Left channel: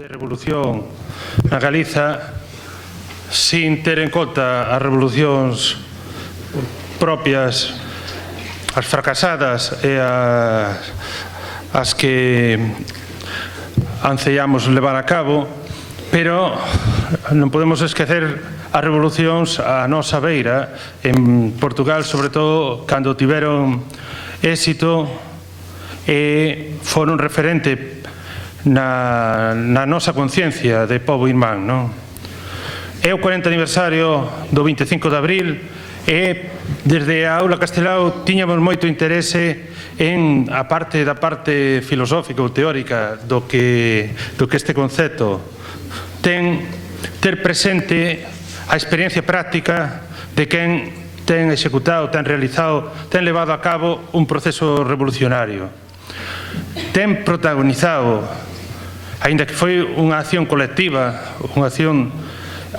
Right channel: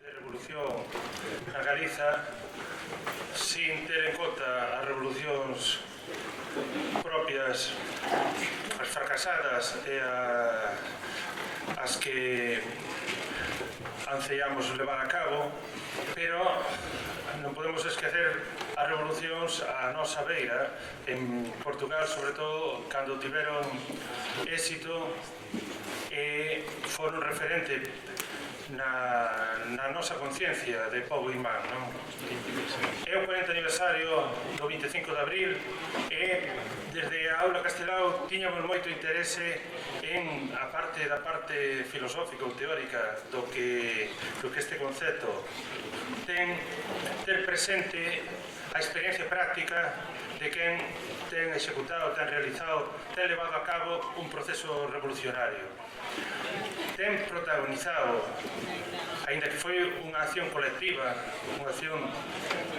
de revolución na Galiza sin ter en conta as revolucións propias, as fracasadas e as que anceamos levar a cabo, pero non podemos esquecer as revolucións a nosa beira en Portugal, sobre todo cando tiveron éxito e foron referente na nosa conciencia de pobo irmán, non? É o 40 aniversario do 25 de abril e desde a aula Castelao tiñamos moito interese en a parte da parte filosófica ou teórica do que este concepto ter presente a experiencia práctica de quen ten executado, ten realizado, ten levado a cabo un proceso revolucionario. Ten protagonizado, aínda que foi unha acción colectiva, unha acción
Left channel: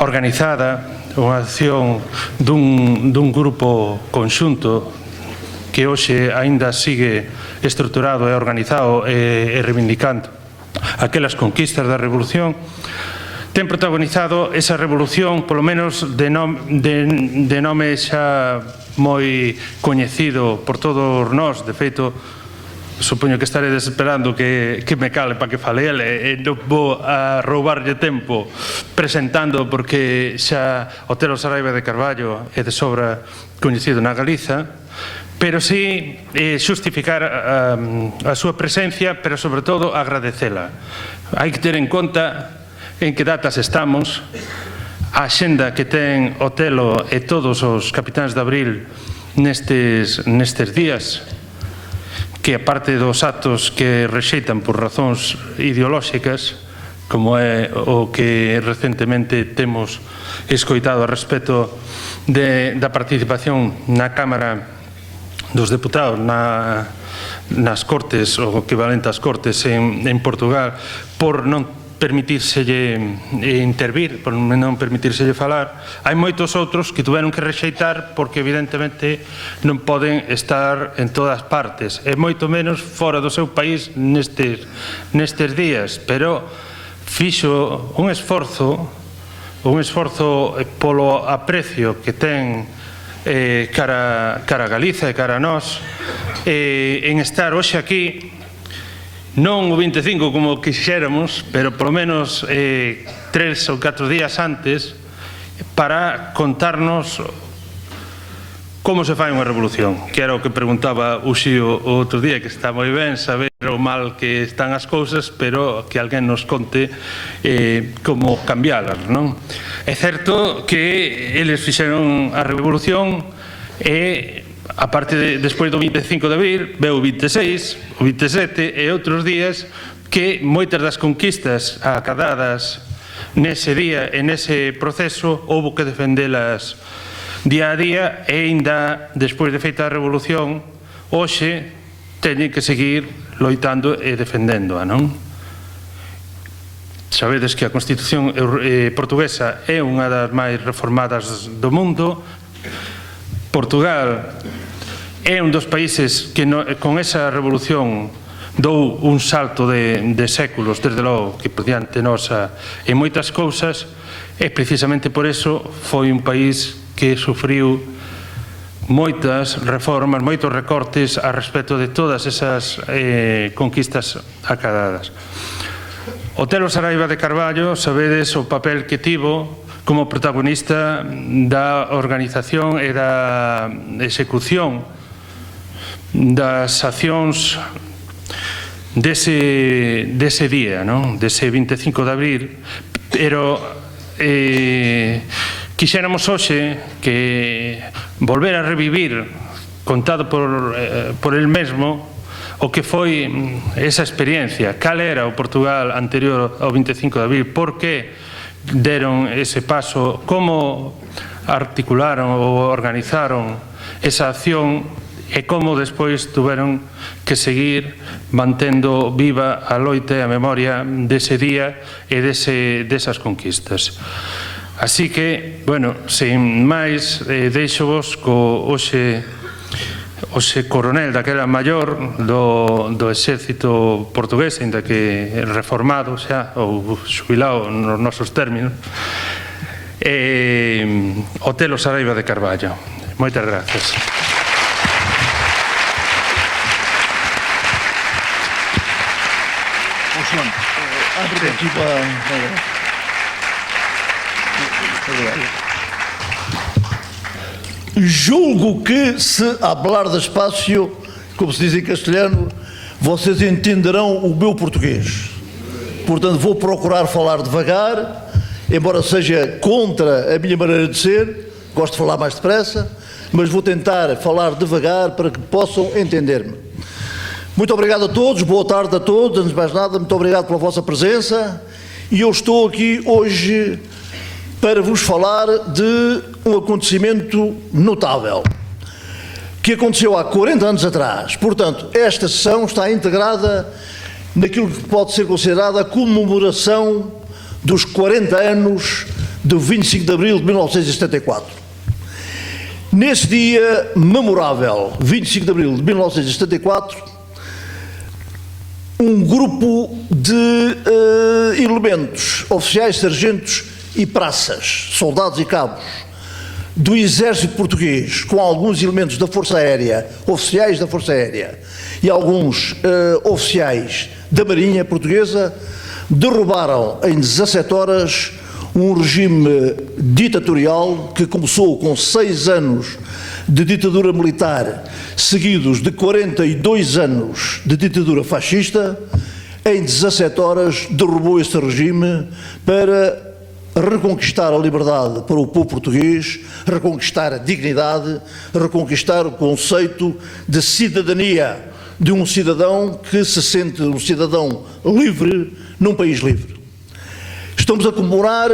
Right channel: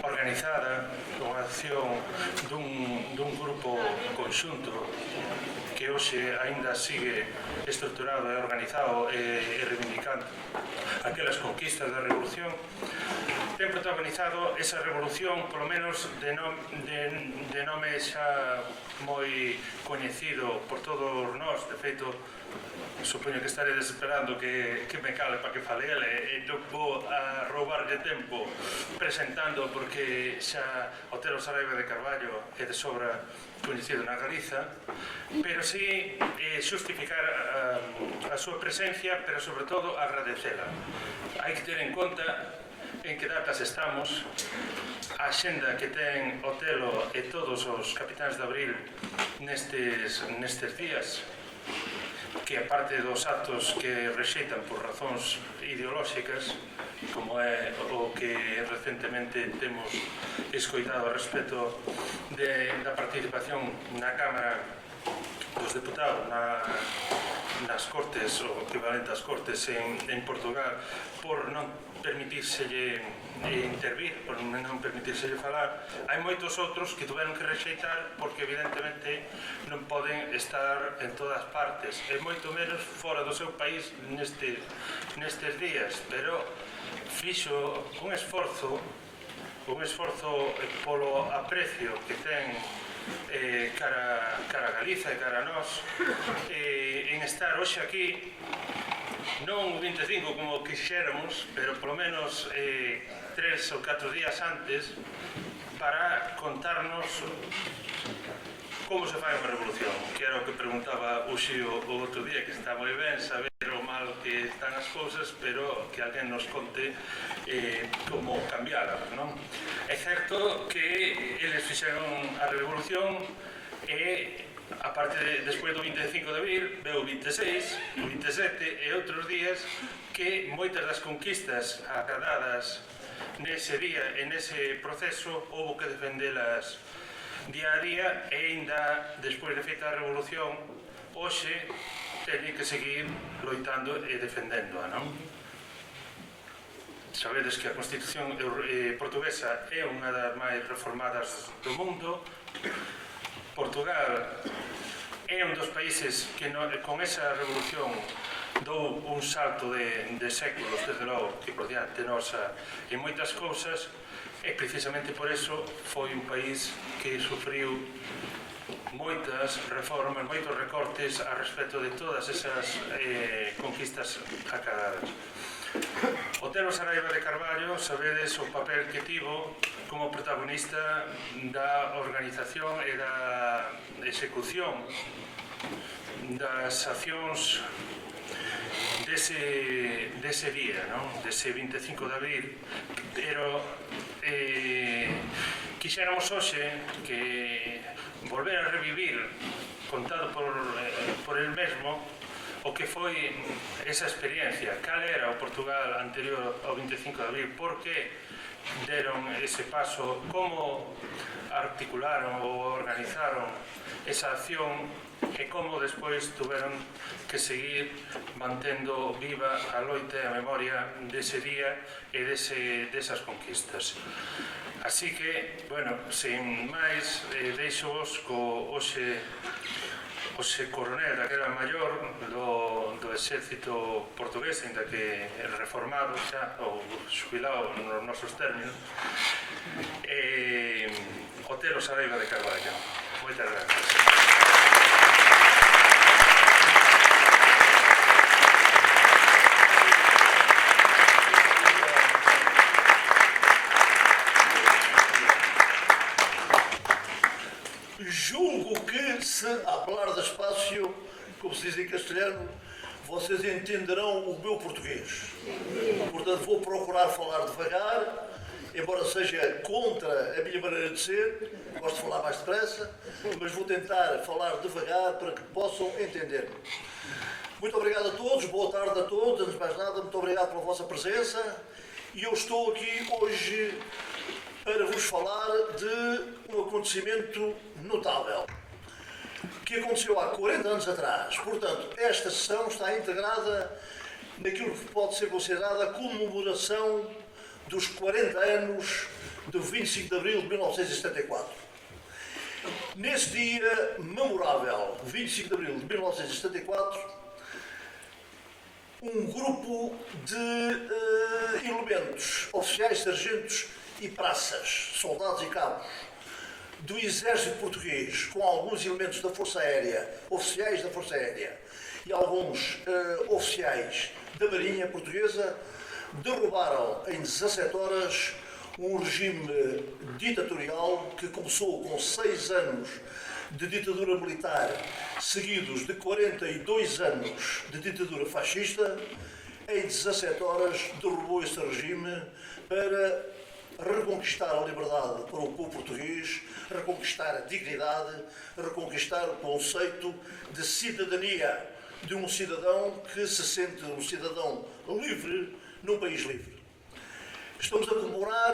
organizada, unha acción dun grupo conxunto que hoxe aínda sigue estruturado e organizado e reivindicando aquelas conquistas da revolución, ten protagonizado esa revolución, polo menos de nome xa moi coñecido por todos nós. De feito, supoño que estaredes esperando que me cale para que fale ele, e non vou a roubarlle tempo presentando, porque xa Otelo Saraiva de Carballo é de sobra coñecido na Galiza, pero sí xustificar a súa presencia, pero sobre todo agradecela. Hai que ter en conta en que datas estamos, a axenda que ten Otelo e todos os capitáns de abril nestes días, que aparte dos actos que rexeitan por razóns ideolóxicas, como é o que recentemente temos escoitado a respecto da participación na Cámara dos Deputados, nas Cortes, o equivalente ás Cortes en Portugal, por non permitírselle intervir, por non permitírselle falar. Hai moitos outros que tuveron que rexeitar porque evidentemente non poden estar en todas partes, e moito menos fora do seu país nestes días, pero fixo un esforzo polo aprecio que ten cara a Galiza e cara a nós, en estar hoxe aquí, non o 25 como quixéramos, pero polo menos 3 ou 4 días antes, para contarnos como se fai unha revolución, que era o que preguntaba o Xío o outro día, que está moi ben saber o mal que están as cousas, pero que alguén nos conte como cambialas, non? É certo que eles fixeron a revolución e a parte despois do 25 de abril veu o 26, o 27 e outros días que moitas das conquistas acadadas nese día e nese proceso houbo que defendelas día a día, e aínda despois de feita a revolución hoxe teñen que seguir loitando e defendéndoa, non? Sabedes que a Constitución portuguesa é unha das máis reformadas do mundo. Portugal é un dos países que con esa revolución dou un salto de séculos, desde logo, que por diante nosa en moitas cousas, e precisamente por eso foi un país que sufriu moitas reformas, moitos recortes a respecto de todas esas conquistas acadadas. Otelo Saraiva de Carballo, sabedes o papel que tivo como protagonista da organización e da execución das accións dese día, dese 25 de abril, pero quixéramos hoxe que volver a revivir, contado por el mesmo, o que foi esa experiencia, cal era o Portugal anterior ao 25 de abril, por que deron ese paso, como articularon ou organizaron esa acción e como despois tuveron que seguir mantendo viva a loita e a memoria dese día e desas conquistas. Así que, bueno, sen máis, deixo vos co hoxe hoxe coronel daquela maior do exército portugués, ainda que reformado xa, ou xubilado nos nosos términos, Otelo Saraiva de Carballo. Moitas gracias. Julgo que, se hablar despacio, como se diz em castelhano, vocês entenderão o meu português. Portanto, vou procurar falar devagar, embora seja contra a minha maneira de ser, gosto de falar mais depressa, mas vou tentar falar devagar para que possam entender-me. Muito obrigado a todos, boa tarde a todos, antes de mais nada, muito obrigado pela vossa presença, e eu estou aqui hoje para vos falar de um acontecimento notável, que aconteceu há 40 anos atrás. Portanto, esta sessão está integrada naquilo que pode ser considerada a comemoração dos 40 anos do 25 de Abril de 1974. Nesse dia memorável, 25 de Abril de 1974, um grupo de elementos, oficiais, sargentos e praças, soldados e cabos do exército português, com alguns elementos da Força Aérea, oficiais da Força Aérea e alguns oficiais da Marinha Portuguesa, derrubaram em 17 horas um regime ditatorial que começou com 6 anos de ditadura militar, seguidos de 42 anos de ditadura fascista. Em 17 horas derrubou esse regime para reconquistar a liberdade para o povo português, reconquistar a dignidade, reconquistar o conceito de cidadania de um cidadão que se sente um cidadão livre num país livre. Estamos a comemorar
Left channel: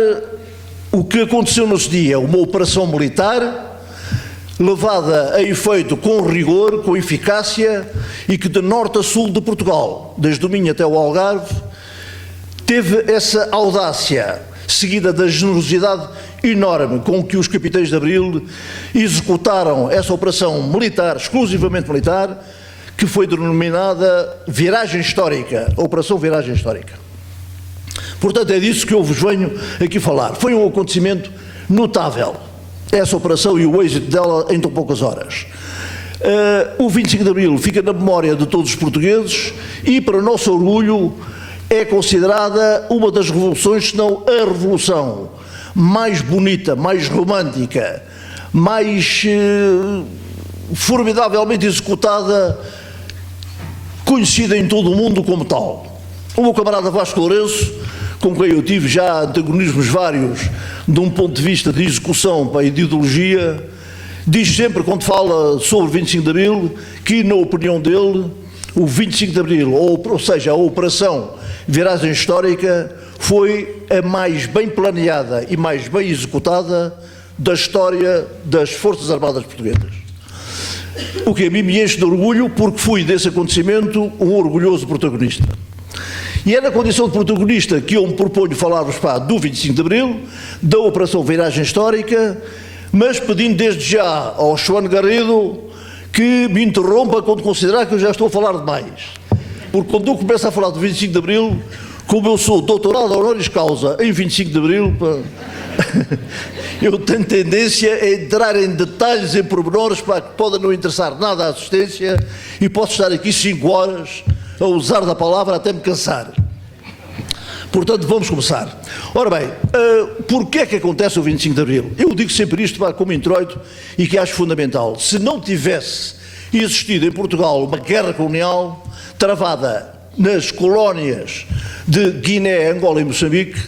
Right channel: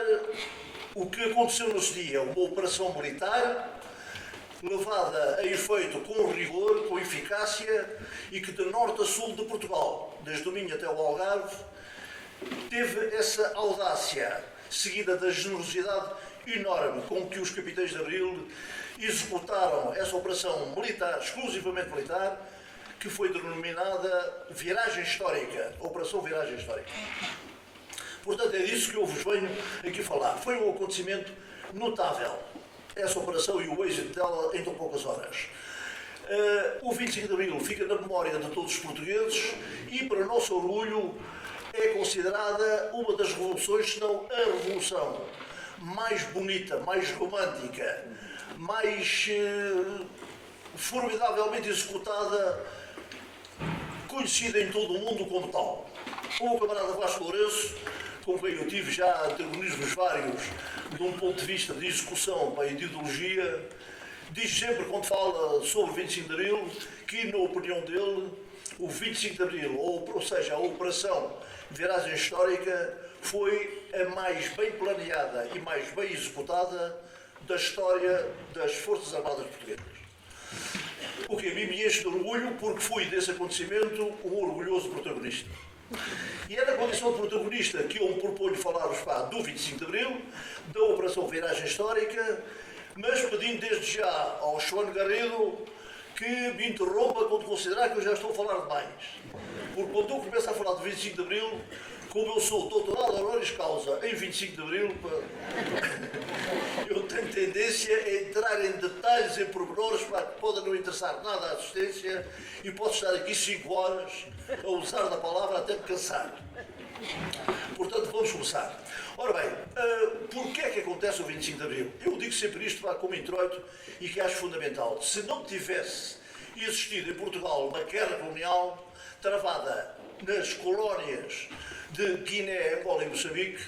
o que aconteceu nesse dia, uma operação militar levada a efeito com rigor, com eficácia, e que de norte a sul de Portugal, desde o Minho até o Algarve, teve essa audácia, seguida da generosidade enorme com que os capitães de Abril executaram essa operação militar, exclusivamente militar, que foi denominada Viragem Histórica, Operação Viragem Histórica. Portanto, é disso que eu vos venho aqui falar. Foi um acontecimento notável, essa operação e o êxito dela em tão poucas horas. O 25 de Abril fica na memória de todos os portugueses e, para o nosso orgulho, é considerada uma das revoluções, se não a revolução mais bonita, mais romântica, mais formidavelmente executada, conhecida em todo o mundo como tal. O meu camarada Vasco Lourenço, com quem eu tive já antagonismos vários de um ponto de vista de execução e de ideologia, diz sempre, quando fala sobre o 25 de Abril, que, na opinião dele, o 25 de Abril, ou seja, a Operação Viragem Histórica, foi a mais bem planeada e mais bem executada da história das Forças Armadas Portuguesas. O que a mim me enche de orgulho, porque fui desse acontecimento um orgulhoso protagonista. E é na condição de protagonista que eu me proponho falar-vos do 25 de Abril, da Operação Viragem Histórica, mas pedindo desde já ao João Garrido que me interrompa quando considerar que eu já estou a falar demais. Porque quando eu começo a falar do 25 de Abril, como eu sou doutorado honoris causa em 25 de Abril, eu tenho tendência a entrar em detalhes, em pormenores, que podem não interessar nada à assistência, e posso estar aqui 5 horas a usar da palavra até me cansar. Portanto, vamos começar. Ora bem, porquê é que acontece o 25 de Abril? Eu digo sempre isto como introito e que acho fundamental. Se não tivesse existido em Portugal uma guerra colonial travada nas colónias de Guiné, Angola e Moçambique,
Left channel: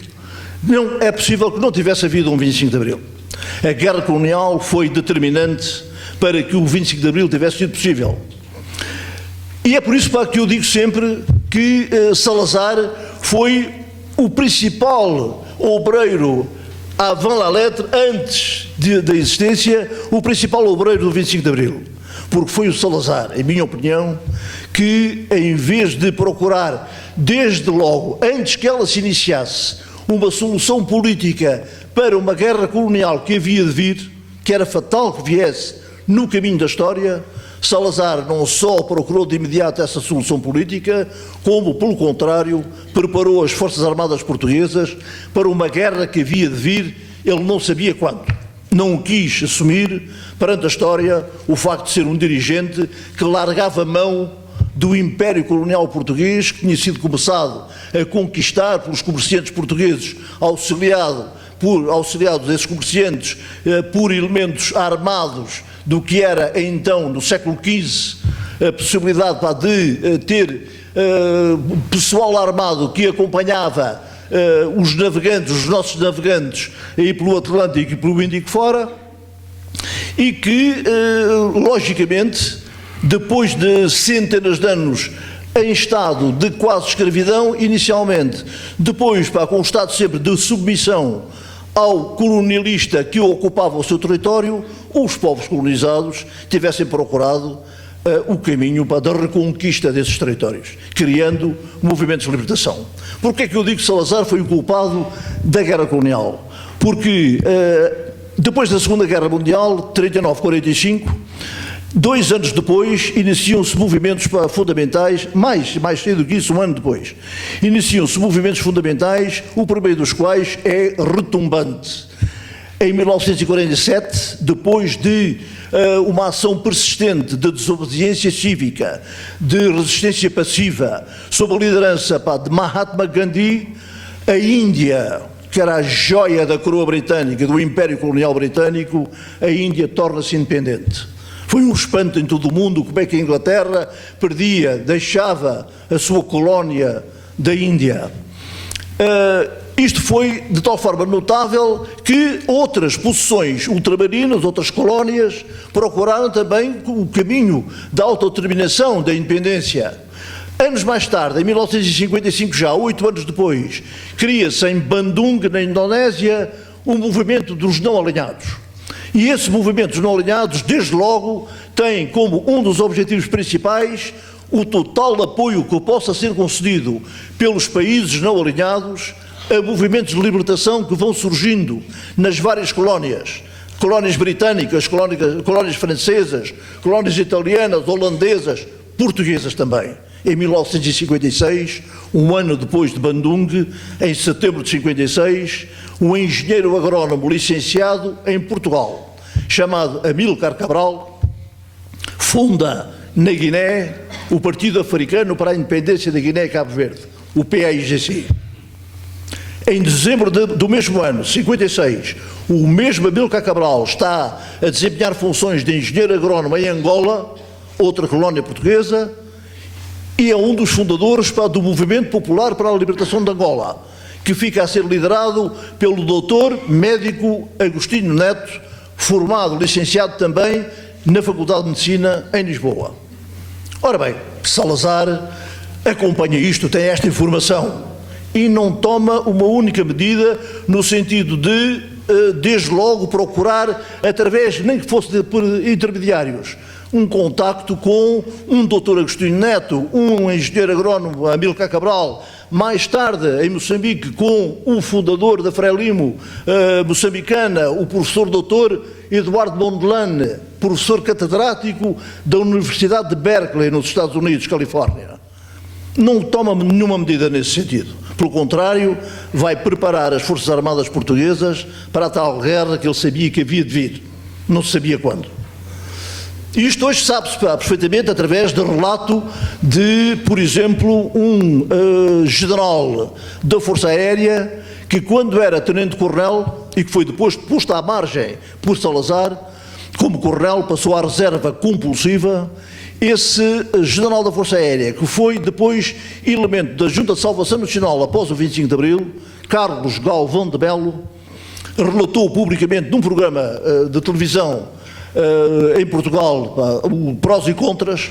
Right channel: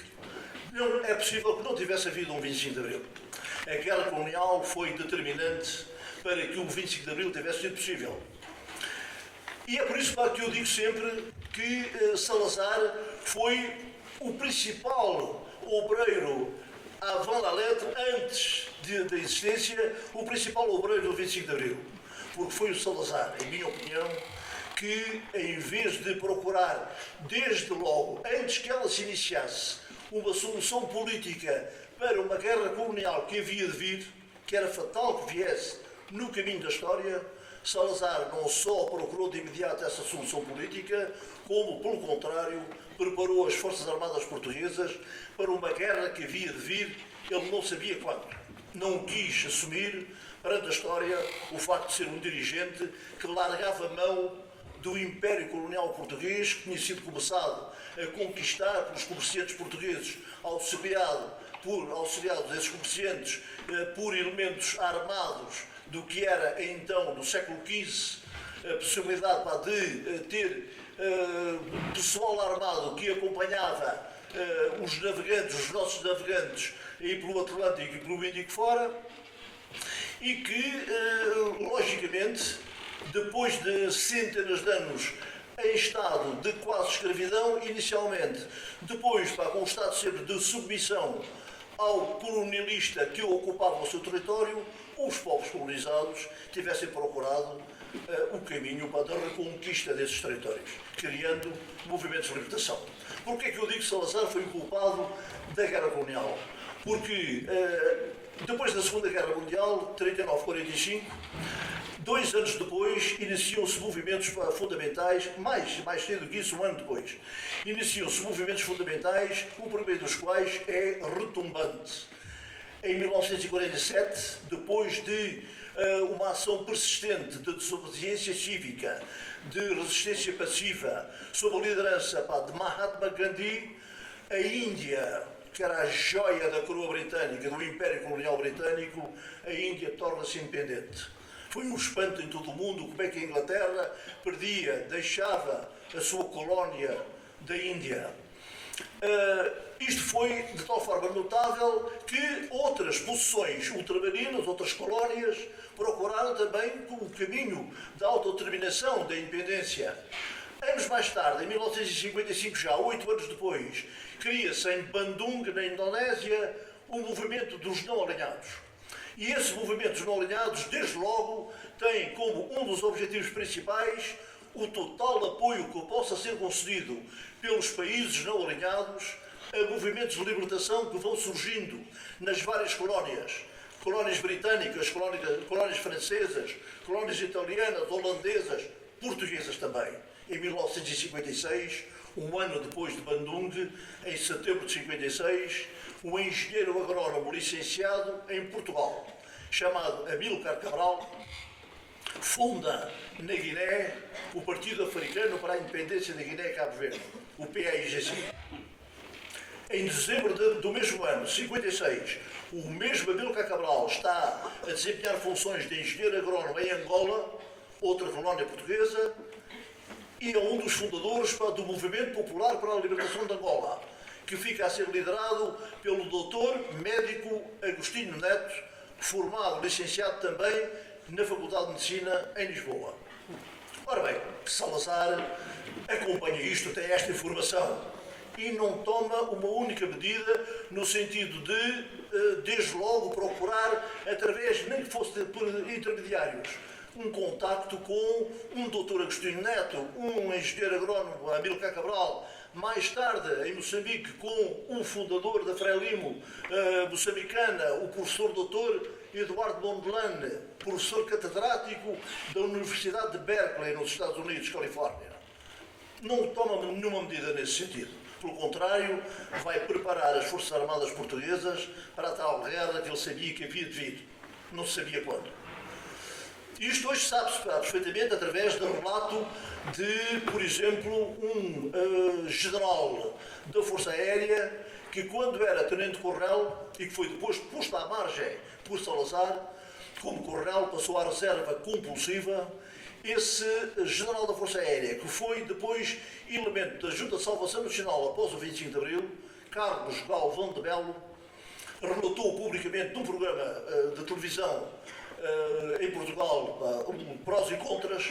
não é possível que não tivesse havido um 25 de Abril. A guerra colonial foi determinante para que o 25 de Abril tivesse sido possível. E é por isso que eu digo sempre que Salazar foi o principal obreiro avant la lettre, antes da existência, o principal obreiro do 25 de Abril. Porque foi o Salazar, em minha opinião, que em vez de procurar, desde logo, antes que ela se iniciasse, uma solução política para uma guerra colonial que havia de vir, que era fatal que viesse no caminho da história, Salazar não só procurou de imediato essa solução política, como, pelo contrário, preparou as Forças Armadas Portuguesas para uma guerra que havia de vir, ele não sabia quando. Não quis assumir, perante a história, o facto de ser um dirigente que largava mão do Império Colonial Português, que tinha sido começado a conquistar pelos comerciantes portugueses, auxiliados esses comerciantes por elementos armados do que era então, no século XV, a possibilidade de ter pessoal armado que acompanhava os navegantes, os nossos navegantes, aí pelo Atlântico e pelo Índico fora, e que, logicamente, depois de centenas de anos em estado de quase escravidão, inicialmente, depois com um estado sempre de submissão ao colonialista que ocupava o seu território, os povos colonizados tivessem procurado o caminho da reconquista desses territórios, criando movimentos de libertação. Porquê é que eu digo que Salazar foi o culpado da guerra colonial? Porque depois da Segunda Guerra Mundial, 39-45, 2 anos depois, iniciam-se movimentos fundamentais, mais cedo que isso, um ano depois, iniciam-se movimentos fundamentais, o primeiro dos quais é retumbante. Em 1947, depois de uma ação persistente de desobediência cívica, de resistência passiva, sob a liderança de Mahatma Gandhi, a Índia, que era a joia da coroa britânica, do Império Colonial Britânico, a Índia torna-se independente. Foi um espanto em todo o mundo como é que a Inglaterra deixava a sua colónia da Índia. Isto foi de tal forma notável que outras possessões ultramarinas, outras colónias, procuraram também o caminho da autodeterminação, da independência. Anos mais tarde, em 1955 já, 8 anos depois, cria-se em Bandung, na Indonésia, o movimento dos não alinhados. E esse movimento dos não alinhados, desde logo, tem como um dos objetivos principais o total apoio que possa ser concedido pelos países não alinhados a movimentos de libertação que vão surgindo nas várias colónias. Colónias britânicas, colónias francesas, colónias italianas, holandesas, portuguesas também. Em 1956, um ano depois de Bandung, em setembro de 56, um engenheiro agrónomo licenciado em Portugal, chamado Amílcar Cabral, funda na Guiné o Partido Africano para a Independência da Guiné e Cabo Verde, o PAIGC. Em dezembro do mesmo ano, 56, o mesmo Amílcar Cabral está a desempenhar funções de engenheiro agrónomo em Angola, outra colónia portuguesa, e é um dos fundadores do Movimento Popular para a Libertação de Angola, que fica a ser liderado pelo doutor médico Agostinho Neto, formado, licenciado também na Faculdade de Medicina em Lisboa. Ora bem, Salazar acompanha isto, tem esta informação e não toma uma única medida no sentido de, desde logo, procurar, através, nem que fosse por intermediários, um contacto com um doutor Agostinho Neto, um engenheiro agrónomo, Amílcar Cabral, mais tarde, em Moçambique, com o fundador da Frelimo moçambicana, o professor doutor Eduardo Mondlane, professor catedrático da Universidade de Berkeley, nos Estados Unidos, Califórnia. Não toma nenhuma medida nesse sentido. Pelo contrário, vai preparar as Forças Armadas Portuguesas para a tal guerra que ele sabia que havia de vir. Não se sabia quando. Isto hoje sabe-se perfeitamente através do relato de, por exemplo, um general da Força Aérea que, quando era tenente-coronel e que foi depois posto à margem por Salazar, como coronel passou à reserva compulsiva, esse general da Força Aérea, que foi depois elemento da Junta de Salvação Nacional após o 25 de Abril, Carlos Galvão de Melo, relatou publicamente num programa de televisão em Portugal, o Prós e Contras,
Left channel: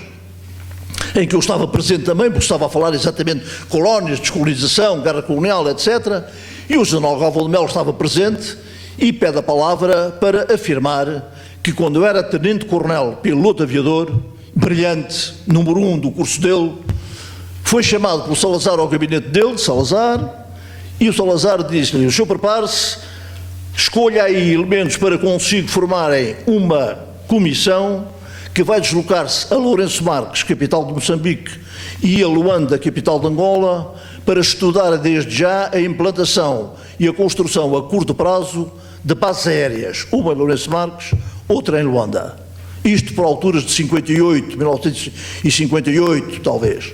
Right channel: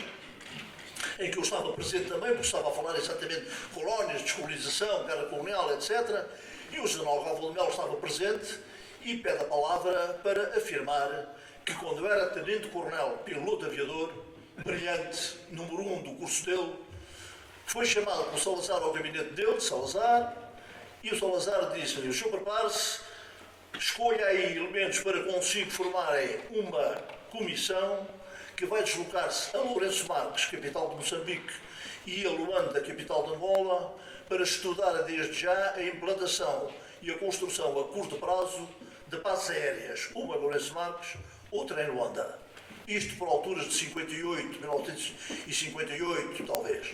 em que eu estava presente também, porque estava a falar exatamente de colónias, descolonização, guerra colonial, etc. E o general Galvão de Melo estava presente e pede a palavra para afirmar que, quando era tenente-coronel, piloto aviador, brilhante, número 1 do curso dele, foi chamado pelo Salazar ao gabinete dele, Salazar, e o Salazar disse-lhe: o senhor prepare-se, escolha aí elementos para consigo formarem uma comissão que vai deslocar-se a Lourenço Marques, capital de Moçambique, e a Luanda, capital de Angola, para estudar desde já a implantação e a construção a curto prazo de bases aéreas, uma em Lourenço Marques, outra em Luanda. Isto por alturas de 58, 1958, talvez.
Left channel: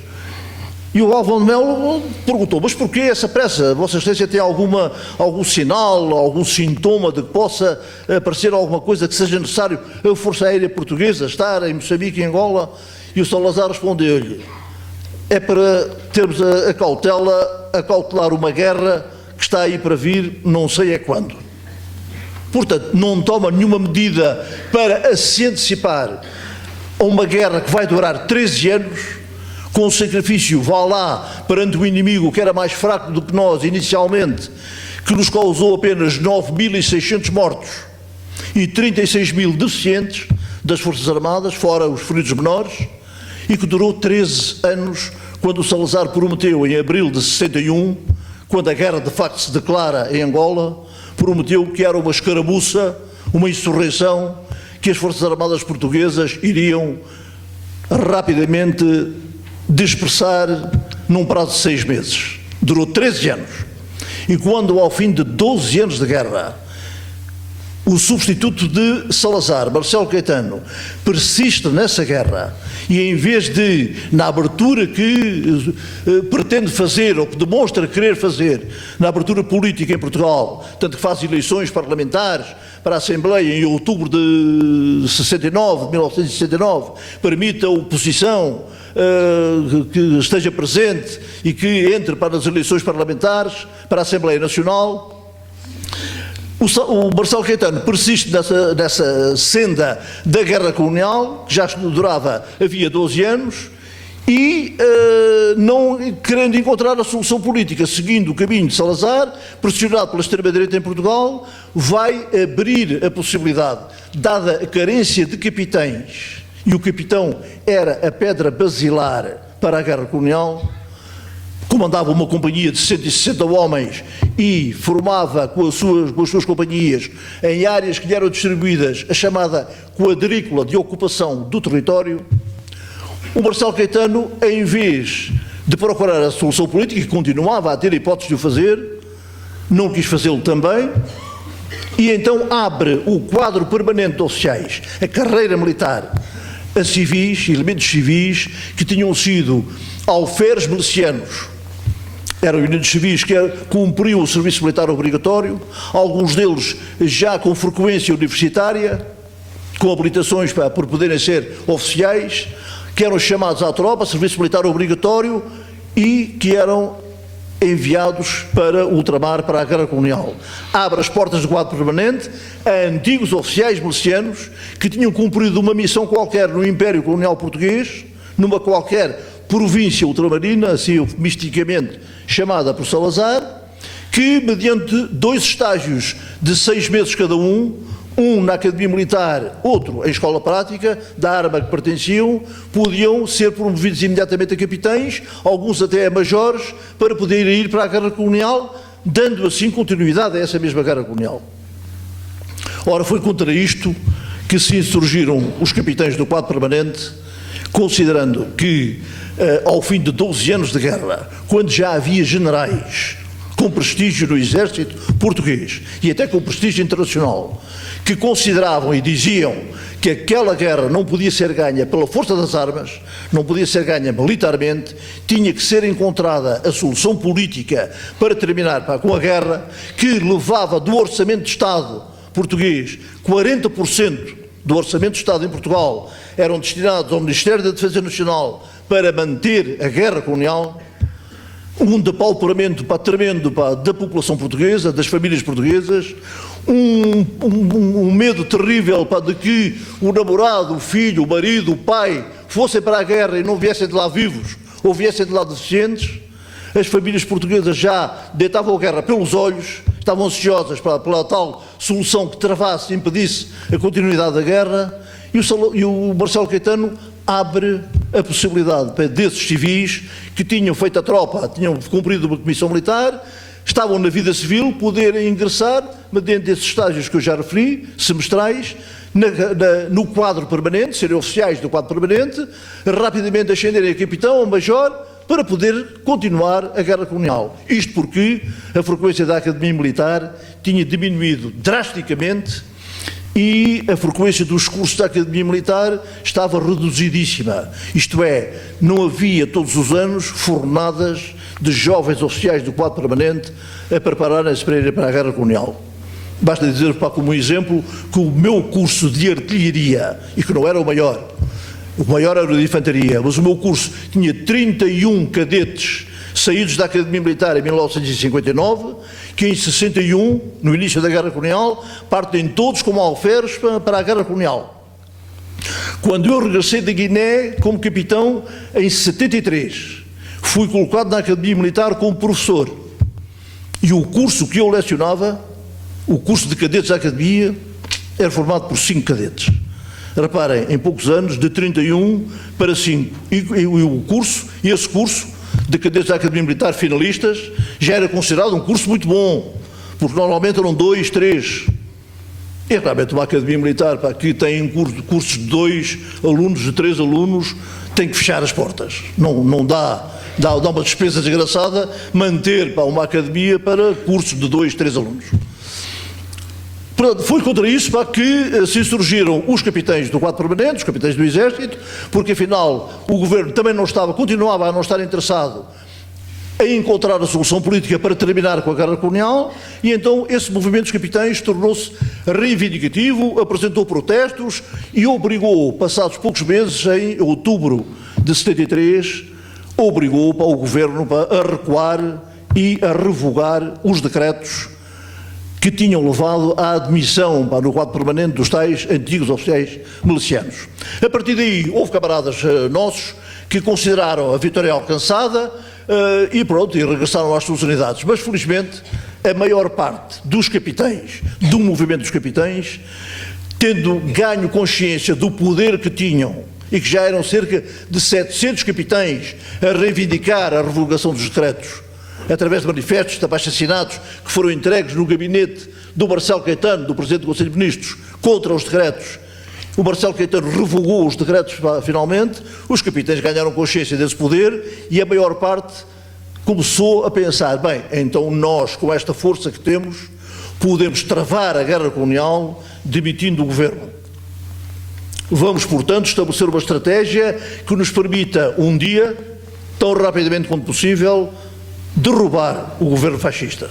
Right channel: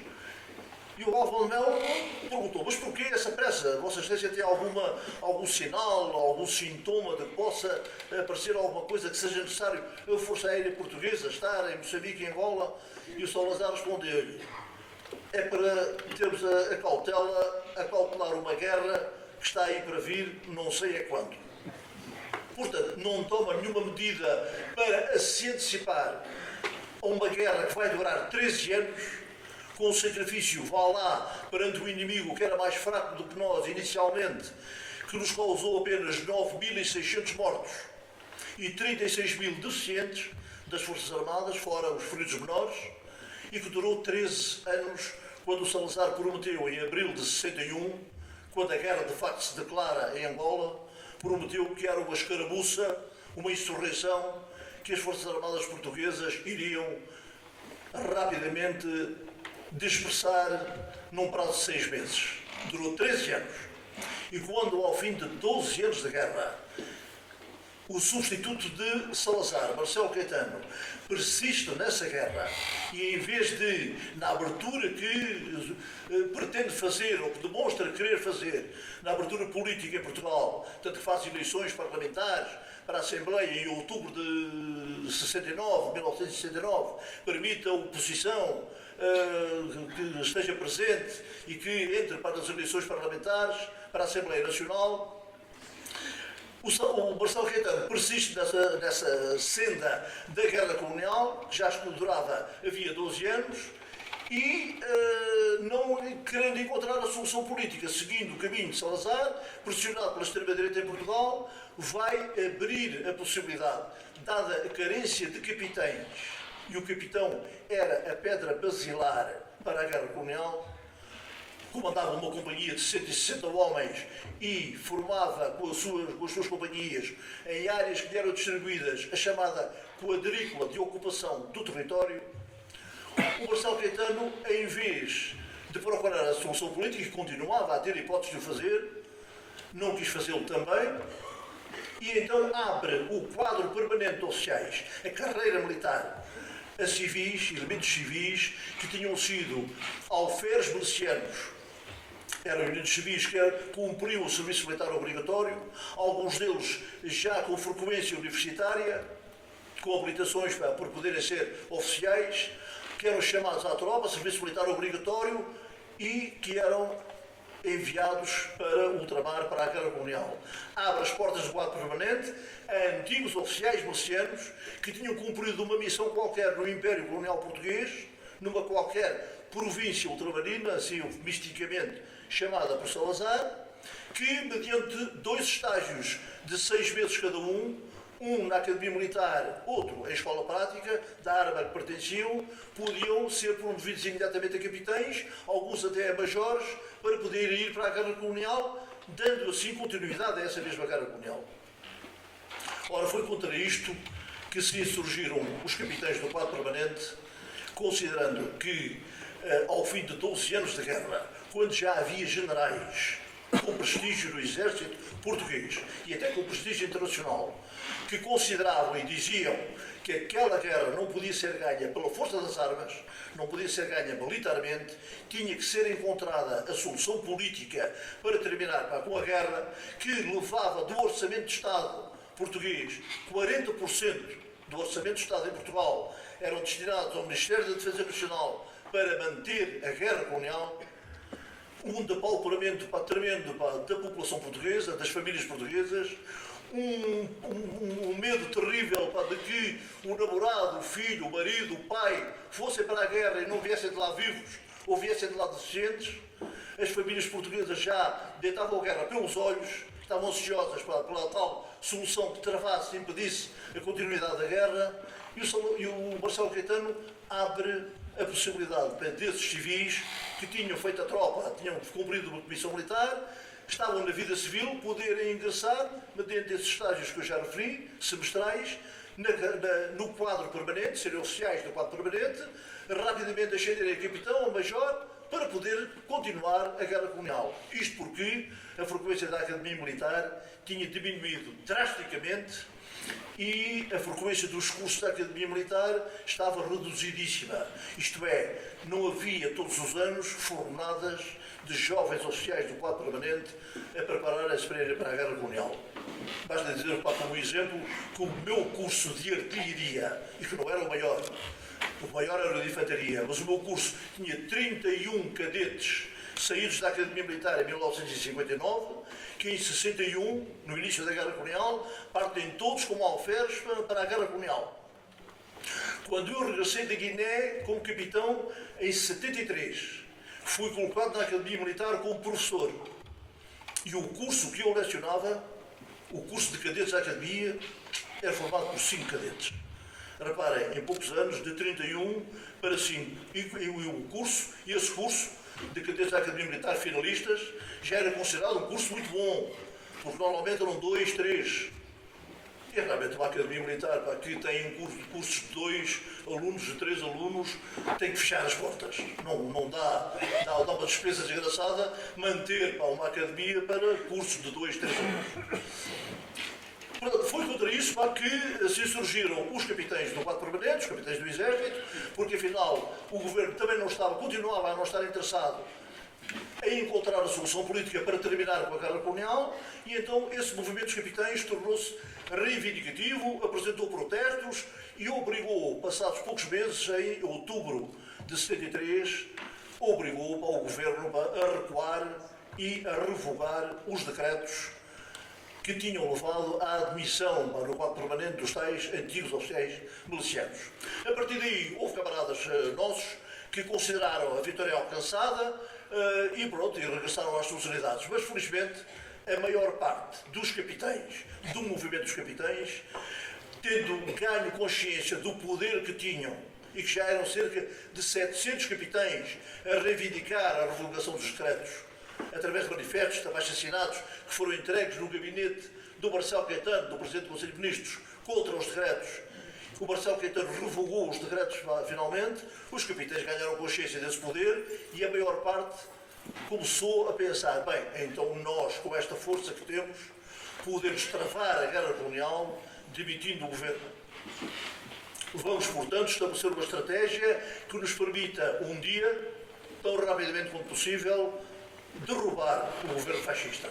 E o Galvão de Melo perguntou, mas porquê essa pressa? Vossa Excelência tem algum sinal, algum sintoma de que possa aparecer alguma coisa que seja necessário a Força Aérea Portuguesa estar em Moçambique e Angola? E o Salazar respondeu-lhe, é para termos a cautelar uma guerra que está aí para vir, não sei é quando. Portanto, não toma nenhuma medida para se antecipar a uma guerra que vai durar 13 anos, com o sacrifício, vá lá, perante o inimigo que era mais fraco do que nós inicialmente, que nos causou apenas 9.600 mortos e 36.000 deficientes das Forças Armadas, fora os feridos menores, e que durou 13 anos, quando o Salazar prometeu, em abril de 61, quando a guerra de facto se declara em Angola, prometeu que era uma escaramuça, uma insurreição, que as Forças Armadas Portuguesas iriam rapidamente dispersar num prazo de 6 meses. Durou 13 anos. E quando, ao fim de 12 anos de guerra, o substituto de Salazar, Marcelo Caetano, persiste nessa guerra e, em vez de, na abertura que pretende fazer, ou que demonstra querer fazer, na abertura política em Portugal, tanto que faz eleições parlamentares para a Assembleia em outubro de 1969, permite a oposição que esteja presente e que entre para as eleições parlamentares, para a Assembleia Nacional, o Marcelo Caetano persiste nessa senda da guerra colonial, que já durava havia 12 anos, e não querendo encontrar a solução política, seguindo o caminho de Salazar, pressionado pela extrema-direita em Portugal, vai abrir a possibilidade, dada a carência de capitães, e o capitão era a pedra basilar para a guerra colonial, comandava uma companhia de 160 homens e formava com as suas companhias em áreas que lhe eram distribuídas a chamada quadrícula de ocupação do território. O Marcelo Caetano, em vez de procurar a solução política, que continuava a ter a hipótese de o fazer, não quis fazê-lo também, e então abre o quadro permanente de oficiais, a carreira militar, a civis, elementos civis que tinham sido alferes milicianos. Eram elementos civis que cumpriam o serviço militar obrigatório, alguns deles já com frequência universitária, com habilitações por poderem ser oficiais, que eram chamados à tropa, serviço militar obrigatório, e que eram enviados para ultramar, para a guerra colonial. Abre as portas do quadro permanente a antigos oficiais milicianos que tinham cumprido uma missão qualquer no Império Colonial Português, numa qualquer província ultramarina, assim eufemisticamente chamada por Salazar, que, mediante 2 estágios de 6 meses cada um na Academia Militar, outro em escola prática, da arma que pertenciam, podiam ser promovidos imediatamente a capitães, alguns até a majores, para poderem ir para a guerra colonial, dando assim continuidade a essa mesma guerra colonial. Ora, foi contra isto que se insurgiram os capitães do quadro permanente, considerando que, ao fim de 12 anos de guerra, quando já havia generais com prestígio no exército português e até com prestígio internacional, que consideravam e diziam que aquela guerra não podia ser ganha pela força das armas, não podia ser ganha militarmente, tinha que ser encontrada a solução política para terminar com a guerra, que levava do orçamento de Estado português, 40% do orçamento de Estado em Portugal eram destinados ao Ministério da Defesa Nacional para manter a guerra colonial, um depauperamento tremendo da população portuguesa, das famílias portuguesas, um medo terrível de que o namorado, o filho, o marido, o pai fossem para a guerra e não viessem de lá vivos ou viessem de lá deficientes. As famílias portuguesas já deitavam a guerra pelos olhos, estavam ansiosas pela tal solução que travasse e impedisse a continuidade da guerra, e o Marcelo Caetano abre a possibilidade para desses civis que tinham feito a tropa, tinham cumprido uma comissão militar, estavam na vida civil, poderem ingressar, mediante esses estágios que eu já referi, semestrais, no quadro permanente, serem oficiais do quadro permanente, rapidamente ascenderem a capitão ou major para poder continuar a guerra colonial. Isto porque a frequência da Academia Militar tinha diminuído drasticamente e a frequência dos cursos da Academia Militar estava reduzidíssima. Isto é, não havia todos os anos fornadas de jovens oficiais do quadro permanente a prepararem-se para irem para a guerra colonial. Basta dizer, como exemplo, que o meu curso de artilharia, e que não era o maior era o de infantaria, mas o meu curso tinha 31 cadetes saídos da Academia Militar em 1959, que em 61, no início da Guerra Colonial, partem todos como alferes para a Guerra Colonial. Quando eu regressei da Guiné como capitão, em 73, fui colocado na Academia Militar como professor. E o curso que eu lecionava, o curso de cadetes da Academia, era formado por 5 cadetes. Reparem, em poucos anos, de 31 para 5. E esse curso de cadetes da Academia Militar finalistas já era considerado um curso muito bom, porque normalmente eram 2, 3. E realmente uma Academia Militar que tem cursos de 2 alunos, de 3 alunos, tem que fechar as portas. Não dá uma despesa desgraçada manter uma academia para cursos de 2, 3 alunos. Foi contra isso que se surgiram os capitães do quadro permanente, os capitães do Exército, porque afinal o governo também continuava a não estar interessado em encontrar a solução política para terminar com a guerra colonial, e então esse movimento dos capitães tornou-se reivindicativo, apresentou protestos e obrigou, passados poucos meses, em outubro de 73, obrigou o governo a recuar e a revogar os decretos que tinham levado à admissão no quadro permanente dos tais antigos oficiais milicianos. A partir daí, houve camaradas nossos que consideraram a vitória alcançada e regressaram às suas unidades. Mas, felizmente, a maior parte dos capitães, do movimento dos capitães, tendo ganho consciência do poder que tinham, e que já eram cerca de 700 capitães a reivindicar a revogação dos decretos, através de manifestos abaixo-assinados que foram entregues no gabinete do Marcelo Caetano, do Presidente do Conselho de Ministros, contra os decretos. O Marcelo Caetano revogou os decretos finalmente, os capitães ganharam consciência desse poder e a maior parte começou a pensar, bem, então nós, com esta força que temos, podemos travar a guerra colonial demitindo o governo. Vamos, portanto, estabelecer uma estratégia que nos permita, um dia, tão rapidamente quanto possível, derrubar o governo fascista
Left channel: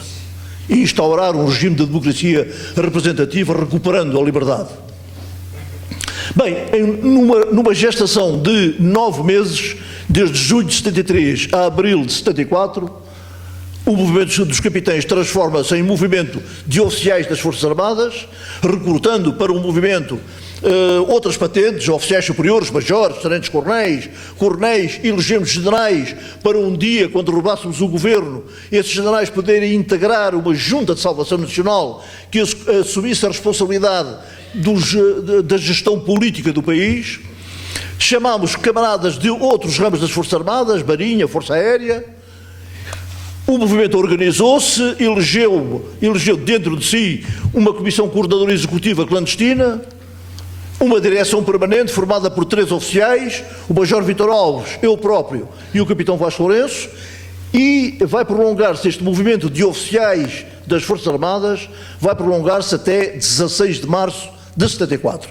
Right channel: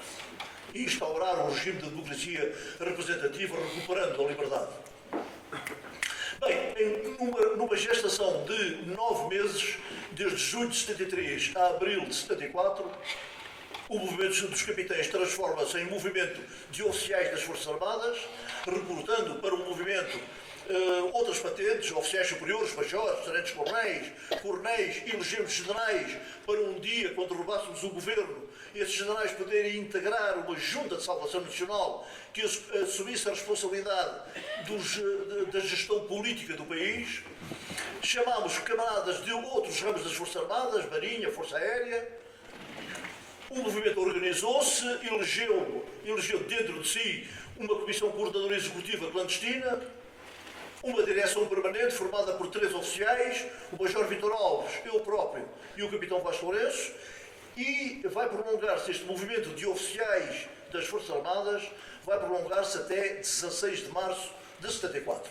e instaurar um regime de democracia representativa, recuperando a liberdade. Bem, numa gestação de 9 meses, desde julho de 73 a abril de 74, o movimento dos capitães transforma-se em movimento de oficiais das Forças Armadas, recrutando para um movimento outras patentes, oficiais superiores, majores, tenentes-coronéis, elegemos generais, para um dia, quando derrubássemos o governo, esses generais poderem integrar uma junta de salvação nacional que assumisse a responsabilidade da gestão política do país. Chamámos camaradas de outros ramos das Forças Armadas, Marinha, Força Aérea. O movimento organizou-se, elegeu dentro de si uma comissão coordenadora executiva clandestina, uma direção permanente formada por 3 oficiais, o Major Vítor Alves, eu próprio e o Capitão Vasco Lourenço, e vai prolongar-se este movimento de oficiais das Forças Armadas, vai prolongar-se até 16 de março de 74.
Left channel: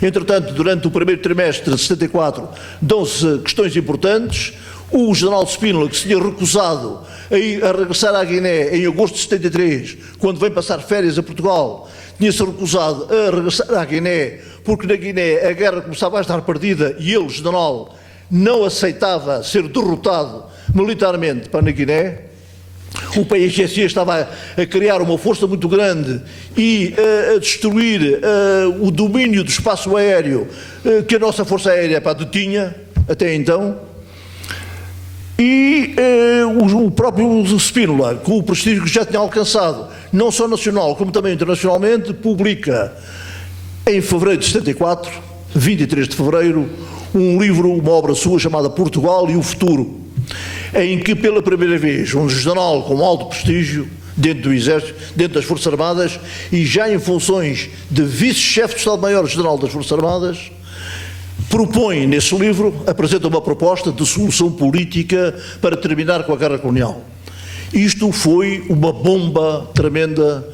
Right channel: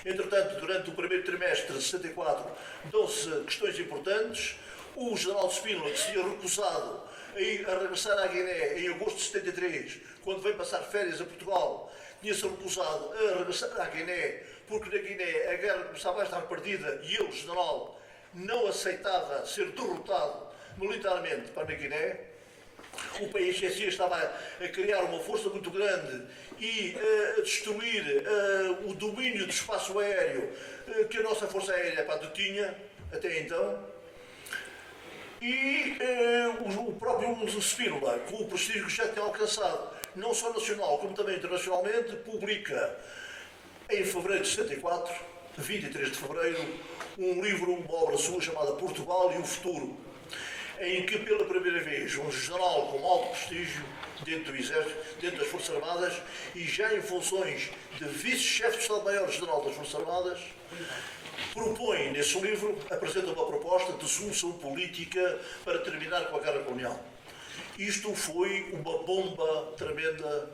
Entretanto, durante o primeiro trimestre de 74, dão-se questões importantes. O general de Spínola, que se tinha recusado a regressar à Guiné em agosto de 73, quando vem passar férias a Portugal, tinha-se recusado a regressar à Guiné, porque na Guiné a guerra começava a estar perdida e ele, general, não aceitava ser derrotado militarmente para na Guiné. O PIGC estava a criar uma força muito grande e a destruir o domínio do espaço aéreo que a nossa Força Aérea detinha até então. E o próprio Spínola, com o prestígio que já tinha alcançado, não só nacional como também internacionalmente, publica em fevereiro de 74, 23 de fevereiro, um livro, uma obra sua chamada Portugal e o Futuro, em que pela primeira vez um general com alto prestígio dentro do Exército, dentro das Forças Armadas, e já em funções de vice-chefe de Estado-Maior-General das Forças Armadas, propõe nesse livro, apresenta uma proposta de solução política para terminar com a guerra colonial. Isto foi uma bomba tremenda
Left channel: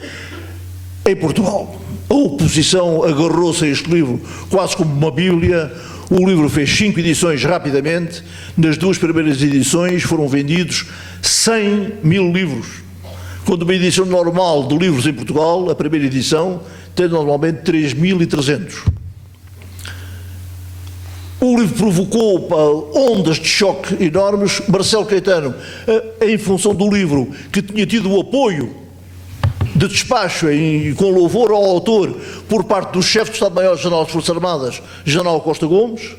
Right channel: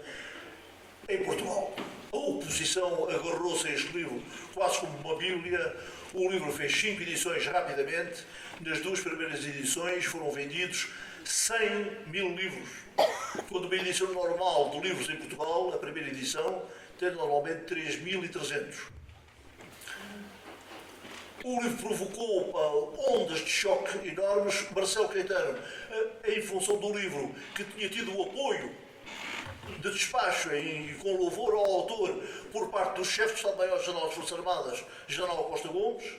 em Portugal. A oposição agarrou-se a este livro quase como uma bíblia. O livro fez 5 edições rapidamente. Nas 2 primeiras edições foram vendidos 100.000 livros. Quando uma edição normal de livros em Portugal, a primeira edição, tem normalmente 3.300. O livro provocou ondas de choque enormes. Marcelo Caetano, em função do livro, que tinha tido o apoio de despacho com louvor ao autor por parte do chefe de Estado-Maior-General das Forças Armadas, General Costa Gomes,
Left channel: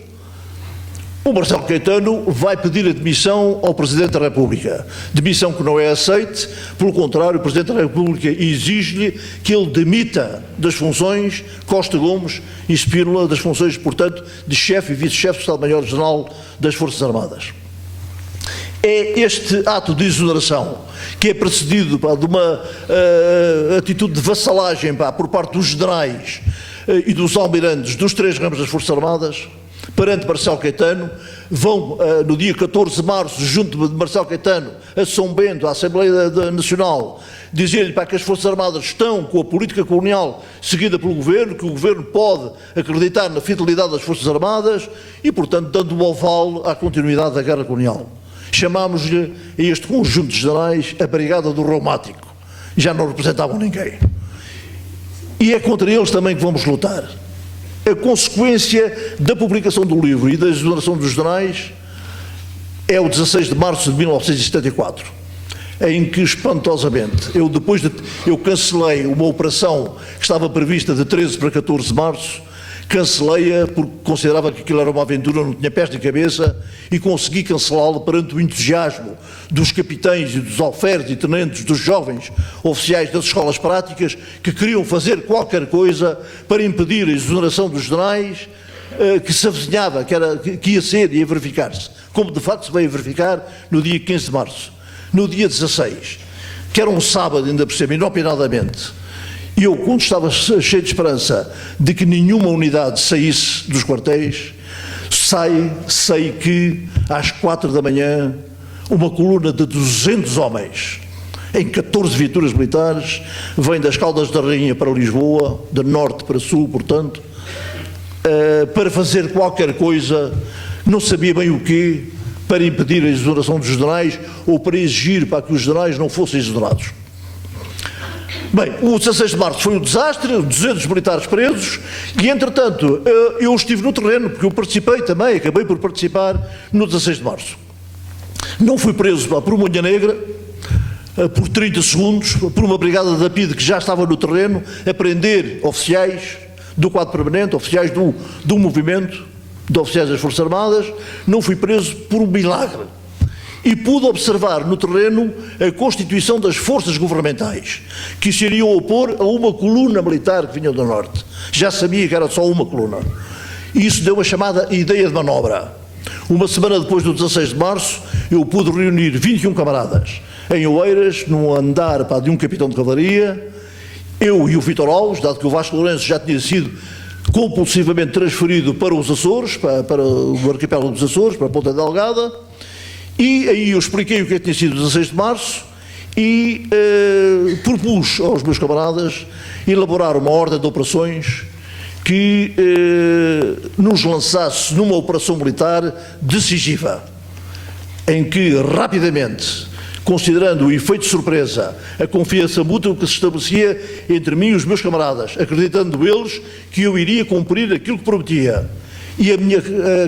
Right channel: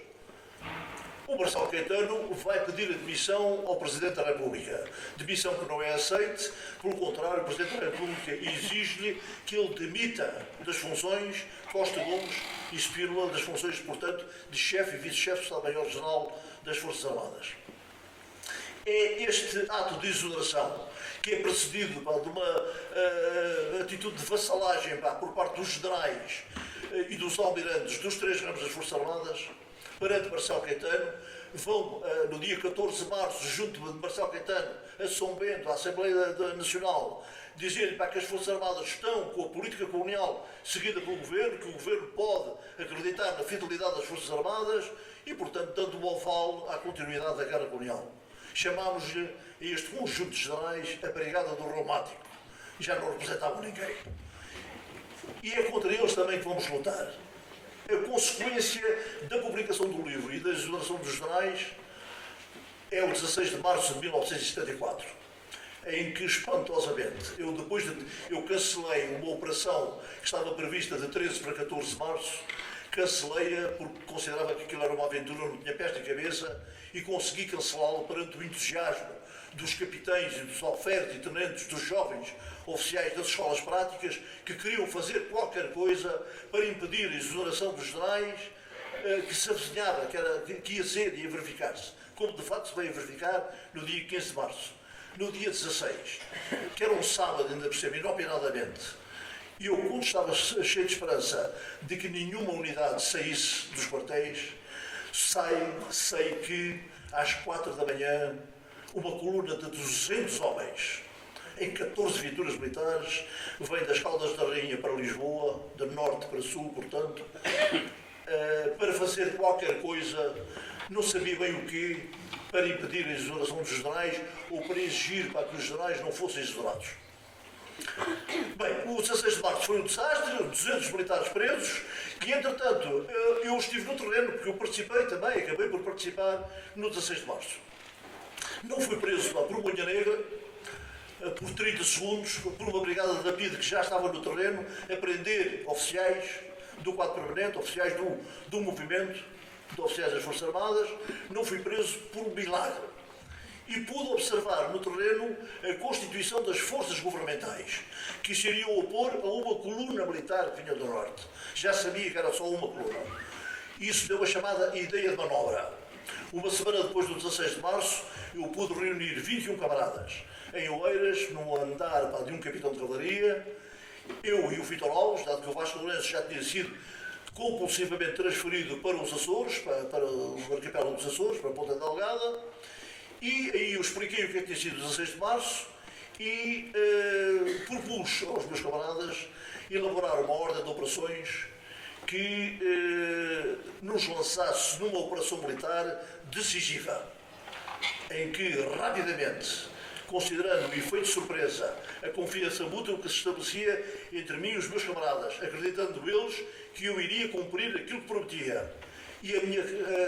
o Marcelo Caetano vai pedir a demissão ao Presidente da República. Demissão que não é aceite, pelo contrário, o Presidente da República exige-lhe que ele demita das funções Costa Gomes e Spínola, das funções, portanto, de chefe e vice-chefe de Estado-Maior-General das Forças Armadas. É este ato de exoneração, que é precedido de uma atitude de vassalagem por parte dos generais e dos almirantes dos 3 ramos das Forças Armadas, perante Marcelo Caetano, vão no dia 14 de março, junto de Marcelo Caetano, a São Bento, à Assembleia Nacional, dizer-lhe que as Forças Armadas estão com a política colonial seguida pelo Governo, que o Governo pode acreditar na fidelidade das Forças Armadas e, portanto, dando o aval à continuidade da guerra colonial. Chamámos-lhe a este conjunto de generais a Brigada do Reumático. Já não representavam ninguém. E é contra eles também que vamos lutar. A consequência da publicação do livro e da exoneração dos generais é o 16 de março de 1974, em que, espantosamente, eu cancelei uma operação que estava prevista de 13 para 14 de março, cancelei-a porque considerava que aquilo era uma aventura, não tinha pés nem cabeça, e consegui cancelá-la perante o entusiasmo dos capitães e dos alferes e tenentes, dos jovens oficiais das escolas práticas, que queriam fazer qualquer coisa para impedir a exoneração dos generais, que se avizinhava, que ia ser e ia verificar-se, como de facto se veio a verificar no dia 15 de março. No dia 16, que era um sábado, ainda por cima, inopinadamente, e eu, quando estava cheio de esperança de que nenhuma unidade saísse dos quartéis, sei que às 4 da manhã uma coluna de 200 homens, em 14 viaturas militares, vem das Caldas da Rainha para Lisboa, de norte para sul, portanto, para fazer qualquer coisa, não sabia bem o quê, para impedir a exoneração dos generais ou para exigir para que os generais não fossem exonerados. Bem, o 16 de março foi um desastre, 200 militares presos, e entretanto eu estive no terreno, porque eu participei também, acabei por participar no 16 de março. Não fui preso por uma unha negra, por 30 segundos, por uma brigada da PIDE que já estava no terreno, a prender oficiais do quadro permanente, oficiais do movimento, de oficiais das Forças Armadas. Não fui preso por um milagre. E pude observar no terreno a constituição das forças governamentais, que se iriam opor a uma coluna militar que vinha do norte. Já sabia que era só uma coluna. E isso deu a chamada ideia de manobra. Uma semana depois do 16 de março, eu pude reunir 21 camaradas em Oeiras, num andar de um capitão de cavalaria, eu e o Vítor Alves, dado que o Vasco Lourenço já tinha sido compulsivamente transferido para os Açores, para o arquipélago dos Açores, para a Ponta Delgada. E aí eu expliquei o que tinha sido o 16 de março e propus aos meus camaradas elaborar uma ordem de operações que nos lançasse numa operação militar decisiva, em que rapidamente, considerando o efeito de surpresa, a confiança mútua que se estabelecia entre mim e os meus camaradas, acreditando eles que eu iria cumprir aquilo que prometia, e a minha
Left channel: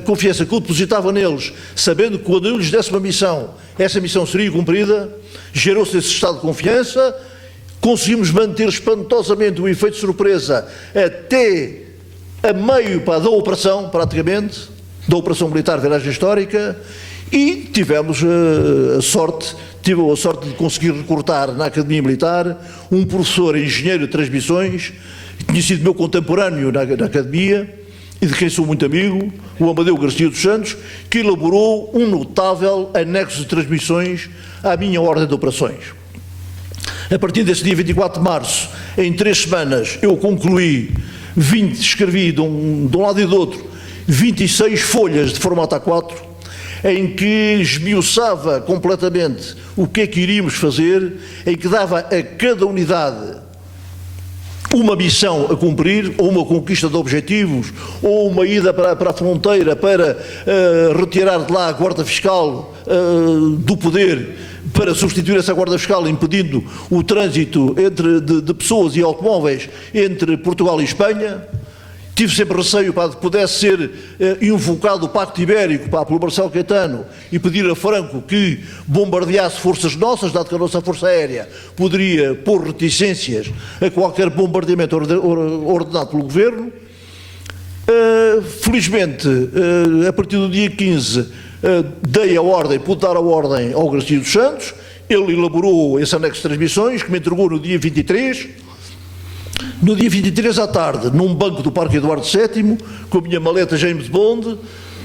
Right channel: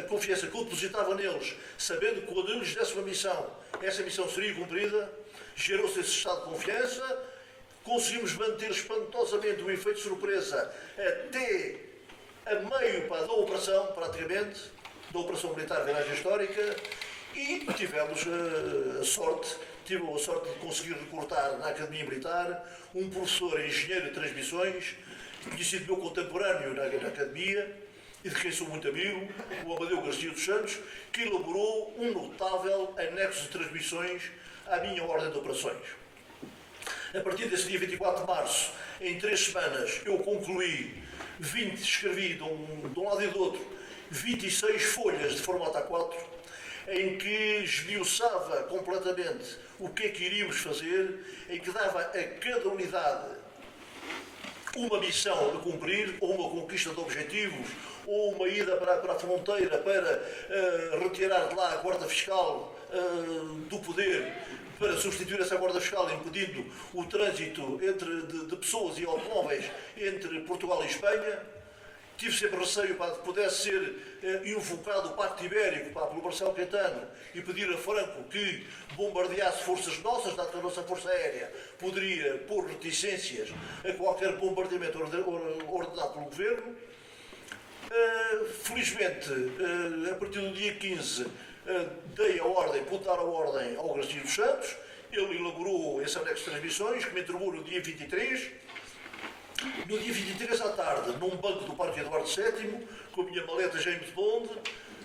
confiança que eu depositava neles, sabendo que quando eu lhes desse uma missão, essa missão seria cumprida, gerou-se esse estado de confiança, conseguimos manter espantosamente o efeito de surpresa até a meio da operação, praticamente, da operação militar Viragem Histórica, e tivemos tive a sorte de conseguir recrutar na Academia Militar um professor engenheiro de transmissões, que tinha sido meu contemporâneo na Academia, e de quem sou muito amigo, o Amadeu Garcia dos Santos, que elaborou um notável anexo de transmissões à minha ordem de operações. A partir desse dia 24 de março, em 3 semanas, eu concluí escrevi de um lado e do outro, 26 folhas de formato A4, em que esmiuçava completamente o que é que iríamos fazer, em que dava a cada unidade uma missão a cumprir, ou uma conquista de objetivos, ou uma ida para a fronteira para retirar de lá a guarda fiscal do poder, para substituir essa guarda fiscal, impedindo o trânsito de pessoas e automóveis entre Portugal e Espanha. Tive sempre receio para que pudesse ser invocado o Pacto Ibérico pelo Marcelo Caetano e pedir a Franco que bombardeasse forças nossas, dado que a nossa Força Aérea poderia pôr reticências a qualquer bombardeamento ordenado pelo Governo. Felizmente, a partir do dia 15, pude dar a ordem ao Garcia dos Santos. Ele elaborou esse anexo de transmissões, que me entregou no dia 23. No dia 23 à tarde, num banco do Parque Eduardo VII, com a minha maleta James Bond,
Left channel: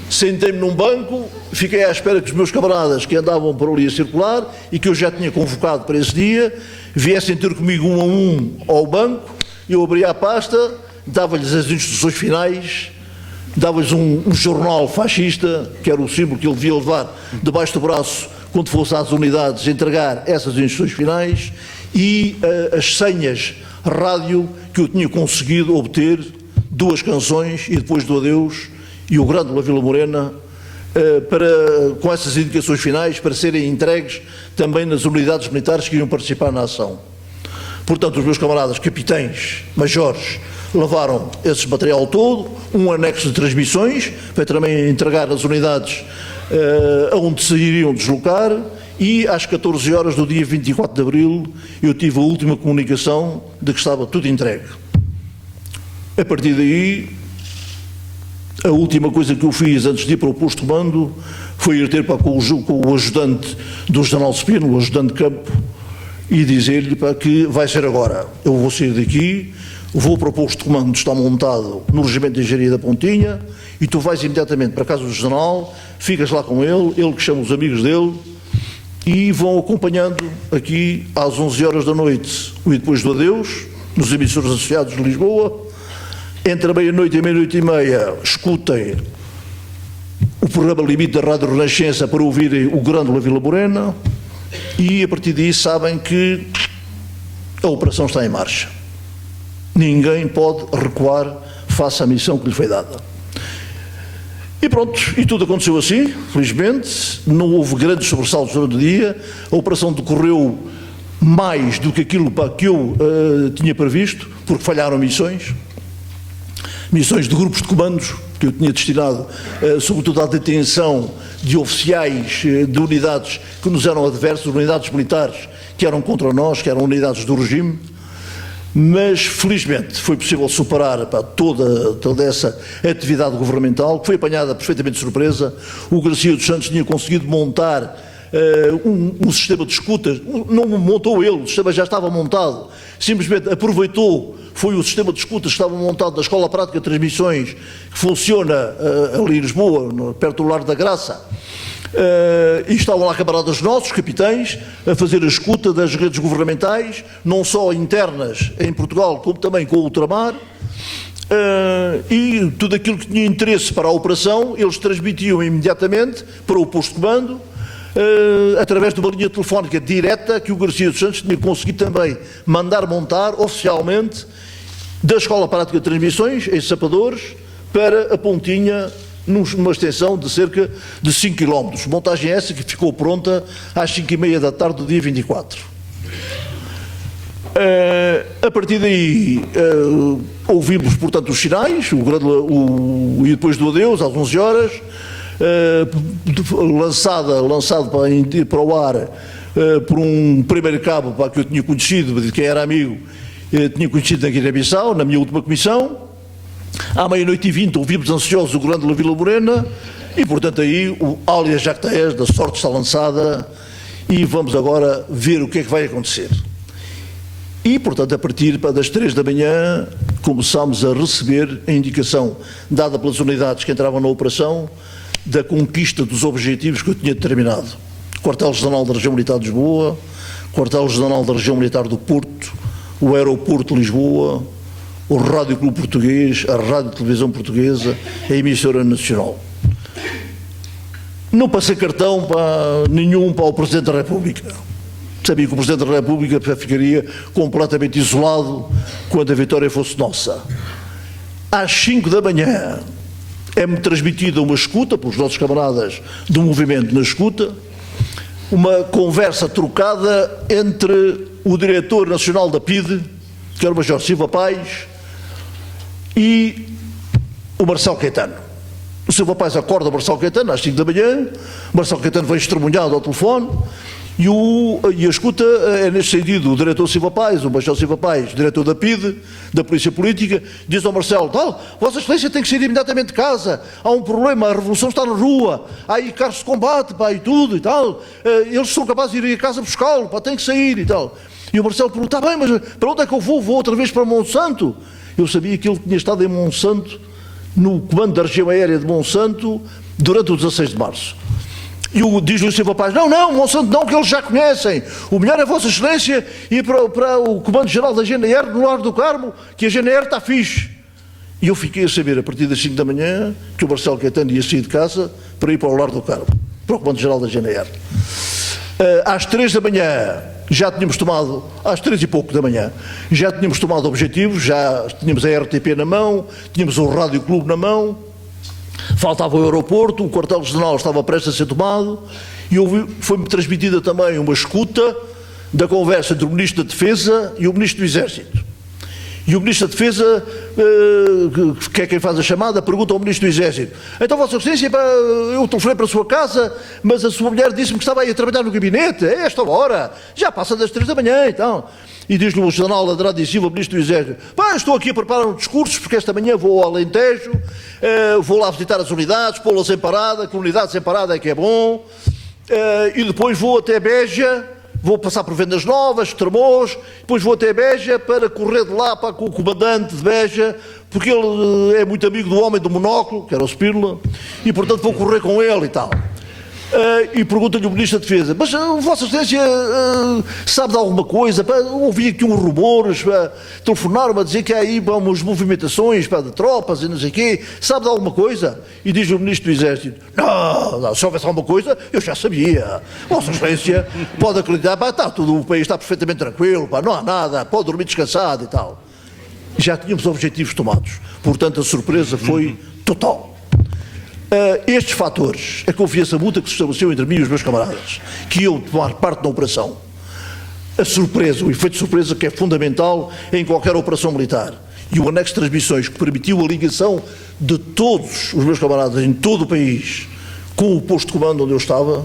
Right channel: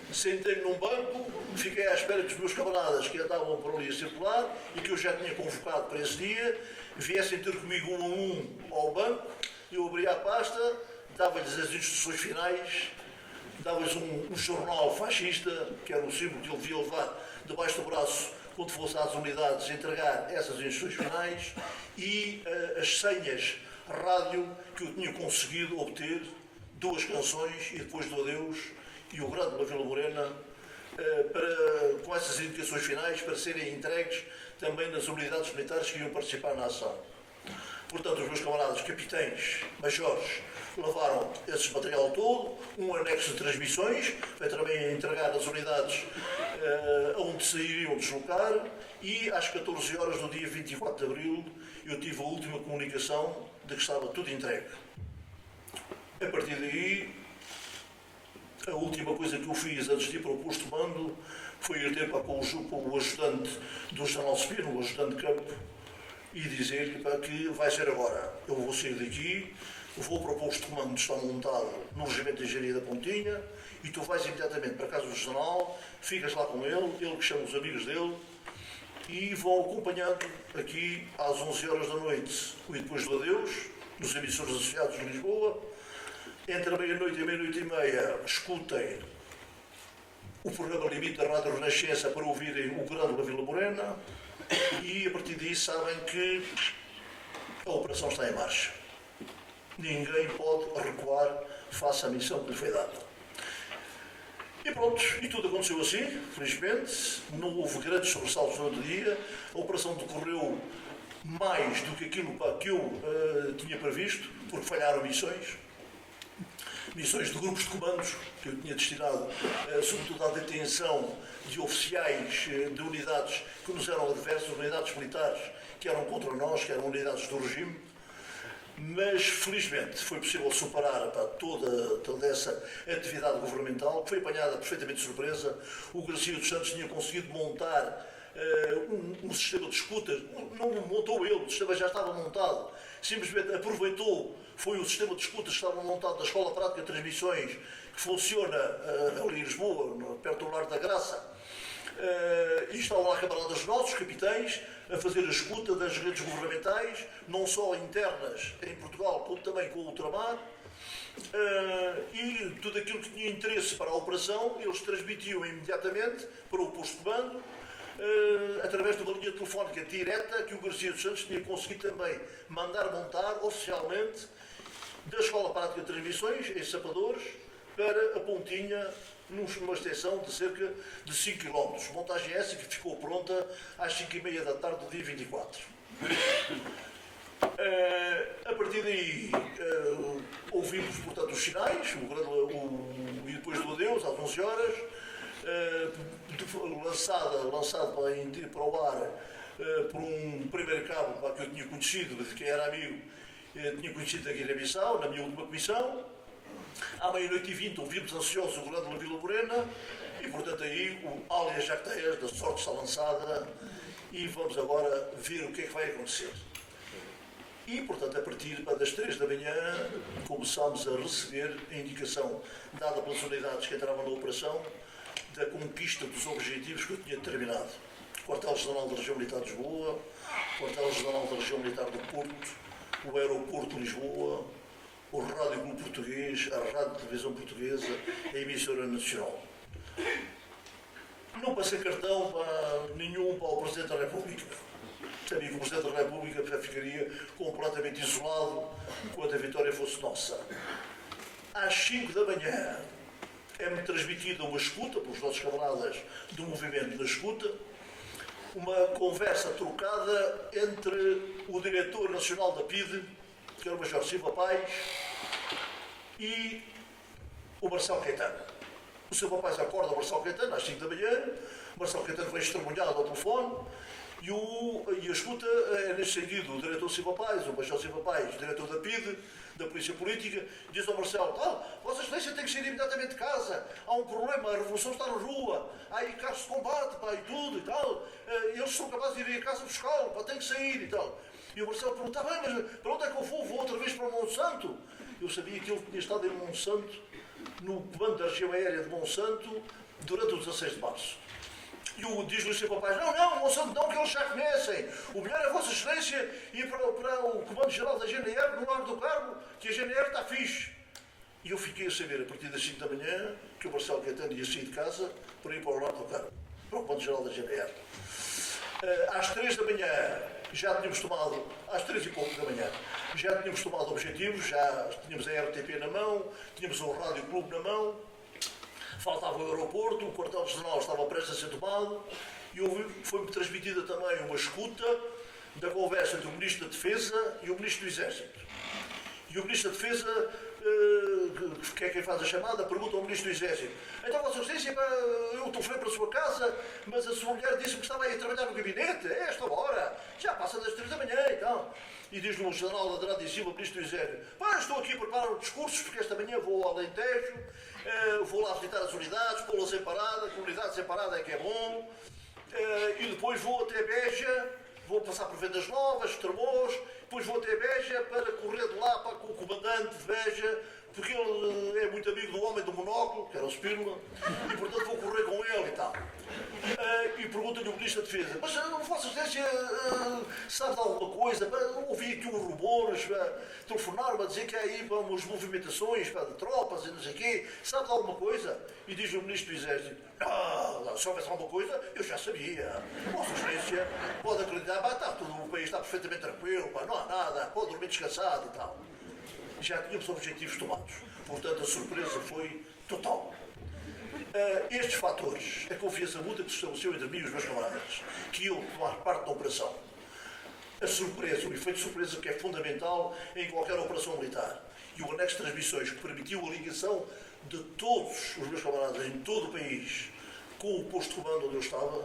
sentei-me num banco, fiquei à espera que os meus camaradas que andavam por ali a circular e que eu já tinha convocado para esse dia, viessem ter comigo um a um ao banco. Eu abria a pasta, dava-lhes as instruções finais, dava-lhes um jornal fascista, que era o símbolo que ele devia levar debaixo do braço quando fosse às unidades entregar essas instruções finais, e as senhas rádio que eu tinha conseguido obter, 2 canções e depois do adeus e o Grande La Vila Morena, com essas indicações finais para serem entregues também nas unidades militares que iam participar na ação. Portanto, os meus camaradas capitães, majores, levaram esse material todo, um anexo de transmissões para também entregar nas unidades aonde se iriam deslocar. E às 14 horas do dia 24 de abril eu tive a última comunicação de que estava tudo entregue. A partir daí, a última coisa que eu fiz antes de ir para o posto de mando foi ir ter com o ajudante do General Spino, o ajudante de campo, e dizer-lhe que vai ser agora. Eu vou sair daqui, vou para o posto de comando que está montado no Regimento de Engenharia da Pontinha, e tu vais imediatamente para a casa do General, ficas lá com ele que chama os amigos dele, e vão acompanhando aqui às 11 horas da noite o E Depois do Adeus, nos emissores associados de Lisboa. Entre a meia-noite e a meia-noite e meia escutem o programa limite da Rádio Renascença para ouvirem o Grande La Vila Morena, e a partir daí sabem que a operação está em marcha. Ninguém pode recuar face à missão que lhe foi dada. E pronto, e tudo aconteceu assim, felizmente, não houve grandes sobressaltos durante o dia, a operação decorreu mais do que aquilo que eu tinha previsto, porque falharam missões de grupos de comandos, que eu tinha destinado sobretudo à detenção de oficiais de unidades que nos eram adversas, unidades militares que eram contra nós, que eram unidades do regime. Mas, felizmente, foi possível superar toda essa atividade governamental, que foi apanhada perfeitamente de surpresa. O Garcia dos Santos tinha conseguido montar um sistema de escutas, não montou ele, o sistema já estava montado, simplesmente aproveitou, foi o sistema de escutas que estava montado na Escola Prática de Transmissões, que funciona ali em Lisboa, perto do Largo da Graça. E estavam lá camaradas nossos, capitães, a fazer a escuta das redes governamentais, não só internas em Portugal, como também com o ultramar, e tudo aquilo que tinha interesse para a operação, eles transmitiam imediatamente para o posto de comando, através de uma linha telefónica direta que o Garcia dos Santos tinha conseguido também mandar montar oficialmente da Escola Prática de Transmissões, em Sapadores, para a Pontinha, numa extensão de cerca de 5 km. Montagem essa que ficou pronta às 5h30 da tarde do dia 24. A partir daí ouvimos, portanto, os sinais, e depois do adeus, às 11 horas, lançado para o ar por um primeiro cabo que eu tinha conhecido, de quem era amigo, tinha conhecido na Guiné-Bissau, na minha última comissão. À meia-noite e 20 ouvimos ansiosos o Grande La Vila Morena, e portanto aí o alias Jactaes da sorte está lançada, e vamos agora ver o que é que vai acontecer. E portanto a partir das 3 da manhã começámos a receber a indicação dada pelas unidades que entravam na operação da conquista dos objetivos que eu tinha determinado. Quartel-General da Região Militar de Lisboa, Quartel-General da Região Militar do Porto, o Aeroporto de Lisboa, o Rádio Clube Português, a Rádio e Televisão Portuguesa, a Emissora Nacional. Não passei cartão nenhum para o Presidente da República. Sabia que o Presidente da República ficaria completamente isolado quando a vitória fosse nossa. Às 5 da manhã é-me transmitida uma escuta, pelos nossos camaradas do movimento na escuta, uma conversa trocada entre o diretor nacional da PIDE, que era o Major Silva Paz, e o Marcelo Caetano. O Silva Paz acorda o Marcelo Caetano às 5 da manhã, o Marcelo Caetano vem estremunhado ao telefone, e a escuta é nesse sentido. O diretor Silva Paz, o Major Silva Paz, diretor da PIDE, da Polícia Política, diz ao Marcelo: Vossa Excelência tem que sair imediatamente de casa, há um problema, a revolução está na rua, há aí carros de combate, e tudo e tal, eles são capazes de ir a casa buscá-lo, tem que sair e tal. E o Marcelo pergunta: bem, mas para onde é que eu vou? Vou outra vez para Monsanto? Eu sabia que ele tinha estado em Monsanto, no comando da região aérea de Monsanto, durante o 16 de março. E diz-lhe o Silva Paz: não, Monsanto não, que eles já conhecem. O melhor é Vossa Excelência ir para o Comando-Geral da GNR no Largo do Carmo, que a GNR está fixe. E eu fiquei a saber, a partir das 5 da manhã, que o Marcelo Caetano ia sair de casa para ir para o Largo do Carmo, para o Comando-Geral da GNR. Às 3 da manhã, já tínhamos tomado, às 3 e pouco da manhã, já tínhamos tomado objetivos, já tínhamos a RTP na mão, tínhamos o Rádio Clube na mão, faltava o aeroporto, o quartel-general estava prestes a ser tomado, e foi-me transmitida também uma escuta da conversa entre o Ministro da Defesa e o Ministro do Exército. E o Ministro da Defesa, que é quem faz a chamada, pergunta ao Ministro do Exército: então, Vossa Excelência, eu telefonei para a sua casa, mas a sua mulher disse-me que estava aí a trabalhar no gabinete, a esta hora, já passa das 3 da manhã, então. E diz-lhe o general Andrade e Silva, Ministro do Exército: estou aqui a preparar um discurso, porque esta manhã vou ao Alentejo, vou lá visitar as unidades, pô-las em parada, que unidades em parada é que é bom, e depois vou até Beja, vou passar por Vendas Novas, Tremoz, depois vou até Beja para correr de lá com o comandante de Beja, porque ele é muito amigo do homem do monóculo, que era o Spínola, e portanto vou correr com ele e tal. E pergunta-lhe o Ministro da Defesa: mas Vossa Excelência sabe de alguma coisa? Ouvi aqui uns rumores, telefonaram-me a dizer que há aí umas movimentações de tropas e não sei o quê, sabe de alguma coisa? E diz o Ministro do Exército: não, se houvesse alguma coisa, eu já sabia. Vossa Excelência pode acreditar, tudo, o país está perfeitamente tranquilo, não há nada, pode dormir descansado e tal. Já tínhamos objetivos tomados, portanto a surpresa foi total. Estes fatores, a confiança mútua que se estabeleceu entre mim e os meus camaradas, que iam tomar parte da operação, a surpresa, o efeito de surpresa que é fundamental em qualquer operação militar, e o anexo de transmissões que permitiu a ligação de todos os meus camaradas em todo o país com o posto de comando onde eu estava,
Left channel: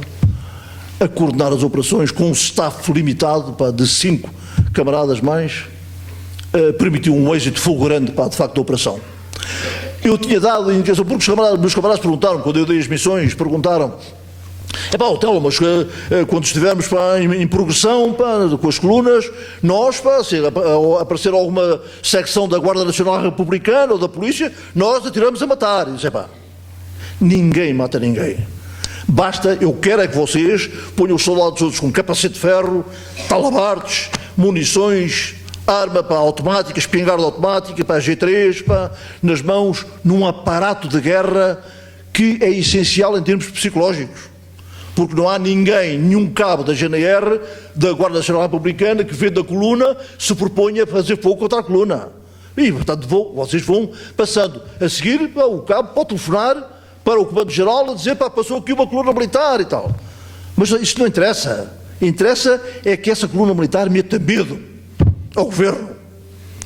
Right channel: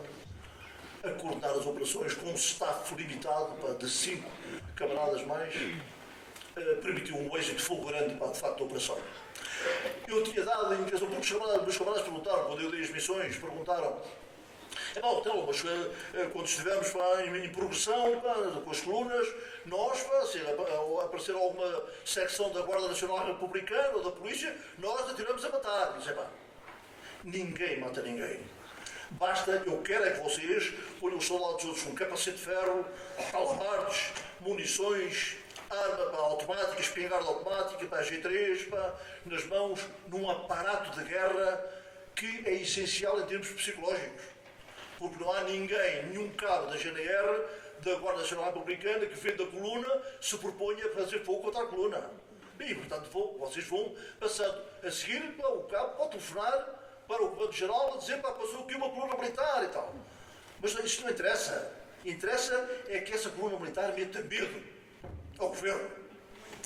a coordenar as operações com um staff limitado de 5 camaradas mais, permitiu um êxito fulgurante de facto da operação. Eu tinha dado a indicação, porque os meus camaradas perguntaram, quando eu dei as missões, perguntaram: Otelo, mas quando estivermos em progressão com as colunas, nós, se aparecer alguma secção da Guarda Nacional Republicana ou da Polícia, nós atiramos a matar. E disse: ninguém mata ninguém. Basta, eu quero é que vocês ponham os soldados todos com capacete de ferro, talabartes, munições, arma automática, espingarda automática, G3, nas mãos, num aparato de guerra que é essencial em termos psicológicos. Porque não há ninguém, nenhum cabo da GNR, da Guarda Nacional Republicana, que vendo a coluna se proponha a fazer fogo contra a coluna. E, portanto, vocês vão passando. A seguir, o cabo pode telefonar para o Comando-Geral a dizer: passou aqui uma coluna militar e tal. Mas isto não interessa. Interessa é que essa coluna militar meta medo ao governo.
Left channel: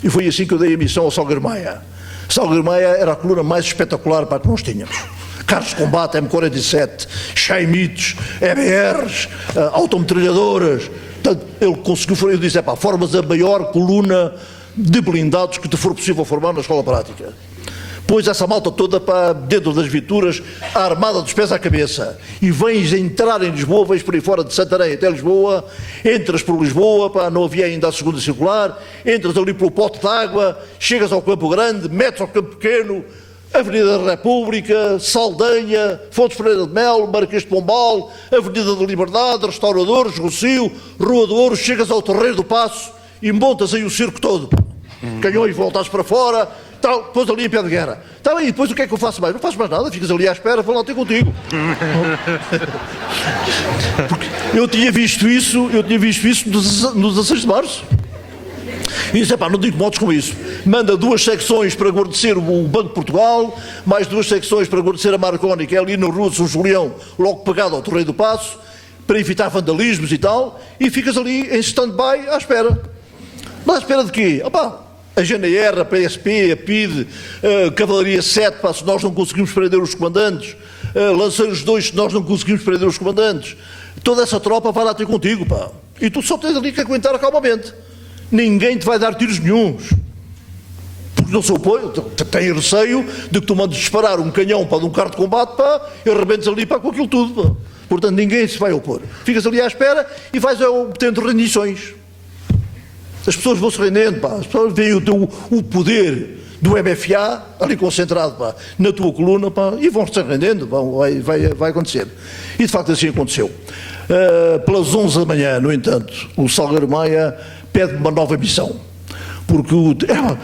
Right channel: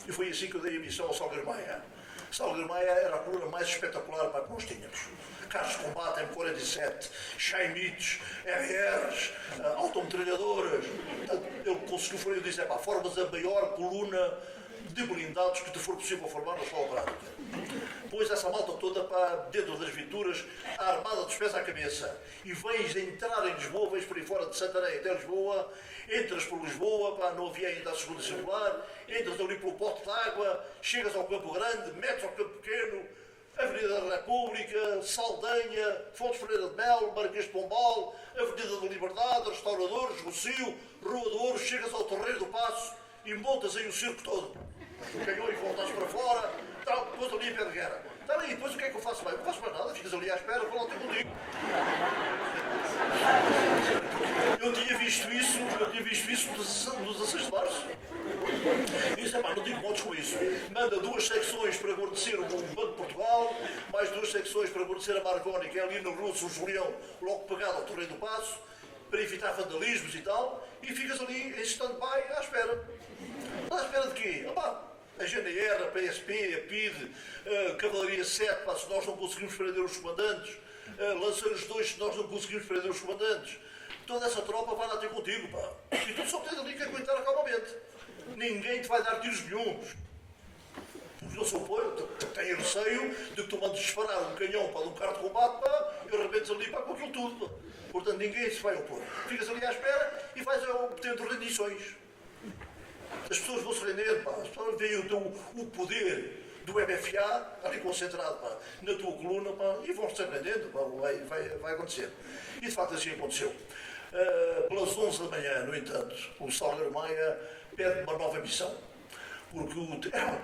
E foi assim que eu dei a missão ao Salgueiro Maia. Salgueiro Maia era a coluna mais espetacular que nós tínhamos. Carros de combate, M47, Chaimites, EBRs, autometralhadoras. Ele conseguiu, eu disse: formas a maior coluna de blindados que te for possível formar na escola prática. Pôs essa malta toda para dentro das viaturas, armada dos pés à cabeça, e vens entrar em Lisboa, vens por aí fora de Santarém até Lisboa, entras por Lisboa, não havia ainda a segunda circular, entras ali pelo pote de água, chegas ao Campo Grande, metes ao Campo Pequeno, Avenida da República, Saldanha, Fontes Pereira de Melo, Marquês de Pombal, Avenida da Liberdade, Restauradores, Rocio, Rua do Ouro, chegas ao Terreiro do Paço e montas aí o circo todo. Canhões voltados para fora, tal, depois ali em pé de guerra. Tá bem, e depois o que é que eu faço mais? Não faço mais nada, ficas ali à espera, vou lá ter contigo. Porque eu tinha visto isso no 16 de março. E disse, não digo modos como isso. Manda 2 secções para guarnecer o Banco de Portugal, mais 2 secções para guarnecer a Marconi, que é ali na Rua de São Julião, logo pegado ao Torreio do Paço, para evitar vandalismos e tal, e ficas ali em stand-by à espera. Mas à espera de quê? A GNR, a PSP, a PIDE, a Cavalaria 7, se nós não conseguimos prender os comandantes, Lanceiros 2, se nós não conseguimos prender os comandantes, toda essa tropa vai lá ter contigo, e tu só tens ali que aguentar calmamente. Ninguém te vai dar tiros nenhuns. Porque não se opõe, tem receio de que tu mandes disparar um canhão de um carro de combate, e arrebentes ali com aquilo tudo. Portanto, ninguém se vai opor. Ficas ali à espera e vais obtendo rendições. As pessoas vão se rendendo, as pessoas veem o poder do MFA ali concentrado na tua coluna, e vão se rendendo, vai acontecer. E de facto assim aconteceu. Pelas 11 da manhã, no entanto, o Salgueiro Maia pede uma nova missão. Porque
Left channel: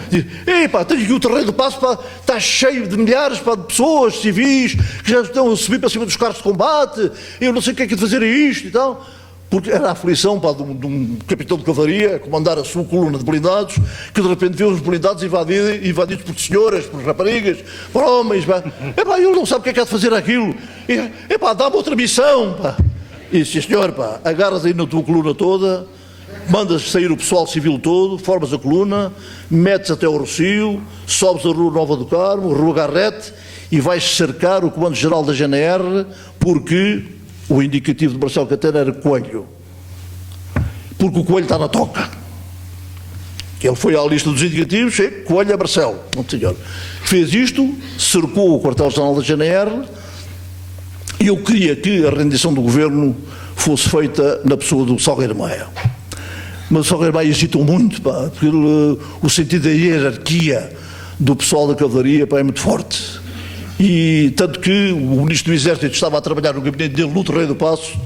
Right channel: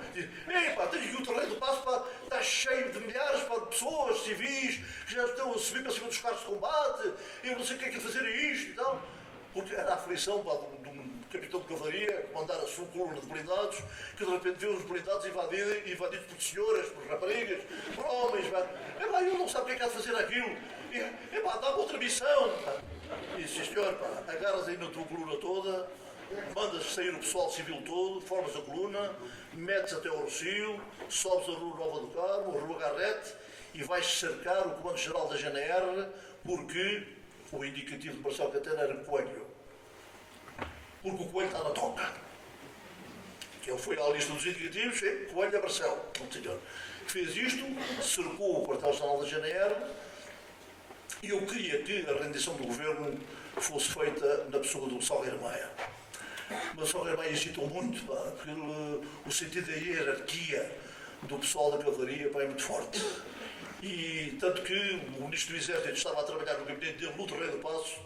diz, tenho aqui o Terreiro do Paço, está cheio de milhares de pessoas, civis, que já estão a subir para cima dos carros de combate, eu não sei o que é que é de fazer isto e tal. Porque era a aflição de um capitão de cavalaria a comandar a sua coluna de blindados, que de repente vê os blindados invadidos por senhoras, por raparigas, por homens. Ele não sabe o que é que há de fazer aquilo. Dá-me outra missão. E disse, senhor, agarras aí na tua coluna toda, mandas sair o pessoal civil todo, formas a coluna, metes até ao Rocio, sobes a Rua Nova do Carmo, Rua Garrete, e vais cercar o Comando-Geral da GNR, porque o indicativo de Marcelo Caetano era Coelho. Porque o Coelho está na toca. Ele foi à lista dos indicativos, Coelho é Marcelo. Não, senhor. Fez isto, cercou o quartel-general da GNR, e eu queria que a rendição do governo fosse feita na pessoa do Salgueiro Maia. Mas o Salgueiro Maia hesitou muito, porque o sentido da hierarquia do pessoal da cavalaria é muito forte. E tanto que o Ministro do Exército estava a trabalhar no gabinete dele no Terreiro do Paço,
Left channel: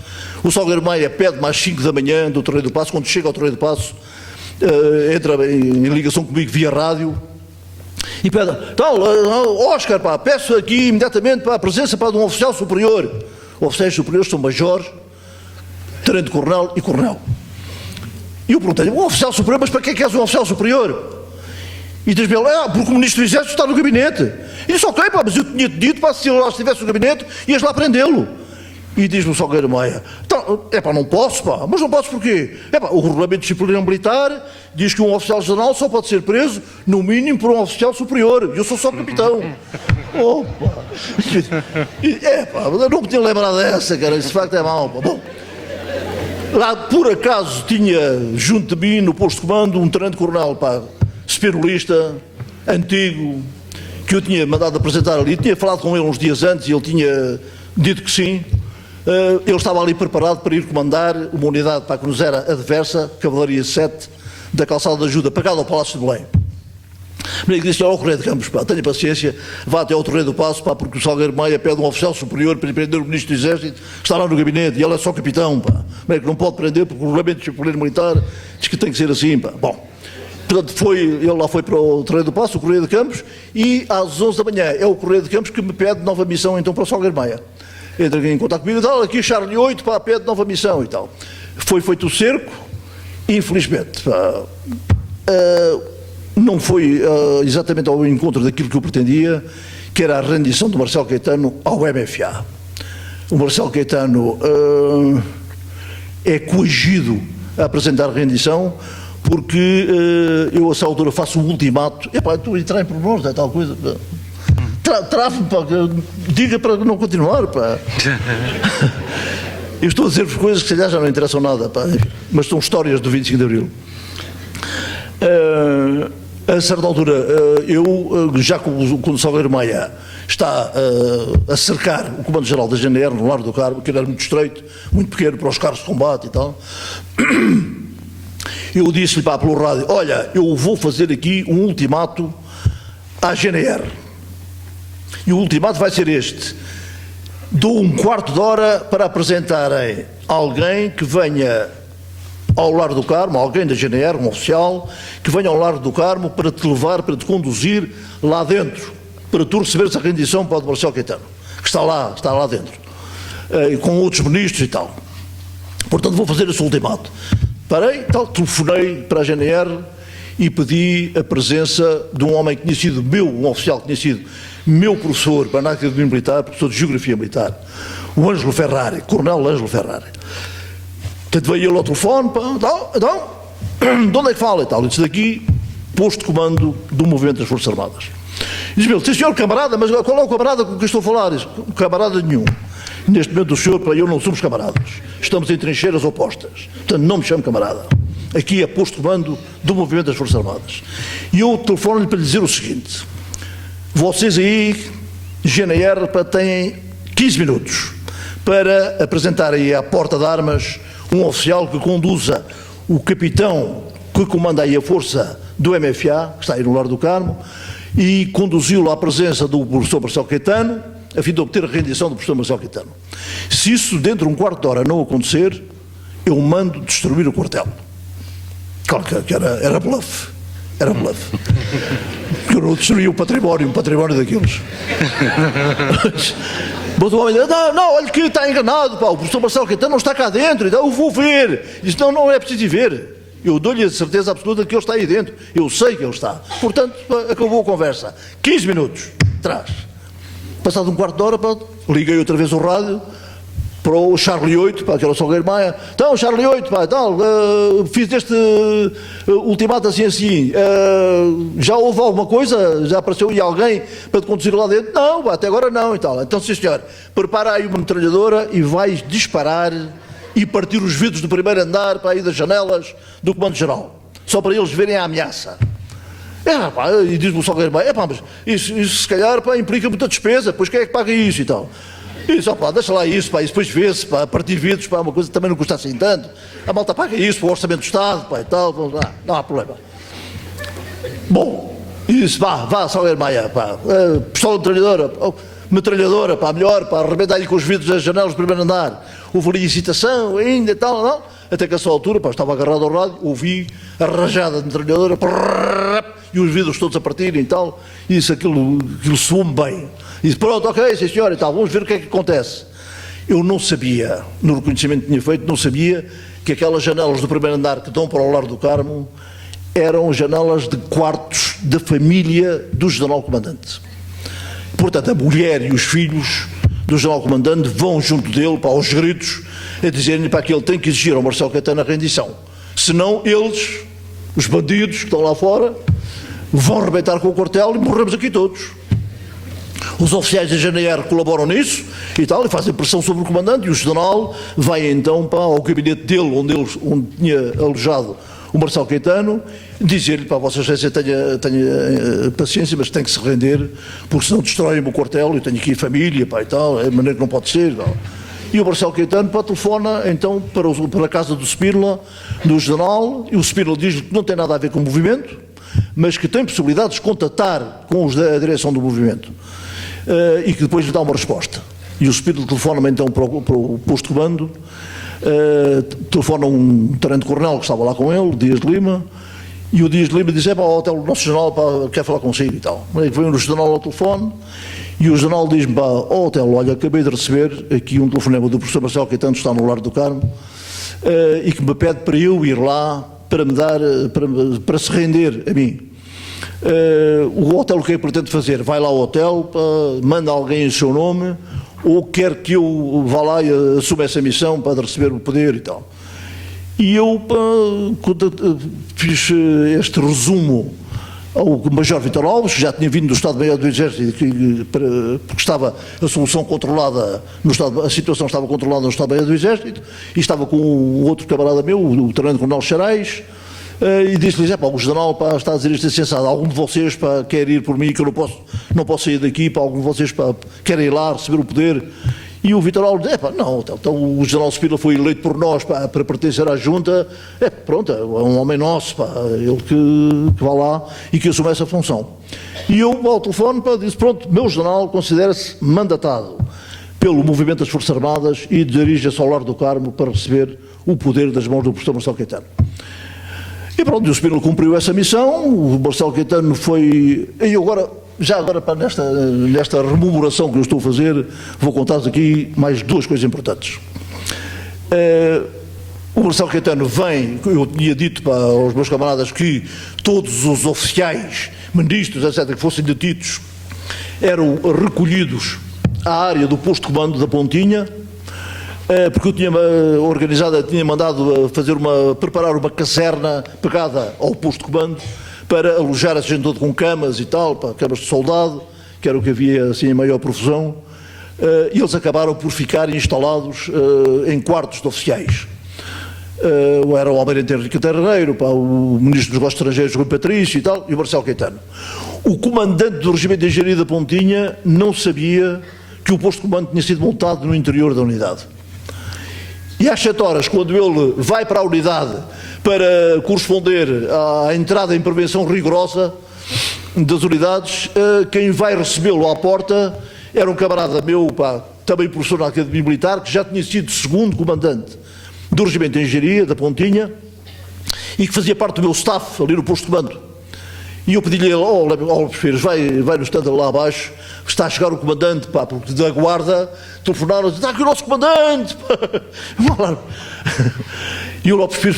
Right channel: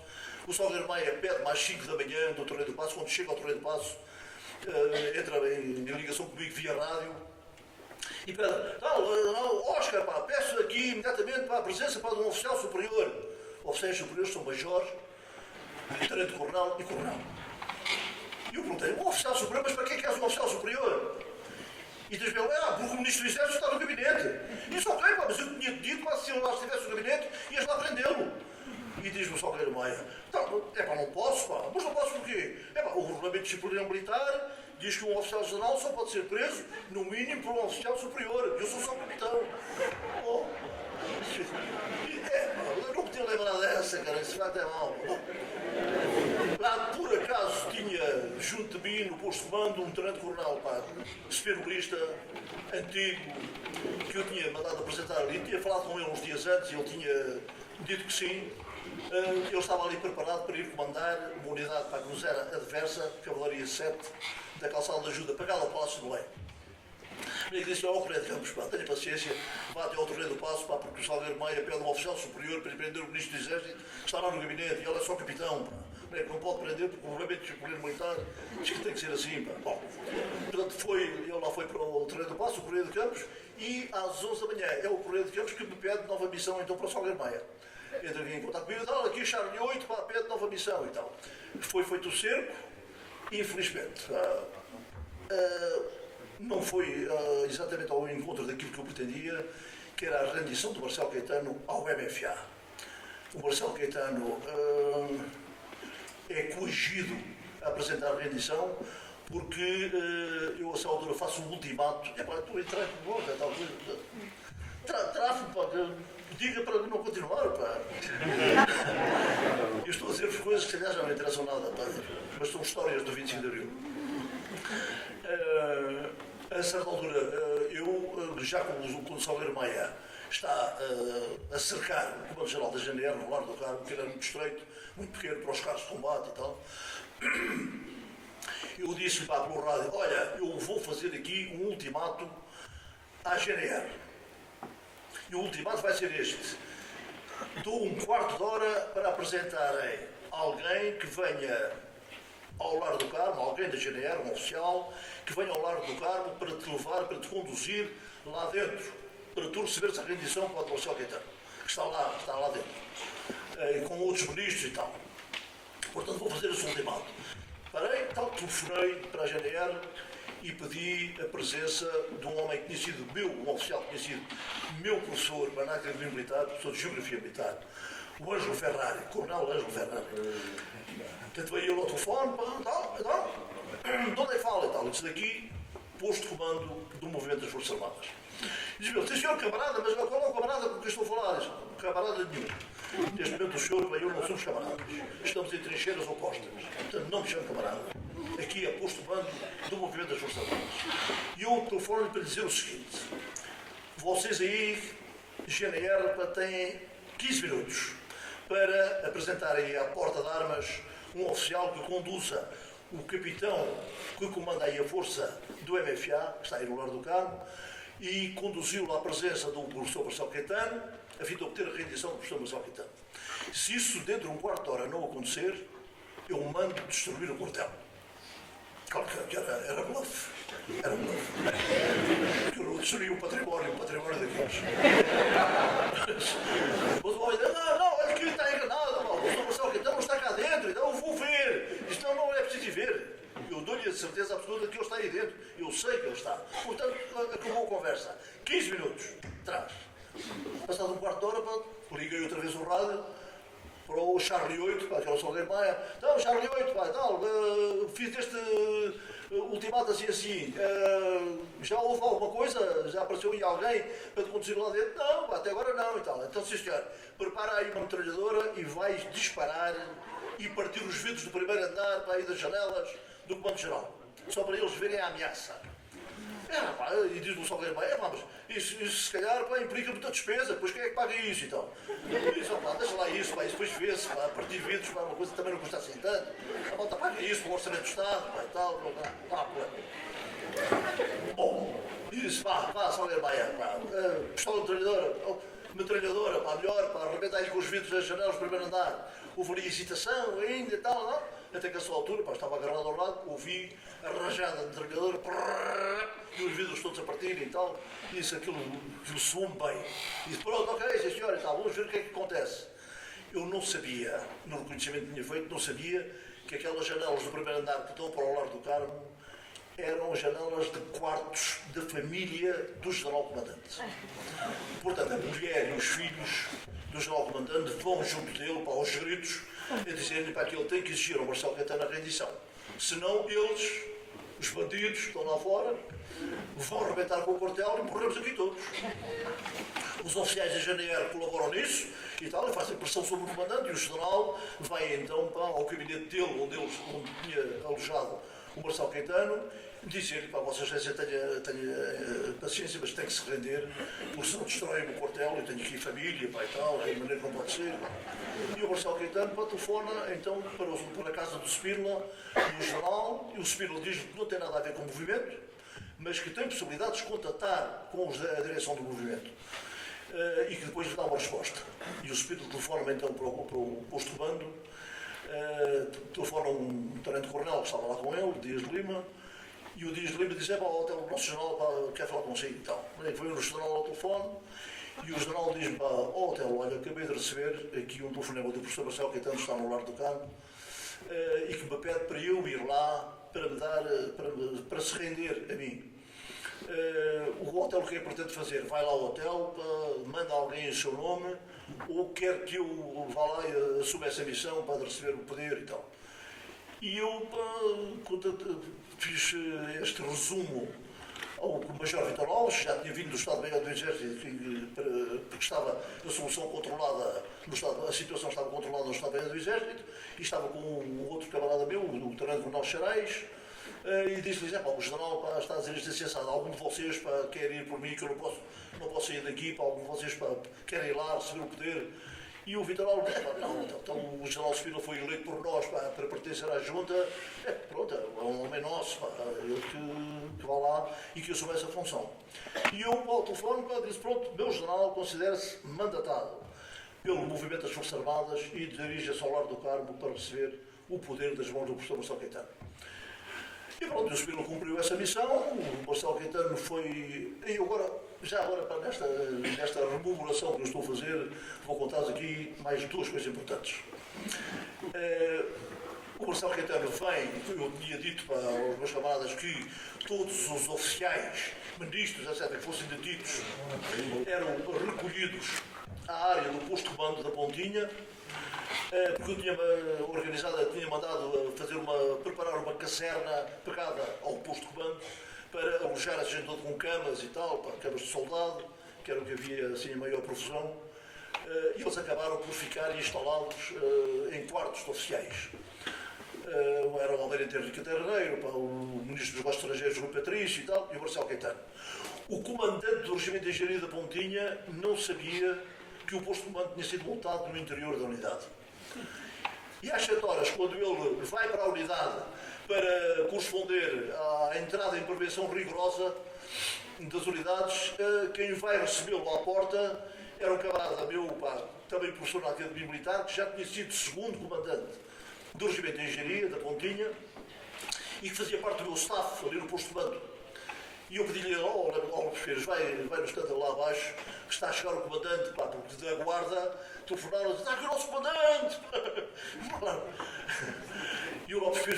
o Salgueiro Maia pede-me às 5 da manhã do Terreiro do Paço, quando chega ao Terreiro do Paço, entra em ligação comigo via rádio, e pede, Oscar, peço aqui imediatamente a presença de um oficial superior. Oficiais superiores são major, tenente-coronel e coronel. E eu perguntei-lhe, um oficial superior, mas para que é que és um oficial superior? E diz-me ele, porque o Ministro do Exército está no gabinete. E disse, ok, mas eu tinha-te dito, se ele lá estivesse no gabinete, ias lá prendê-lo. E diz-me o Salgueiro Maia, não posso, mas não posso porquê? O regulamento disciplinar militar diz que um oficial-general só pode ser preso, no mínimo, por um oficial superior. E eu sou só capitão. Eu não me tinha lembrado dessa, cara, isso de facto é mau. Bom, lá, por acaso, tinha junto de mim, no posto de comando, um tenente-coronel, espirulista, antigo, que eu tinha mandado apresentar ali. Tinha falado com ele uns dias antes e ele tinha dito que sim. Ele estava ali preparado para ir comandar uma unidade que nos era adversa, Cavalaria 7, da Calçada da Ajuda, pagada ao Palácio de Belém. Mas disse ao Correio de Campos, tenha paciência, vá até ao Terreiro do Paço, porque o Salgueiro Maia pede um oficial superior para ir prender o Ministro do Exército, que está lá no gabinete, e ele é só capitão, que não pode prender, porque o regulamento disciplinar militar diz que tem que ser assim. Bom, portanto, ele lá foi para o Terreiro do Paço, o Correio de Campos, e às 11 da manhã é o Correio de Campos que me pede nova missão então para o Salgueiro Maia. Entra em contato comigo e tal, aqui Charlie 8, pede nova missão e tal. Foi feito o cerco, infelizmente, não foi exatamente ao encontro daquilo que eu pretendia, que era a rendição do Marcelo Caetano ao MFA. O Marcelo Caetano é coagido a apresentar a rendição, porque eu a essa altura faço um ultimato, tu entrar em pormenores, é tal coisa, trave-me, diga para não continuar, Eu estou a dizer-vos coisas que se calhar já não interessam nada, mas são histórias do 25 de Abril. A certa altura, já quando o Salgueiro Maia está a cercar o Comando-Geral da GNR no Largo do Carmo, que era muito estreito, muito pequeno para os carros de combate e tal, eu disse-lhe pelo rádio, olha, eu vou fazer aqui um ultimato à GNR. E o ultimato vai ser este. Dou um quarto de hora para apresentarem alguém que venha ao Largo do Carmo, alguém da GNR, um oficial, que venha ao Largo do Carmo para te levar, para te conduzir lá dentro, para tu receberes a rendição para o Marcelo Caetano, que está lá dentro, com outros ministros e tal. Portanto, vou fazer esse ultimato. Parei, tal, telefonei para a GNR e pedi a presença de um homem que tinha sido um oficial que tinha sido meu professor para a Academia Militar, professor de Geografia Militar, o Ângelo Ferrari, Coronel Ângelo Ferrari. Portanto, veio ele ao telefone, então, de onde é que fala e tal? Ele disse daqui, posto de comando do movimento das Forças Armadas. E diz-me ele, sim senhor camarada, mas qual é o camarada com quem estou a falar? Diz, camarada nenhum. Neste momento o senhor e eu não somos camaradas. Estamos em trincheiras opostas. Portanto, não me chamo camarada. Aqui é posto de comando do movimento das Forças Armadas. E eu telefono-lhe para lhe dizer o seguinte: vocês aí, GNR, têm 15 minutos para apresentar aí à porta de armas um oficial que conduza o capitão que comanda aí a força do MFA, que está aí no Largo do Carmo, e conduzi-lo à presença do professor Marcelo Caetano, a fim de obter a rendição do professor Marcelo Caetano. Se isso dentro de um quarto de hora não acontecer, eu mando destruir o quartel. Claro que era bluff. Era bluff. Porque eu não destruí um património daqueles. Mas o homem disse, não, olha que está enganado, pá, o professor Marcelo Caetano não está cá dentro, então eu vou ver. Disse, não é preciso ir ver. Eu dou-lhe a certeza absoluta que ele está aí dentro. Eu sei que ele está. Portanto, acabou a conversa. 15 minutos atrás. Passado um quarto de hora, pá, liguei outra vez o rádio para o Charlie 8, para aquele Salgueiro Maia. Então, Charlie 8, pá, tal, fiz este ultimato assim. Já houve alguma coisa? Já apareceu aí alguém para te conduzir lá dentro? Não, pá, até agora não e tal. Então, sim senhor, prepara aí uma metralhadora e vais disparar e partir os vidros do primeiro andar para aí das janelas do Comando-Geral. Só para eles verem a ameaça. Pá, e diz-me o Salgueiro Maia, mas isso se calhar, pá, implica muita despesa, pois quem é que paga isso e tal? E só, pá, deixa lá isso, pá, e depois vê-se, pá, partir vidros, pá, uma coisa que também não custa assim tanto. A malta paga isso para o Orçamento do Estado, pá, e tal, não há problema. Bom, isso, vá, Salgueiro Maia, pá, pistola metralhadora, pá, melhor, pá, arrebenta aí com os vidros das janelas do primeiro andar. Houve ali excitação ainda e tal, não? Até que a essa altura, pá, estava agarrado ao rádio, ouvi a rajada de metralhadora, e os vidros todos a partirem e tal, e isso, aquilo soou-me bem. E disse, pronto, ok, sim senhor, e tal, vamos ver o que é que acontece. Eu não sabia, no reconhecimento que tinha feito, não sabia que aquelas janelas do primeiro andar que dão para o Largo do Carmo eram janelas de quartos da família do General Comandante. Portanto, a mulher e os filhos do General Comandante vão junto dele, para aos gritos, a dizerem para que ele tem que exigir ao Marcelo Caetano a rendição. Senão eles, os bandidos que estão lá fora, vão arrebentar com o quartel e morremos aqui todos. Os oficiais da GNR colaboram nisso e tal, e fazem pressão sobre o comandante, e o general vai então ao gabinete dele, onde tinha alojado o Marcelo Caetano, dizer-lhe, para a Vossa Excelência, tenha paciência, mas tem que se render, porque senão destroem-me o quartel, eu tenho aqui família, pá, e tal, é de maneira que não pode ser. Tal. E o Marcelo Caetano, pá, telefona então para a casa do Spínola, do general, e o Spínola diz-lhe que não tem nada a ver com o movimento, mas que tem possibilidade de contatar com os da direção do movimento. E que depois lhe dá uma resposta. E o Spínola telefona-me então para o posto de comando, telefona um tenente-coronel que estava lá com ele, Dias de Lima, e o Dias de Lima diz, o nosso general quer falar consigo e tal. Veio o general ao telefone, e o general diz-me, Otelo, olha, acabei de receber aqui um telefonema do professor Marcelo Caetano, está no Largo do Carmo, e que me pede para eu ir lá para me dar, para se render a mim. O hotel o que é que pretende fazer? Vai lá ao hotel, manda alguém em seu nome, ou quer que eu vá lá e assuma essa missão para receber o poder e tal. E eu fiz este resumo ao Major Vítor Alves, que já tinha vindo do Estado-Maior do Exército, porque estava a solução controlada, a situação estava controlada no Estado-Maior do Exército, e estava com um outro camarada meu, o tenente-coronel Xarais, e disse-lhes, o general está a dizer isto insensado, algum de vocês quer ir por mim, que eu não posso sair daqui, algum de vocês quer ir lá receber o poder, E o Vítor Alves disse, não, então o general Spínola foi eleito por nós para pertencer à junta, pronto, é um homem nosso, ele que vá lá e que assume essa função. E eu, ao telefone, disse, pronto, meu general considera-se mandatado pelo movimento das Forças Armadas e dirige-se ao Lar do Carmo para receber o poder das mãos do professor Marcelo Caetano. E pronto, o Spínola cumpriu essa missão, o Marcelo Caetano foi... E agora, nesta rememoração que eu estou a fazer, vou contar-vos aqui mais duas coisas importantes. O Marcelo Caetano vem, eu tinha dito para os meus camaradas que todos os oficiais, ministros, etc., que fossem detidos, eram recolhidos à área do posto de comando da Pontinha, porque eu tinha organizado, tinha mandado preparar uma caserna pegada ao posto de comando para alojar essa gente toda com camas e tal, para camas de soldado, que era o que havia assim em maior profusão, e eles acabaram por ficar instalados em quartos de oficiais. Era o Almirante Henrique Terreiro, o Ministro dos Negócios Estrangeiros Rui Patrício e tal, e o Marcelo Caetano. O comandante do Regimento de Engenharia da Pontinha não sabia que o posto de comando tinha sido montado no interior da unidade. E às 7 horas, quando ele vai para a unidade para corresponder à entrada em prevenção rigorosa das unidades, quem vai recebê-lo à porta era um camarada meu, também professor na Academia Militar, que já tinha sido segundo comandante do Regimento de Engenharia da Pontinha e que fazia parte do meu staff ali no posto de comando. E eu pedi-lhe, Lopes Pires, vai no stand lá abaixo, está a chegar o comandante, porque da guarda telefonaram, está aqui o nosso comandante. E o Lopes Pires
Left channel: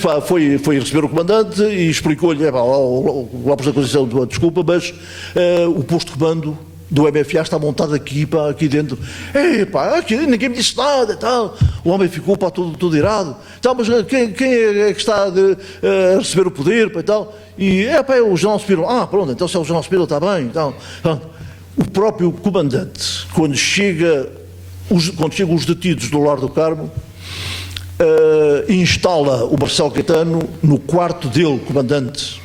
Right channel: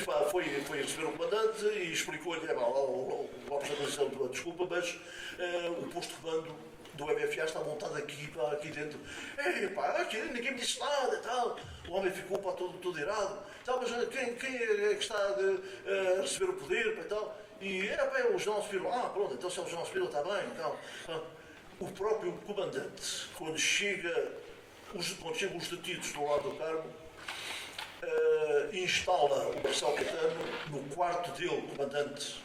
foi receber o comandante e explicou-lhe, o Lopes da Conceição, desculpa, mas o posto de comando do MFA está montado aqui dentro. Aqui ninguém me disse nada e tal. O homem ficou todo irado. Então, mas quem é que está a receber o poder e tal? E é o general Spínola. Pronto, então se é o general Spínola está bem. Então, o próprio comandante, quando chegam os detidos do Lar do Carmo, instala o Marcelo Caetano no quarto dele, comandante.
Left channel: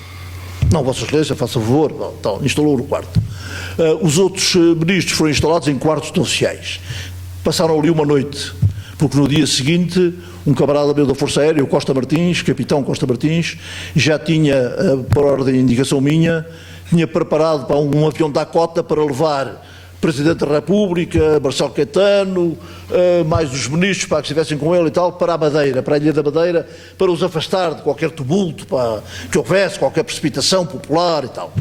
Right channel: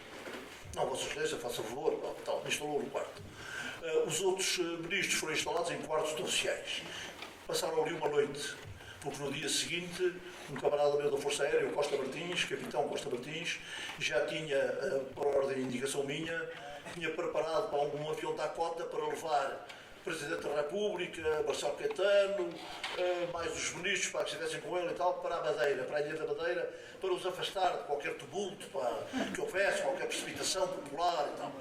Não, Vossa Excelência, faça favor. Então, instalou no quarto. Os outros ministros foram instalados em quartos de oficiais. Passaram ali uma noite, porque no dia seguinte um camarada meu da Força Aérea, o Costa Martins, capitão Costa Martins, já tinha, por ordem de indicação minha, tinha preparado para um avião da Cota para levar Presidente da República, Marcelo Caetano, mais os ministros para que estivessem com ele e tal, para a Madeira, para a Ilha da Madeira, para os afastar de qualquer tumulto, para que houvesse qualquer precipitação popular e tal.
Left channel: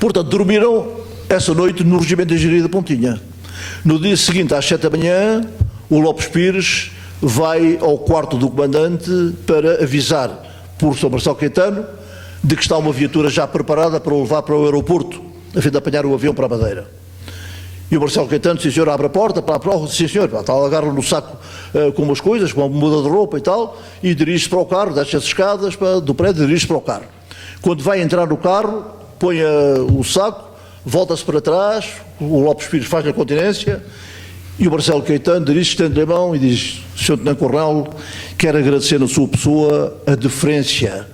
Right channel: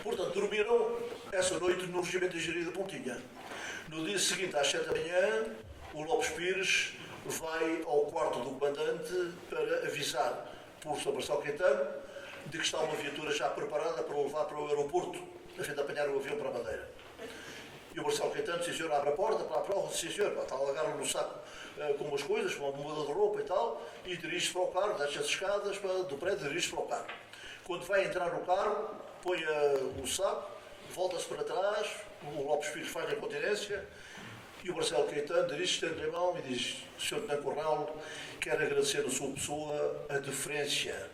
Portanto, dormiram essa noite no Regimento de Engenharia da Pontinha. No dia seguinte, às 7 da manhã, o Lopes Pires vai ao quarto do comandante para avisar por Sr. Marcelo Caetano de que está uma viatura já preparada para o levar para o aeroporto, a fim de apanhar o avião para a Madeira. E o Marcelo Caetano, sim senhor, abre a porta, sim senhor, agarra no saco com umas coisas, com uma muda de roupa e tal, e dirige-se para o carro, desce as escadas do prédio e dirige-se para o carro. Quando vai entrar no carro, põe o saco, volta-se para trás, o Lopes Pires faz a continência e o Marcelo Caetano dirige-se, estende a mão e diz: Sr. Tenente-Coronel, quero agradecer na sua pessoa a deferência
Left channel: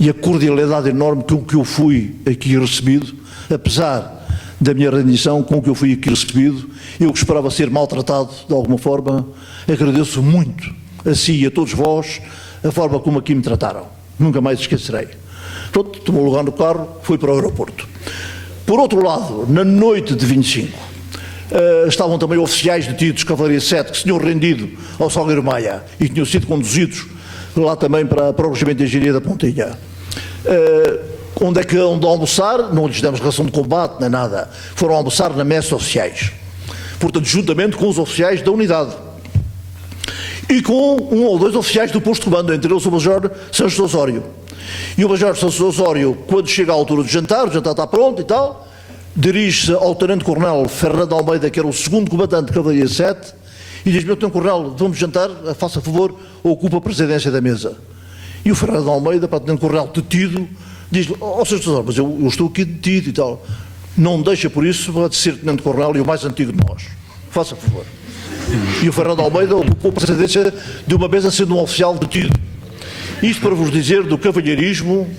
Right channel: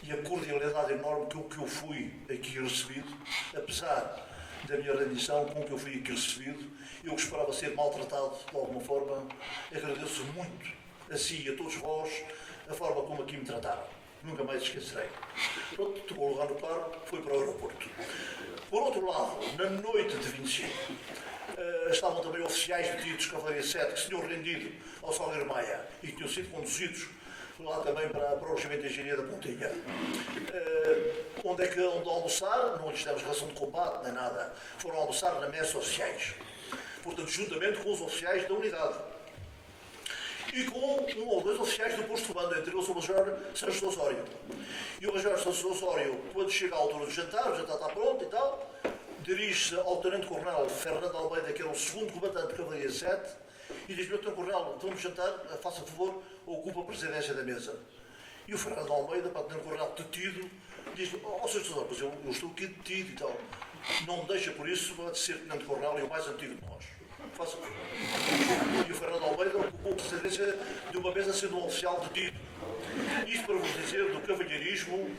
e a cordialidade enorme com que eu fui aqui recebido, apesar da minha rendição com que eu fui aqui recebido. Eu que esperava ser maltratado de alguma forma, agradeço muito a si e a todos vós a forma como aqui me trataram. Nunca mais esquecerei. Pronto, tomou lugar no carro, foi para o aeroporto. Por outro lado, na noite de 25, estavam também oficiais detidos, Cavalaria 7, que se tinham rendido ao Salgueiro Maia e tinham sido conduzidos lá também para o Regimento de Engenharia da Pontinha. Onde é que onde almoçar? Não lhes demos ração de combate, nem nada. Foram almoçar na messe de oficiais. Portanto, juntamente com os oficiais da unidade. E com um ou dois oficiais do posto de comando, entre eles o Major Santos Osório. E o Major Santos Osório, quando chega à altura do jantar, o jantar está pronto e tal, dirige-se ao Tenente-Coronel Fernando Almeida, que era o segundo comandante de Cavalaria 7, e diz: meu Tenente-Coronel, vamos jantar, faça favor, ocupa a presidência da mesa. E o Fernando Almeida, para o Tenente-Coronel detido, diz-lhe: Sr. Osório, mas eu estou aqui detido e tal. Não deixa por isso de ser Tenente-Coronel e o mais antigo de nós. Faça favor. E o Fernando Almeida ocupou a presidência de uma mesa sendo um oficial detido. Isto para vos dizer do cavalheirismo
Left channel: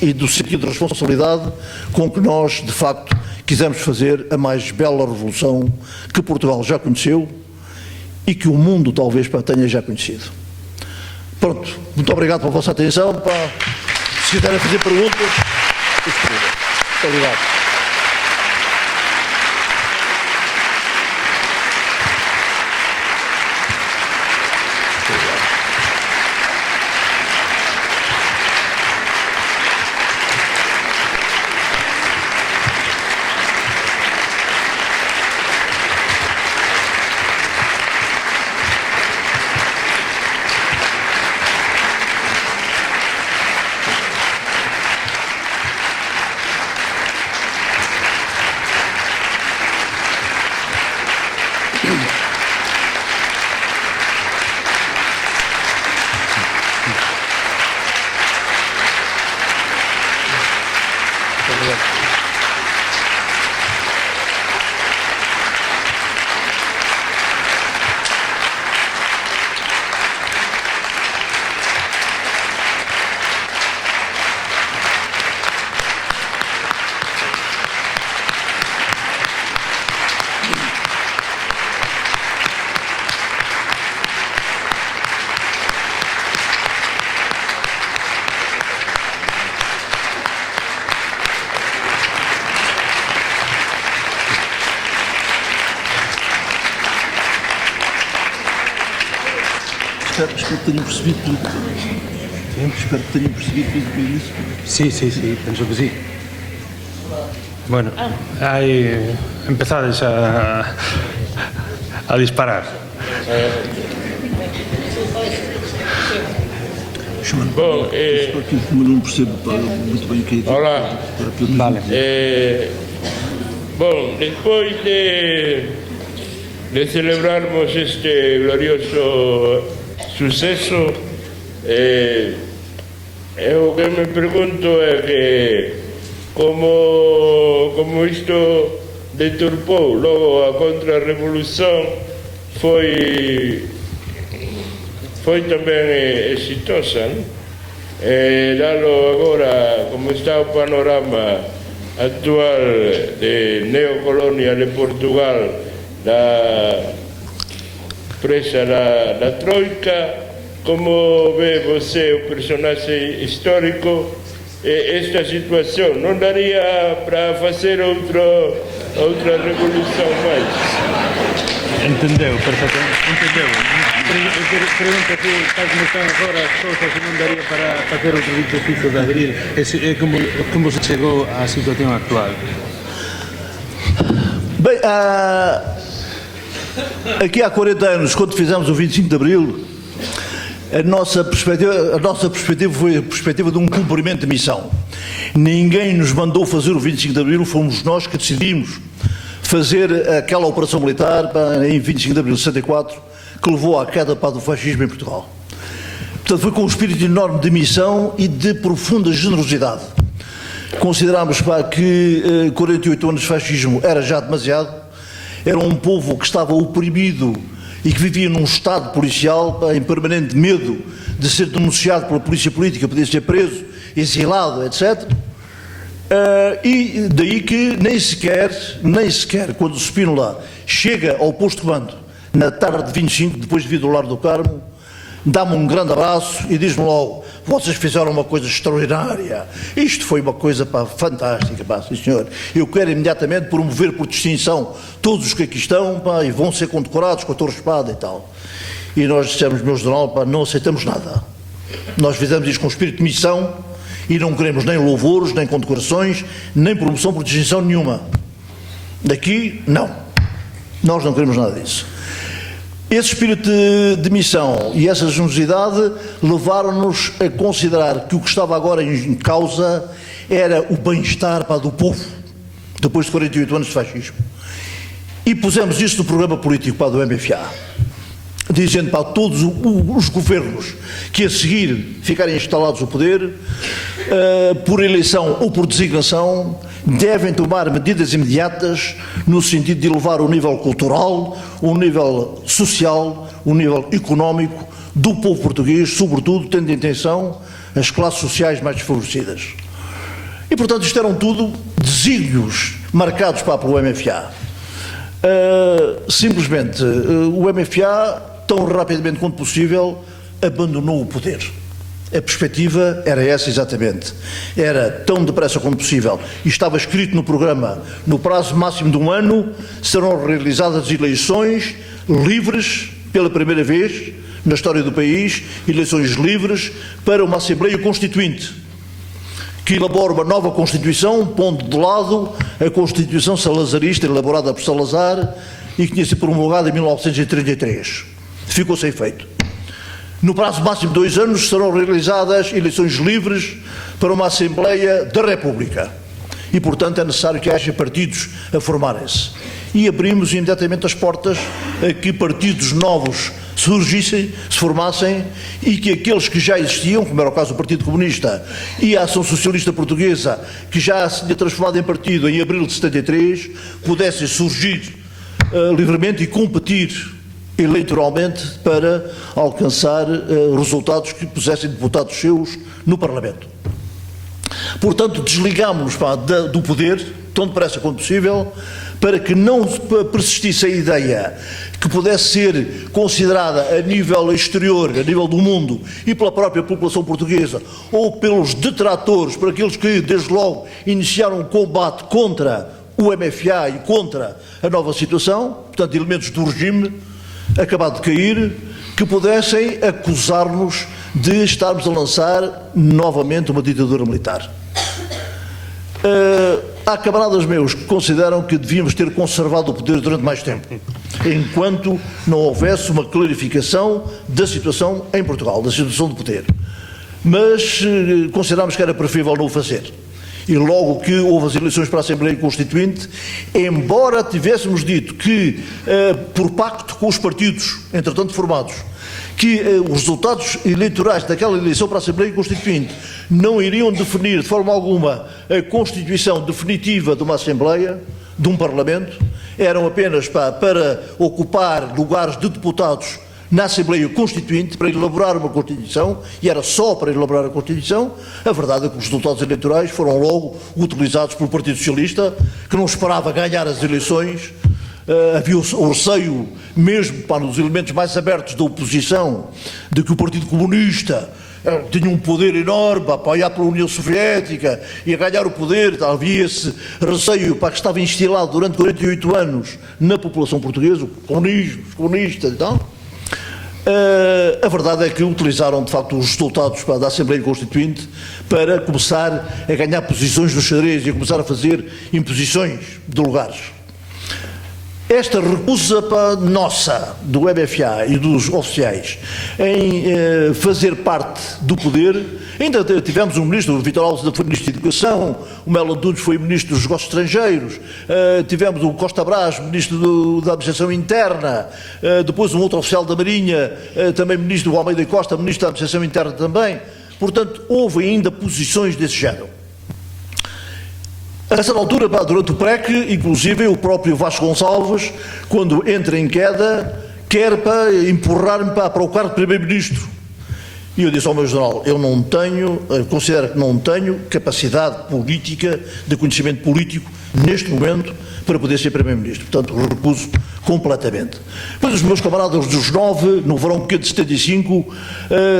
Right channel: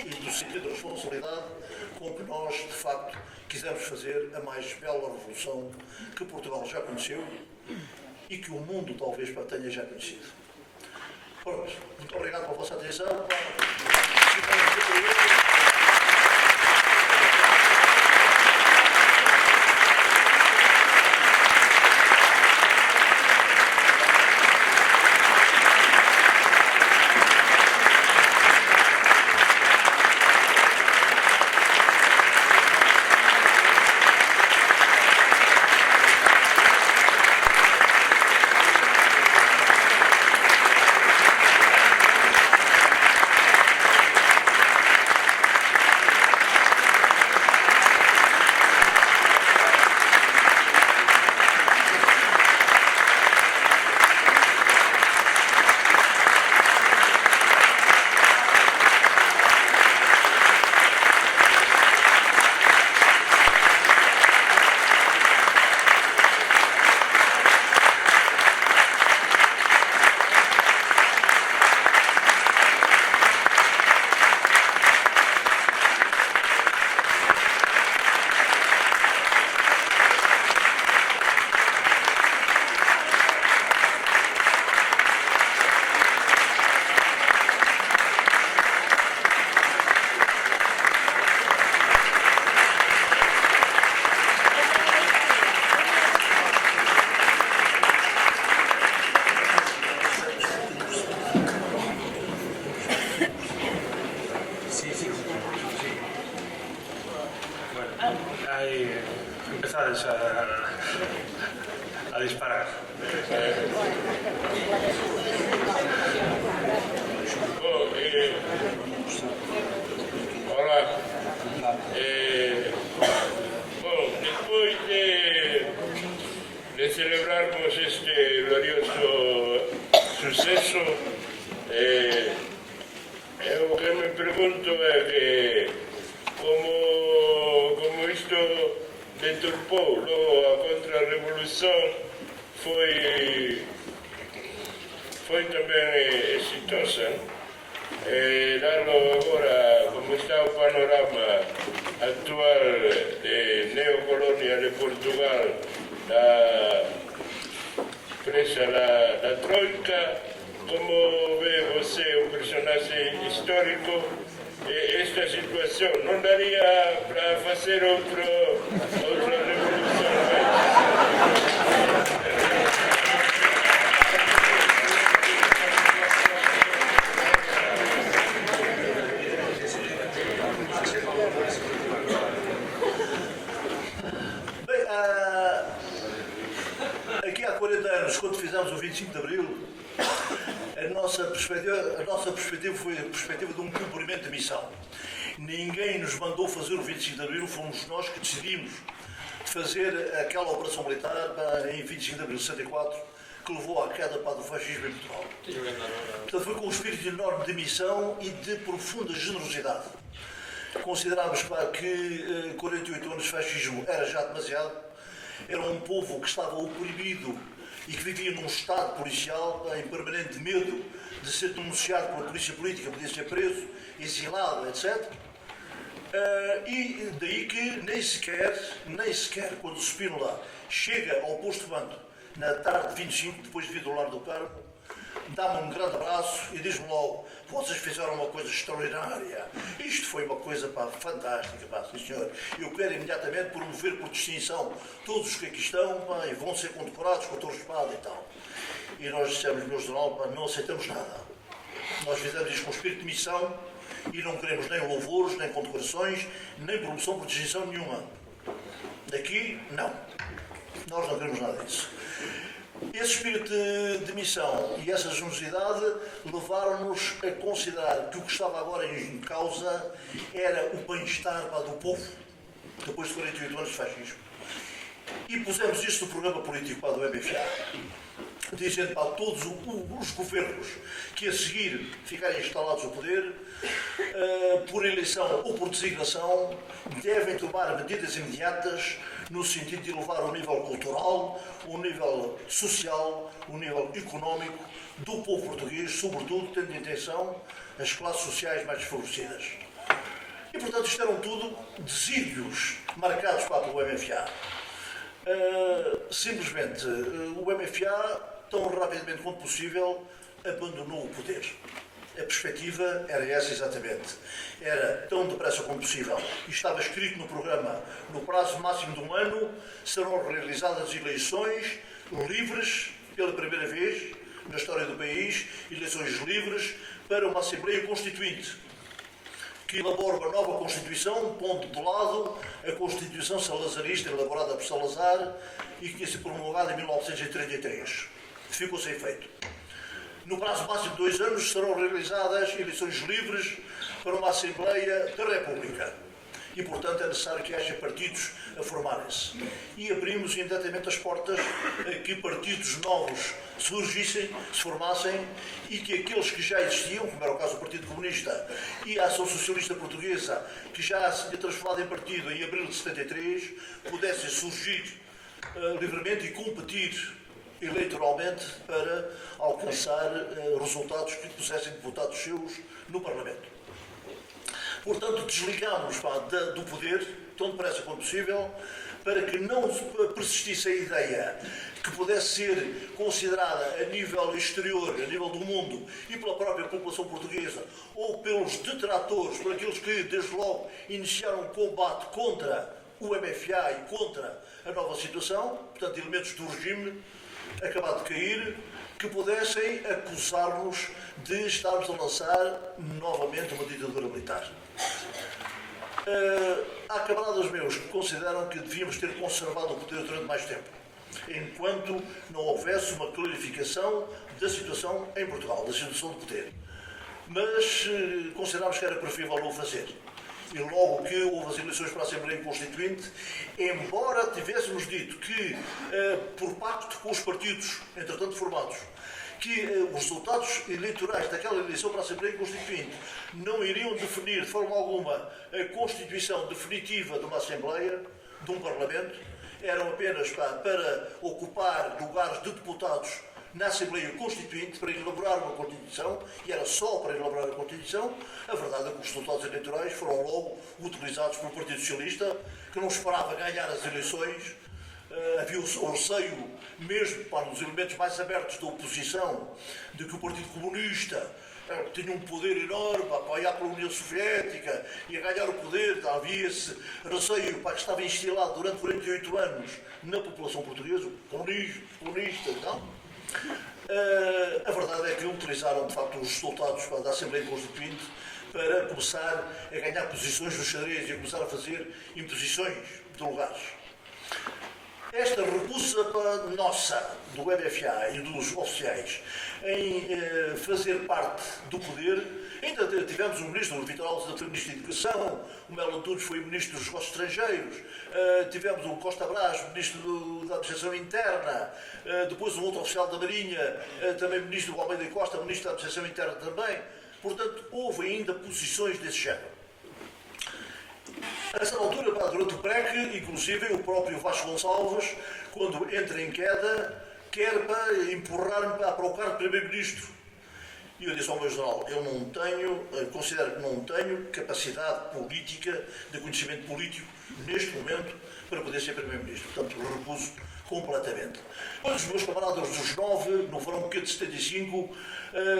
e do sentido de responsabilidade com que nós, de facto, quisemos fazer a mais bela revolução que Portugal já conheceu, e que o mundo talvez tenha já conhecido. Pronto, muito obrigado pela vossa atenção. Se quiserem fazer perguntas, muito obrigado. Espero que tenham percebido tudo. Espero que tenham percebido tudo que eu disse. Sí, pienso que sí. Bueno, ahí empezades a disparar. Bom, Como eu não percebo muito bem o que é. olá. Vale. Bom, depois de celebrarmos este glorioso sucesso, eu o que me pergunto é que como isto deturpou logo a contra-revolução, foi também exitosa, não? Dalo agora, como está o panorama actual de neocolonial de Portugal, da presa da Troika, como vê você, o personagem histórico, esta situação não daria para fazer outra revolução mais? Entendeu, perfectamente. Entendeu. Pergunta que está como están agora as cousas e non daría para facer outro exercicio de aderir. Como se chegou á situación actual? Bem, aqui há 40 anos, quando fizemos o 25 de Abril, a nossa perspectiva foi a perspectiva de um cumprimento de missão. Ninguém nos mandou fazer o 25 de Abril, fomos nós que decidimos fazer aquela operação militar em 25 de Abril de 64, que levou à queda do fascismo em Portugal. Portanto, foi com um espírito enorme de missão e de profunda generosidade. Considerámos que 48 anos de fascismo era já demasiado, era um povo que estava oprimido e que vivia num estado policial em permanente medo de ser denunciado pela polícia política, poder ser preso, exilado, etc. E daí que nem sequer quando o Spínola chega ao posto de comando na tarde de 25, depois de vir do Lar do Carmo, dá-me um grande abraço e diz-me logo: vocês fizeram uma coisa extraordinária, isto foi uma coisa fantástica, sim senhor, eu quero imediatamente promover por distinção todos os que aqui estão e vão ser condecorados com a Torre Espada e tal. E nós dissemos: meu general, não aceitamos nada, nós fizemos isto com espírito de missão e não queremos nem louvores, nem condecorações, nem promoção por distinção nenhuma. Daqui, não, nós não queremos nada disso. Esse espírito de missão e essa generosidade levaram-nos a considerar que o que estava agora em causa era o bem-estar do povo, depois de 48 anos de fascismo. E pusemos isto no programa político do MFA, dizendo para todos os governos que a seguir ficarem instalados no poder, por eleição ou por designação, devem tomar medidas imediatas no sentido de elevar o nível cultural, o nível social, o nível económico do povo português, sobretudo tendo em atenção as classes sociais mais desfavorecidas. E, portanto, isto eram tudo desígnios marcados pelo MFA. Simplesmente, o MFA, tão rapidamente quanto possível, abandonou o poder. A perspectiva era essa exatamente. Era tão depressa como possível. E estava escrito no programa, no prazo máximo de um ano, serão realizadas eleições livres, pela primeira vez na história do país, eleições livres para uma Assembleia Constituinte, que elabora uma nova Constituição, pondo de lado a Constituição salazarista, elaborada por Salazar, e que tinha sido promulgada em 1933. Ficou sem efeito. No prazo máximo de 2 anos serão realizadas eleições livres para uma Assembleia da República. E, portanto, é necessário que haja partidos a formarem-se. E abrimos imediatamente as portas a que partidos novos surgissem, se formassem, e que aqueles que já existiam, como era o caso do Partido Comunista e a Ação Socialista Portuguesa, que já se tinha transformado em partido em abril de 73, pudessem surgir livremente e competir eleitoralmente para alcançar resultados que pusessem deputados seus no Parlamento. Portanto, desligámos do poder, tão depressa quanto possível, para que não persistisse a ideia que pudesse ser considerada a nível exterior, a nível do mundo, e pela própria população portuguesa, ou pelos detratores, por aqueles que, desde logo, iniciaram um combate contra o MFA e contra a nova situação, portanto, elementos do regime acabado de cair, que pudessem acusar-nos de estarmos a lançar novamente uma ditadura militar. Há camaradas meus que consideram que devíamos ter conservado o poder durante mais tempo, enquanto não houvesse uma clarificação da situação em Portugal, da situação do poder. Mas considerámos que era preferível não o fazer. E logo que houve as eleições para a Assembleia Constituinte, embora tivéssemos dito que, por pacto com os partidos, entretanto formados, que os resultados eleitorais daquela eleição para a Assembleia Constituinte não iriam definir de forma alguma a constituição definitiva de uma Assembleia, de um Parlamento, eram apenas para ocupar lugares de deputados na Assembleia Constituinte, para elaborar uma Constituição, e era só para elaborar a Constituição. A verdade é que os resultados eleitorais foram logo utilizados pelo Partido Socialista, que não esperava ganhar as eleições. Havia o receio, mesmo para os elementos mais abertos da oposição, de que o Partido Comunista tinha um poder enorme para apoiar pela União Soviética e a ganhar o poder. Havia esse receio que estava instilado durante 48 anos na população portuguesa, o comunismo, os comunistas e tal. A verdade é que utilizaram de facto os resultados da Assembleia Constituinte para começar a ganhar posições no xadrez e a começar a fazer imposições de lugares. Esta recusa nossa, do MFA e dos oficiais, em fazer parte do poder, ainda tivemos um ministro, o Vítor Alves foi ministro da Educação, o Melo Dudes foi ministro dos Negócios Estrangeiros, tivemos o Costa Brás, ministro da Administração Interna, depois um outro oficial da Marinha, também ministro do Almeida Costa, ministro da Administração Interna também. Portanto, houve ainda posições desse género. A certa altura, durante o PREC, inclusive o próprio Vasco Gonçalves, quando entra em queda, quer empurrar-me para o cargo de Primeiro-Ministro. E eu disse ao meu general, eu não tenho, considero que não tenho capacidade política, de conhecimento político, neste momento, para poder ser Primeiro-Ministro. Portanto, recuso completamente. Depois os meus camaradas dos 9, no verão pequeno de 75,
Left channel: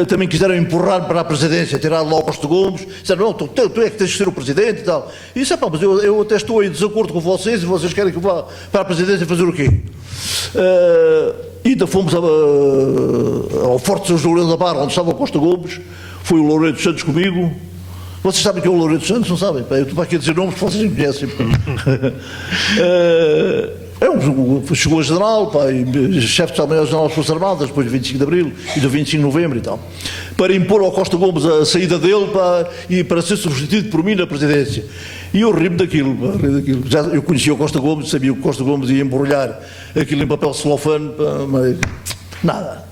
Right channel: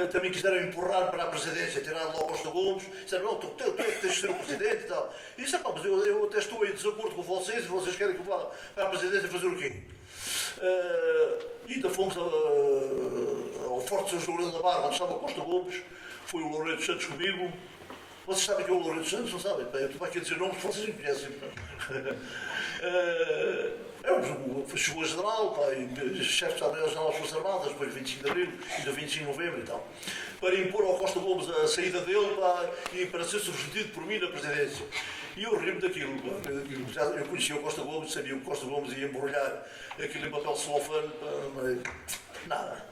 também quiseram empurrar-me para a presidência, tirar lá o Costa Gomes, disseram, não, tu é que tens de ser o presidente e tal. E disse, mas eu até estou em desacordo com vocês e vocês querem que eu vá para a presidência fazer o quê? Ainda fomos ao Forte São João da Barra, onde estava o Costa Gomes, foi o Loureiro dos Santos comigo. Vocês sabem que é o Loureiro dos Santos? Não sabem? Eu estou aqui a dizer nomes que vocês me conhecem. Chegou a general, chefe de Estado-Maior-General das Forças Armadas, depois do 25 de Abril e do 25 de Novembro e tal, para impor ao Costa Gomes a saída dele e para ser substituído por mim na presidência. E eu ri-me daquilo. Já eu conhecia o Costa Gomes, sabia que o Costa Gomes ia embrulhar aquilo em papel celofane, mas nada.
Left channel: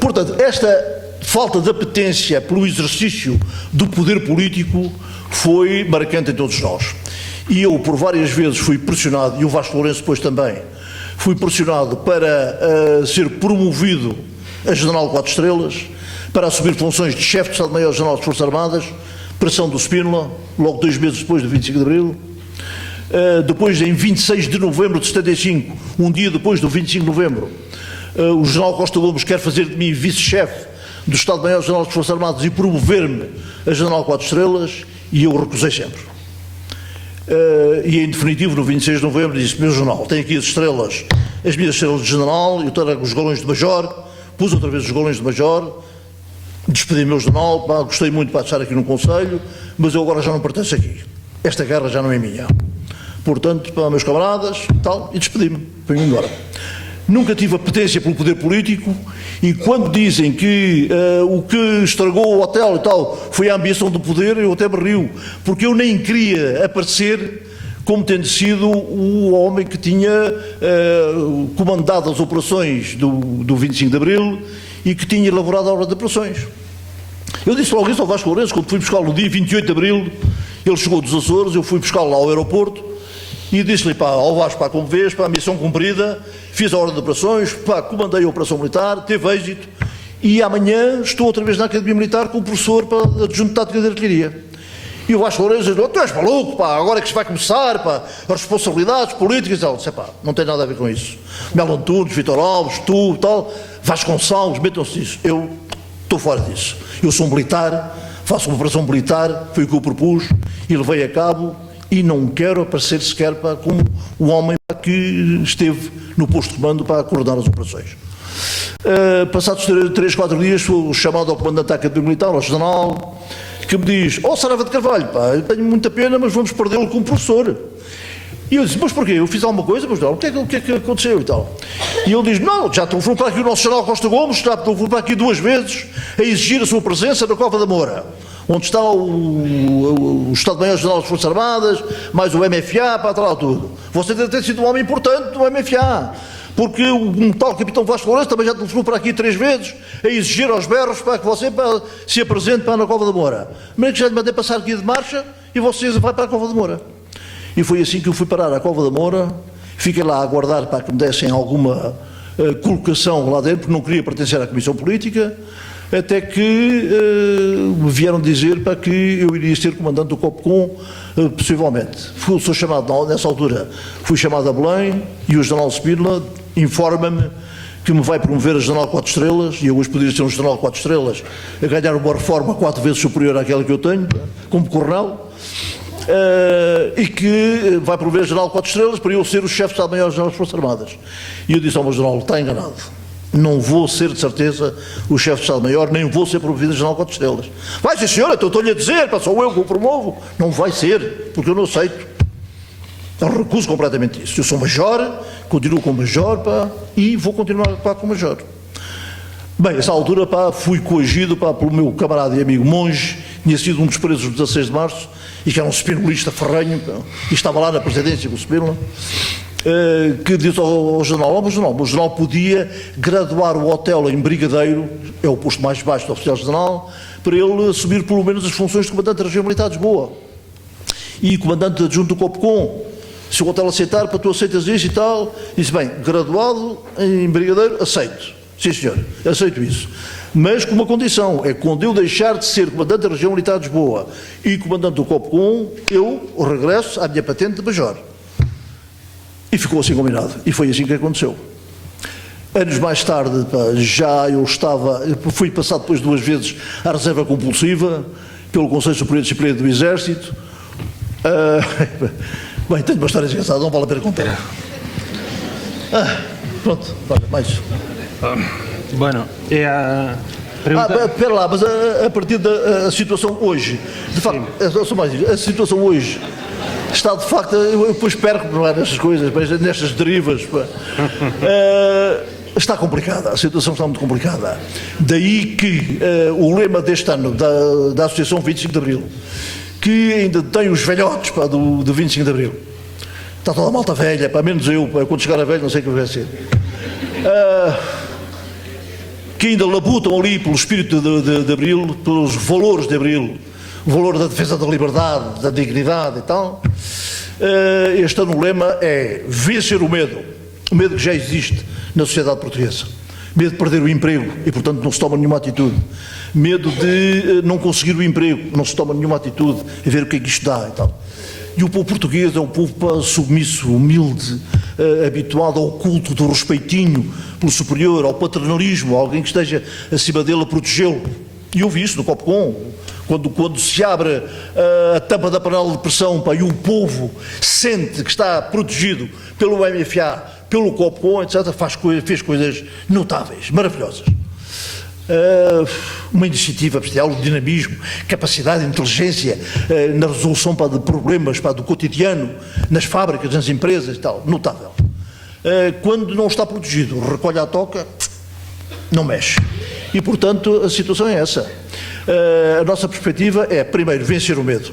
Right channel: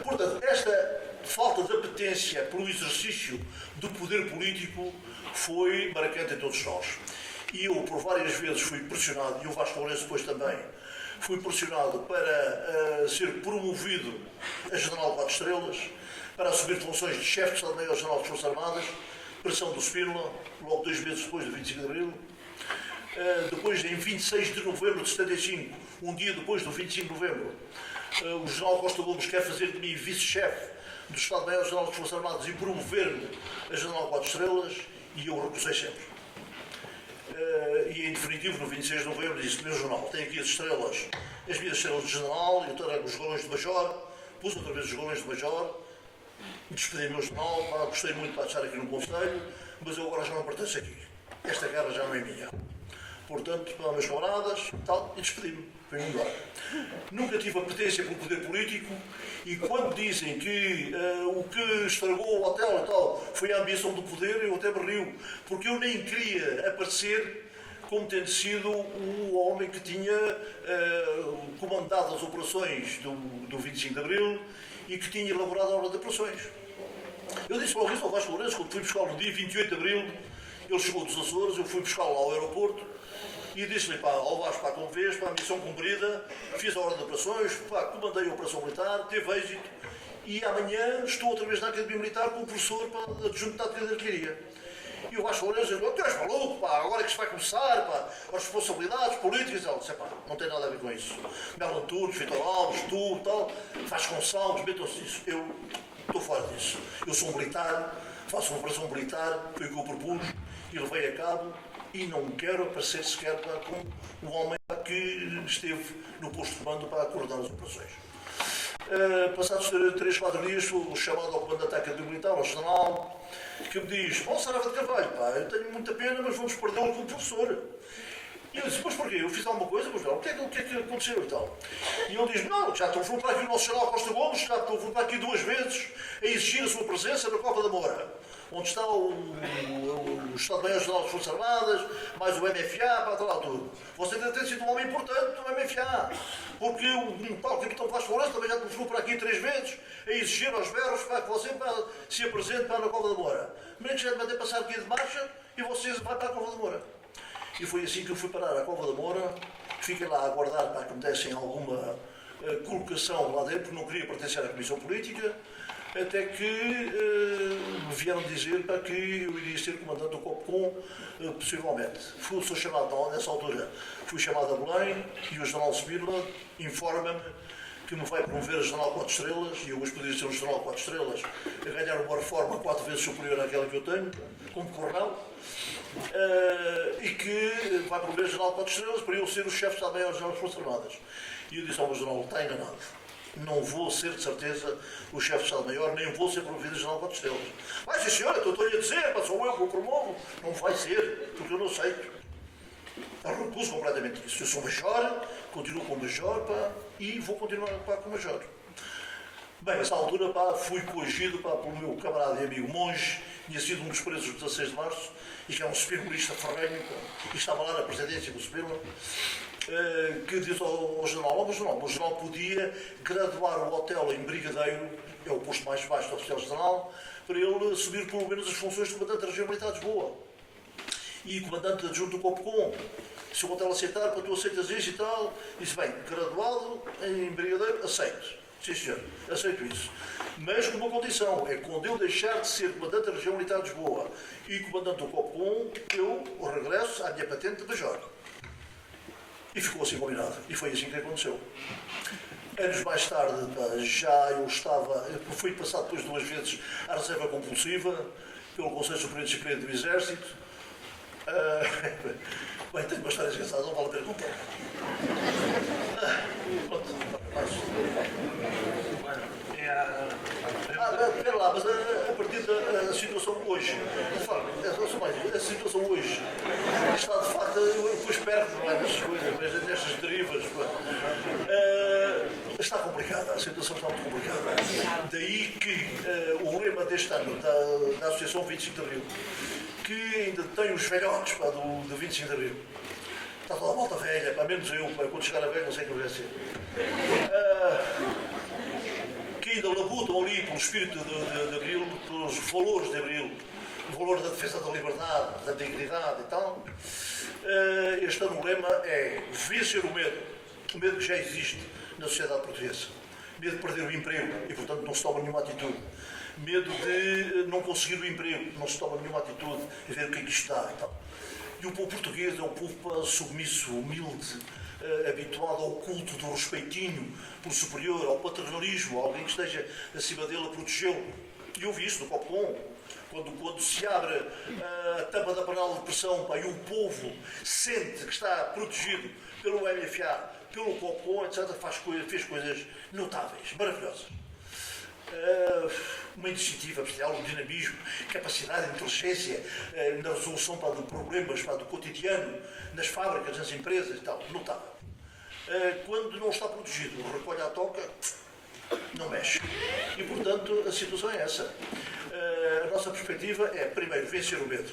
Portanto, esta falta de apetência pelo exercício do poder político foi marcante em todos nós. E eu, por várias vezes, fui pressionado, e o Vasco Lourenço depois também, fui pressionado para ser promovido a General 4 Estrelas, para assumir funções de chefe de Estado-Maior-General das Forças Armadas, pressão do Spínola, logo 2 meses depois do 25 de Abril. Depois, em 26 de novembro de 75, um dia depois do 25 de novembro, o general Costa Gomes quer fazer de mim vice-chefe do Estado-Maior-General das Forças Armadas e promover-me a general 4 estrelas, e eu recusei sempre. E em definitivo, no 26 de novembro, disse: meu general, tenho aqui as minhas estrelas de general, eu trago os galões de major, pus outra vez os galões de major, despedi o meu general, pá, gostei muito de estar aqui no Conselho, mas eu agora já não pertenço aqui. Esta guerra já não é minha. Portanto, para meus camaradas, tal, e despedi-me, fui-me embora. Nunca tive apetência pelo poder político, e quando dizem que o que estragou o hotel e tal foi a ambição do poder, eu até me rio, porque eu nem queria aparecer como tendo sido o homem que tinha comandado as operações do 25 de Abril e que tinha elaborado a obra de operações. Eu disse logo isso ao Vasco Lourenço, quando fui buscá-lo no dia 28 de Abril, ele chegou dos Açores, eu fui buscá-lo lá ao aeroporto, e disse-lhe: pá, ao Vasco, pá, como vês, pá, a missão cumprida, fiz a ordem de operações, pá, comandei a operação militar, teve êxito, e amanhã estou outra vez na Academia Militar com o professor adjunto de tática de artilharia. E o Vasco Lourenço disse: tu és maluco, pá, agora é que se vai começar, pá, as responsabilidades políticas e tal. Disse: pá, não tem nada a ver com isso. Melo Antunes, Vitor Alves, tu, tal, Vasconcelos, metam-se nisso. Eu estou fora disso. Eu sou um militar, faço uma operação militar, foi o que eu propus e levei a cabo, e não quero aparecer sequer, pá, como o homem, pá, que esteve no posto de comando para coordenar as operações. Passados 3, 4 dias, sou chamado ao comandante da Academia Militar, ao general, que me diz: Saraiva de Carvalho, pá, eu tenho muita pena, mas vamos perdê-lo como professor. E eu disse: mas porquê? Eu fiz alguma coisa? Mas não, o que é que aconteceu e tal? E ele diz: não, já telefonou para aqui o nosso general Costa Gomes, já telefonou para aqui 2 vezes a exigir a sua presença na Cova da Moura, onde está o Estado-Maior-General das Forças Armadas, mais o MFA, para lá tudo. Você deve ter sido um homem importante do MFA, porque um tal capitão Vasco Lourenço também já telefonou para aqui 3 vezes a exigir aos berros para que você se apresente para na Cova da Moura. Mas que já lhe mandei passar aqui de marcha e você vai para a Cova da Moura. E foi assim que eu fui parar à Cova da Moura, fiquei lá a aguardar para que me dessem alguma colocação lá dentro, porque não queria pertencer à Comissão Política, até que me vieram dizer para que eu iria ser comandante do COPCOM, possivelmente. Sou chamado, nessa altura, fui chamado a Belém, e o general Spínola informa-me que me vai promover a general 4 estrelas, e eu hoje poderia ser um general 4 estrelas, a ganhar uma reforma 4 vezes superior àquela que eu tenho, como coronel, e que vai promover a general 4 estrelas para eu ser o chefe de Estado-Maior-General das Forças Armadas. E eu disse ao meu general: está enganado. Não vou ser, de certeza, o chefe de Estado-Maior, nem vou ser promovido a general 4 estrelas. Vai ser, senhora, então estou-lhe a dizer, pá, sou eu que o promovo. Não vai ser, porque eu não aceito. Eu recuso completamente isso. Eu sou major, continuo como major, pá, e vou continuar, pá, como major. Bem, nessa altura, pá, fui coagido, pá, pelo meu camarada e amigo Monge, tinha sido um dos presos do 16 de março, e que era um spinolista ferrenho, pá, e estava lá na presidência com o Spínola, que disse ao general: o general podia graduar o hotel em brigadeiro, é o posto mais baixo do oficial-general, para ele assumir pelo menos as funções de comandante da região militar de Lisboa e comandante adjunto do COPCOM. Se o hotel aceitar, para tu aceitas isso e tal, disse: bem, graduado em brigadeiro, aceito. Sim, senhor, aceito isso. Mas com uma condição: é quando eu deixar de ser comandante da região militar de Lisboa e comandante do COPCOM, eu regresso à minha patente de major. E ficou assim combinado. E foi assim que aconteceu. Anos mais tarde, pá, já eu fui passado depois 2 vezes à reserva compulsiva pelo Conselho Superior de Disciplina do Exército. Bem, tenho uma história engraçada, não vale a pena contar. Pronto, mais. Bueno, é a pergunta... Espera lá, mas a partir da situação hoje, de facto, a situação hoje está de facto, eu depois perco, não é, nestas coisas, nestas derivas, está complicada, a situação está muito complicada. Daí que o lema deste ano da Associação 25 de Abril, que ainda tem os velhotes, pá, do 25 de Abril, está toda a malta velha, pá, menos eu, pá, quando chegar a velho não sei o que vai ser, que ainda labutam ali pelo espírito de Abril, pelos valores de Abril, o valor da defesa da liberdade, da dignidade e tal. Este ano o lema é vencer o medo que já existe na sociedade portuguesa. Medo de perder o emprego e, portanto, não se toma nenhuma atitude. Medo de não conseguir o emprego, não se toma nenhuma atitude, a ver o que é que isto dá e tal. E o povo português é um povo submisso, humilde, habituado ao culto do respeitinho pelo superior, ao paternalismo, alguém que esteja acima dele a protegê-lo. E eu vi isso no Copcom, quando se abre a tampa da panela de pressão, e o povo sente que está protegido pelo MFA, pelo Copcom, etc., fez coisas notáveis, maravilhosas. Uma iniciativa especial, um dinamismo, capacidade, inteligência na resolução de problemas do cotidiano, nas fábricas, nas empresas e tal, notável. Quando não está protegido, recolhe a toca, não mexe. E, portanto, a situação é essa. A nossa perspectiva é, primeiro, vencer o medo,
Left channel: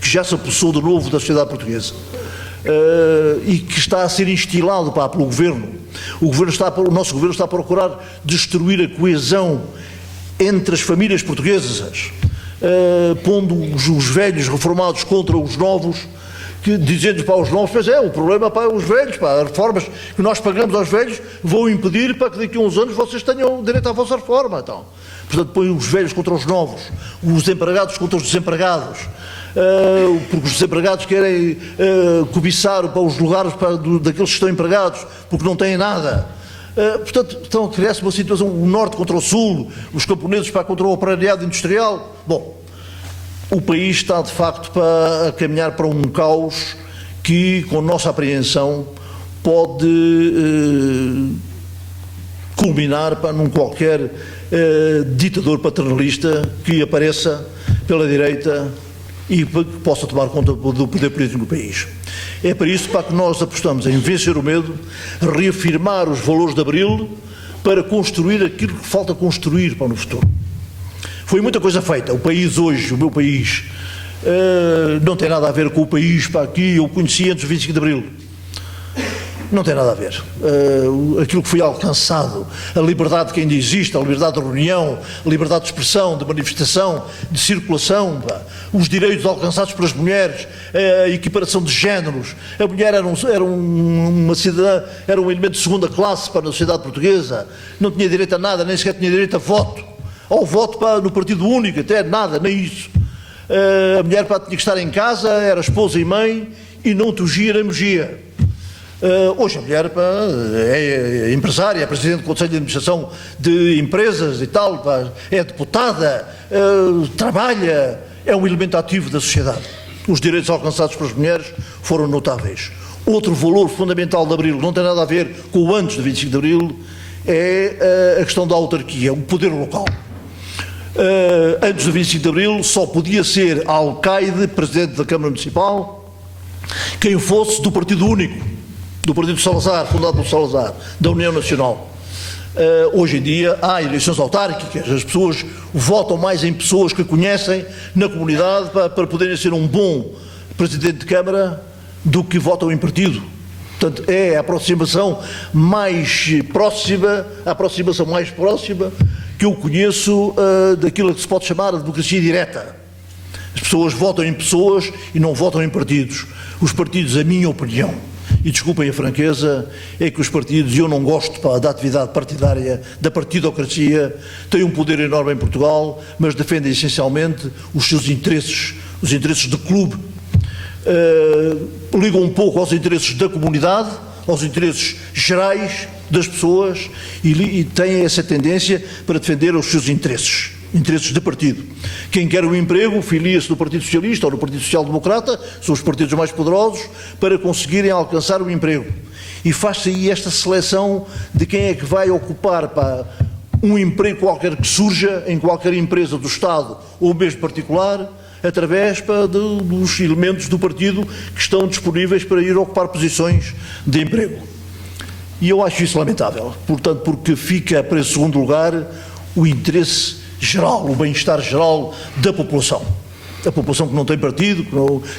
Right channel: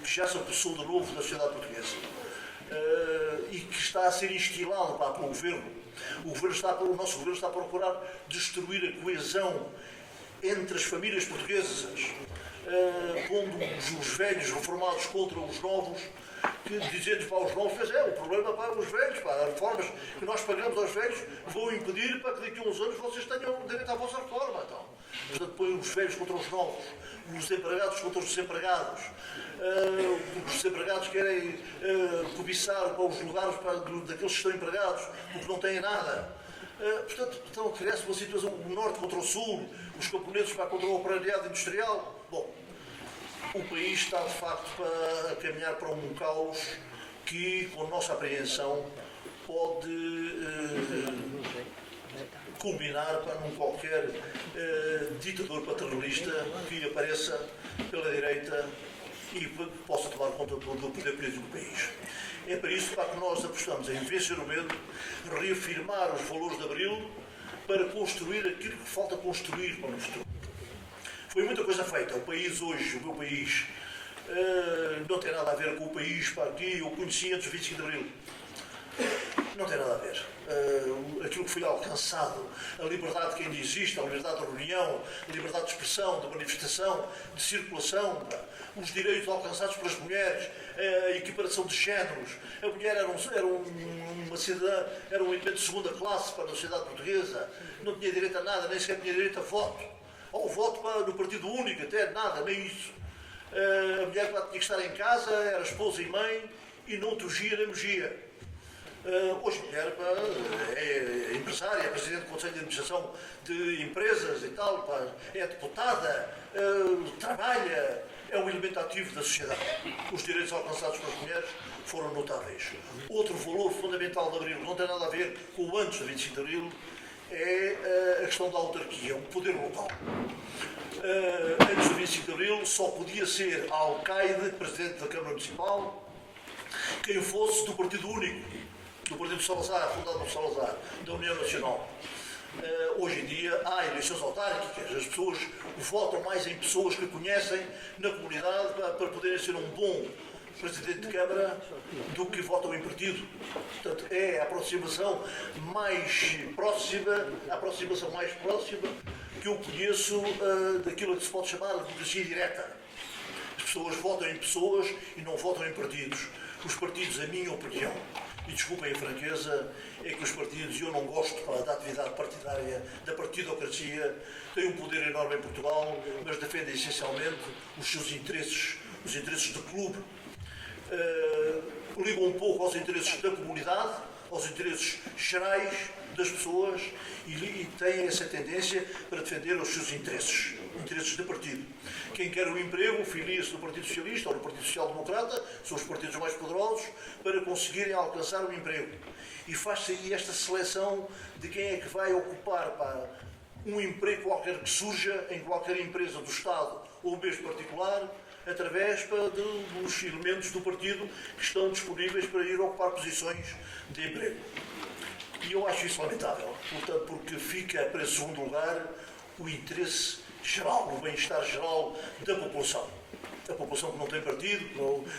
que já se apossou de novo da sociedade portuguesa e que está a ser instilado pelo Governo. O nosso Governo está a procurar destruir a coesão entre as famílias portuguesas, pondo os velhos reformados contra os novos, dizendo para os novos, o problema para os velhos, as reformas que nós pagamos aos velhos vão impedir para que daqui a uns anos vocês tenham direito à vossa reforma. Então, portanto, põem os velhos contra os novos, os empregados contra os desempregados, porque os desempregados querem cobiçar para os lugares daqueles que estão empregados, porque não têm nada. Portanto, então cria-se uma situação, o norte contra o sul, os camponeses contra o operariado industrial. Bom, o país está de facto a caminhar para um caos que, com nossa apreensão, pode culminar num qualquer ditador paternalista que apareça pela direita e que possa tomar conta do poder político no país. É para isso que nós apostamos em vencer o medo, reafirmar os valores de Abril para construir aquilo que falta construir para no futuro. Foi muita coisa feita. O país hoje, o meu país, não tem nada a ver com o país que eu conheci antes do 25 de Abril. Não tem nada a ver. Aquilo que foi alcançado, a liberdade que ainda existe, a liberdade de reunião, a liberdade de expressão, de manifestação, de circulação, os direitos alcançados pelas mulheres, a equiparação de géneros. A mulher era uma cidadã, era um elemento de segunda classe para a sociedade portuguesa, não tinha direito a nada, nem sequer tinha direito a voto. Ao voto no partido único, até nada, nem isso. A mulher tinha que estar em casa, era esposa e mãe, e não tugia nem mugia. Hoje a mulher é empresária, é presidente do Conselho de Administração de empresas e tal, é deputada, trabalha, é um elemento ativo da sociedade. Os direitos alcançados pelas mulheres foram notáveis. Outro valor fundamental de Abril, não tem nada a ver com o antes do 25 de Abril, é a questão da autarquia, o poder local. Antes do 25 de Abril só podia ser alcaide, presidente da Câmara Municipal, quem fosse do partido único, do partido Salazar, fundado por Salazar, da União Nacional. Hoje em dia há eleições autárquicas, as pessoas votam mais em pessoas que conhecem na comunidade para poderem ser um bom presidente de Câmara do que votam em partido. Portanto, é a aproximação mais próxima que eu conheço daquilo que se pode chamar de democracia direta. As pessoas votam em pessoas e não votam em partidos. Os partidos, a minha opinião, e desculpem a franqueza, é que os partidos, e eu não gosto da atividade partidária, da partidocracia, têm um poder enorme em Portugal, mas defendem essencialmente os seus interesses, os interesses de clube. Ligam um pouco aos interesses da comunidade, aos interesses gerais das pessoas e têm essa tendência para defender os seus interesses de partido. Quem quer o emprego filia-se no Partido Socialista ou no Partido Social Democrata, são os partidos mais poderosos, para conseguirem alcançar o emprego. E faz-se aí esta seleção de quem é que vai ocupar um emprego qualquer que surja em qualquer empresa do Estado ou mesmo particular, através dos elementos do partido que estão disponíveis para ir ocupar posições de emprego. E eu acho isso lamentável, portanto, porque fica para segundo lugar o interesse geral, o bem-estar geral da população. A população que não tem partido,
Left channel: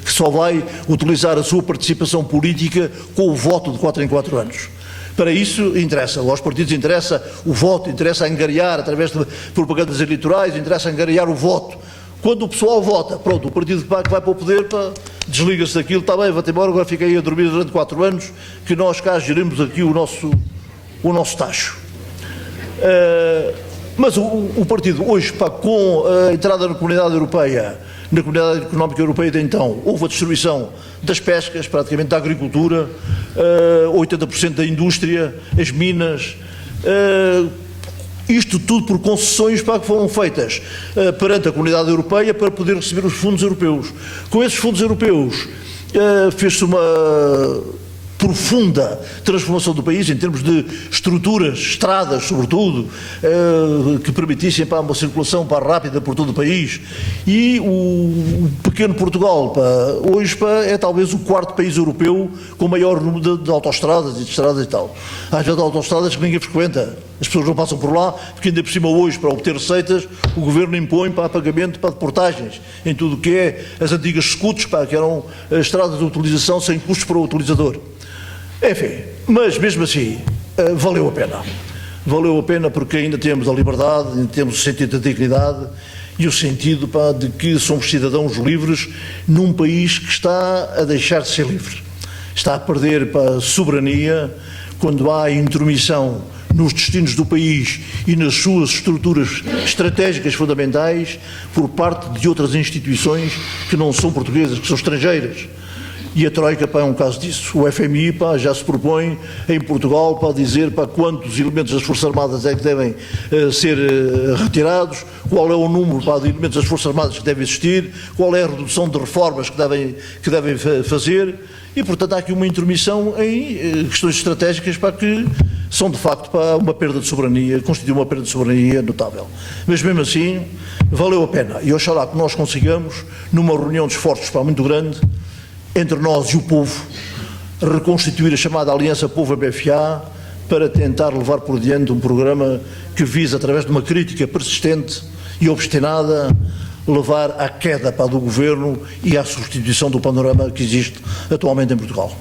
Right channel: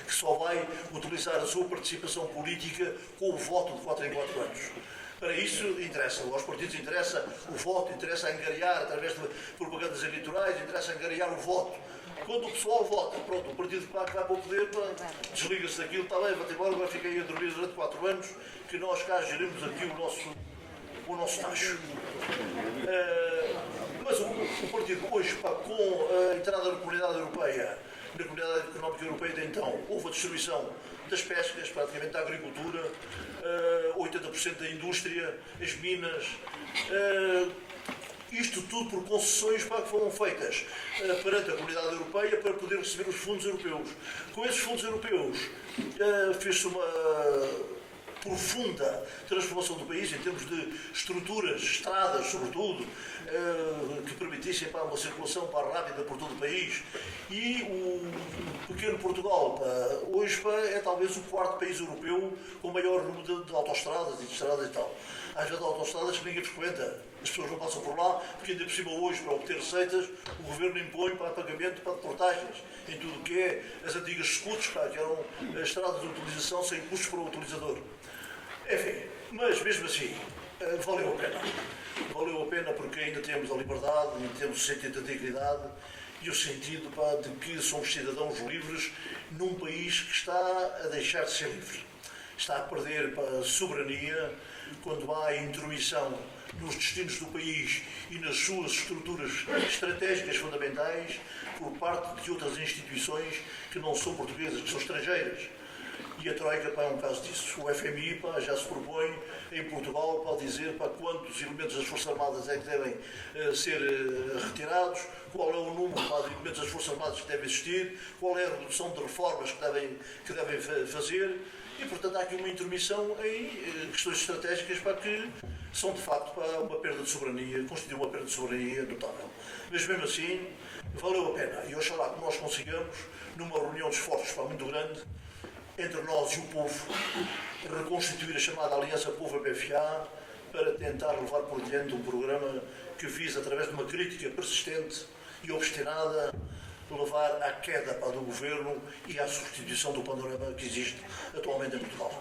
que só vai utilizar a sua participação política com o voto de 4 em 4 anos. Para isso interessa, aos partidos interessa o voto, interessa angariar através de propagandas eleitorais, interessa angariar o voto. Quando o pessoal vota, pronto, o partido que vai para o poder, desliga-se daquilo, está bem, vai-te embora, agora fica aí a dormir durante 4 anos, que nós cá gerimos aqui o nosso tacho. Mas o partido hoje, pá, com a entrada na Comunidade Europeia, na Comunidade Económica Europeia de então, houve a destruição das pescas, praticamente da agricultura, 80% da indústria, as minas, isto tudo por concessões, pá, que foram feitas perante a Comunidade Europeia para poder receber os fundos europeus. Com esses fundos europeus fez-se uma profunda transformação do país em termos de estruturas, estradas sobretudo, que permitissem, pá, uma circulação, pá, rápida por todo o país. E o pequeno Portugal, pá, hoje, pá, é talvez o quarto país europeu com maior número de autoestradas e de estradas e tal. Às vezes autoestradas que ninguém frequenta, as pessoas não passam por lá, porque ainda por cima hoje, para obter receitas, o governo impõe, pá, pagamento, pá, de portagens em tudo o que é as antigas scuts, pá, que eram estradas de utilização sem custos para o utilizador. Enfim, mas mesmo assim, valeu a pena. Valeu a pena porque ainda temos a liberdade, ainda temos o sentido da dignidade e o sentido, pá, de que somos cidadãos livres num país que está a deixar de ser livre. Está a perder, pá, soberania quando há intromissão nos destinos do país e nas suas estruturas estratégicas fundamentais por parte de outras instituições que não são portuguesas, que são estrangeiras. E a Troika, pá, é um caso disso. O FMI, pá, já se propõe em Portugal para dizer, pá, quantos elementos das Forças Armadas é que devem ser retirados, qual é o número, pá, de elementos das Forças Armadas que devem existir, qual é a redução de reformas que devem fazer. E, portanto, há aqui uma intromissão em questões estratégicas, pá, que são, de facto, pá, uma perda de soberania, constitui uma perda de soberania notável. Mas, mesmo assim, valeu a pena. E oxalá que nós consigamos, numa reunião de esforços, pá, muito grande, entre nós e o povo, reconstituir a chamada Aliança Povo-BFA para tentar levar por diante um programa que visa, através de uma crítica persistente e obstinada, levar à queda, pá, do governo e à substituição do panorama que existe atualmente em Portugal.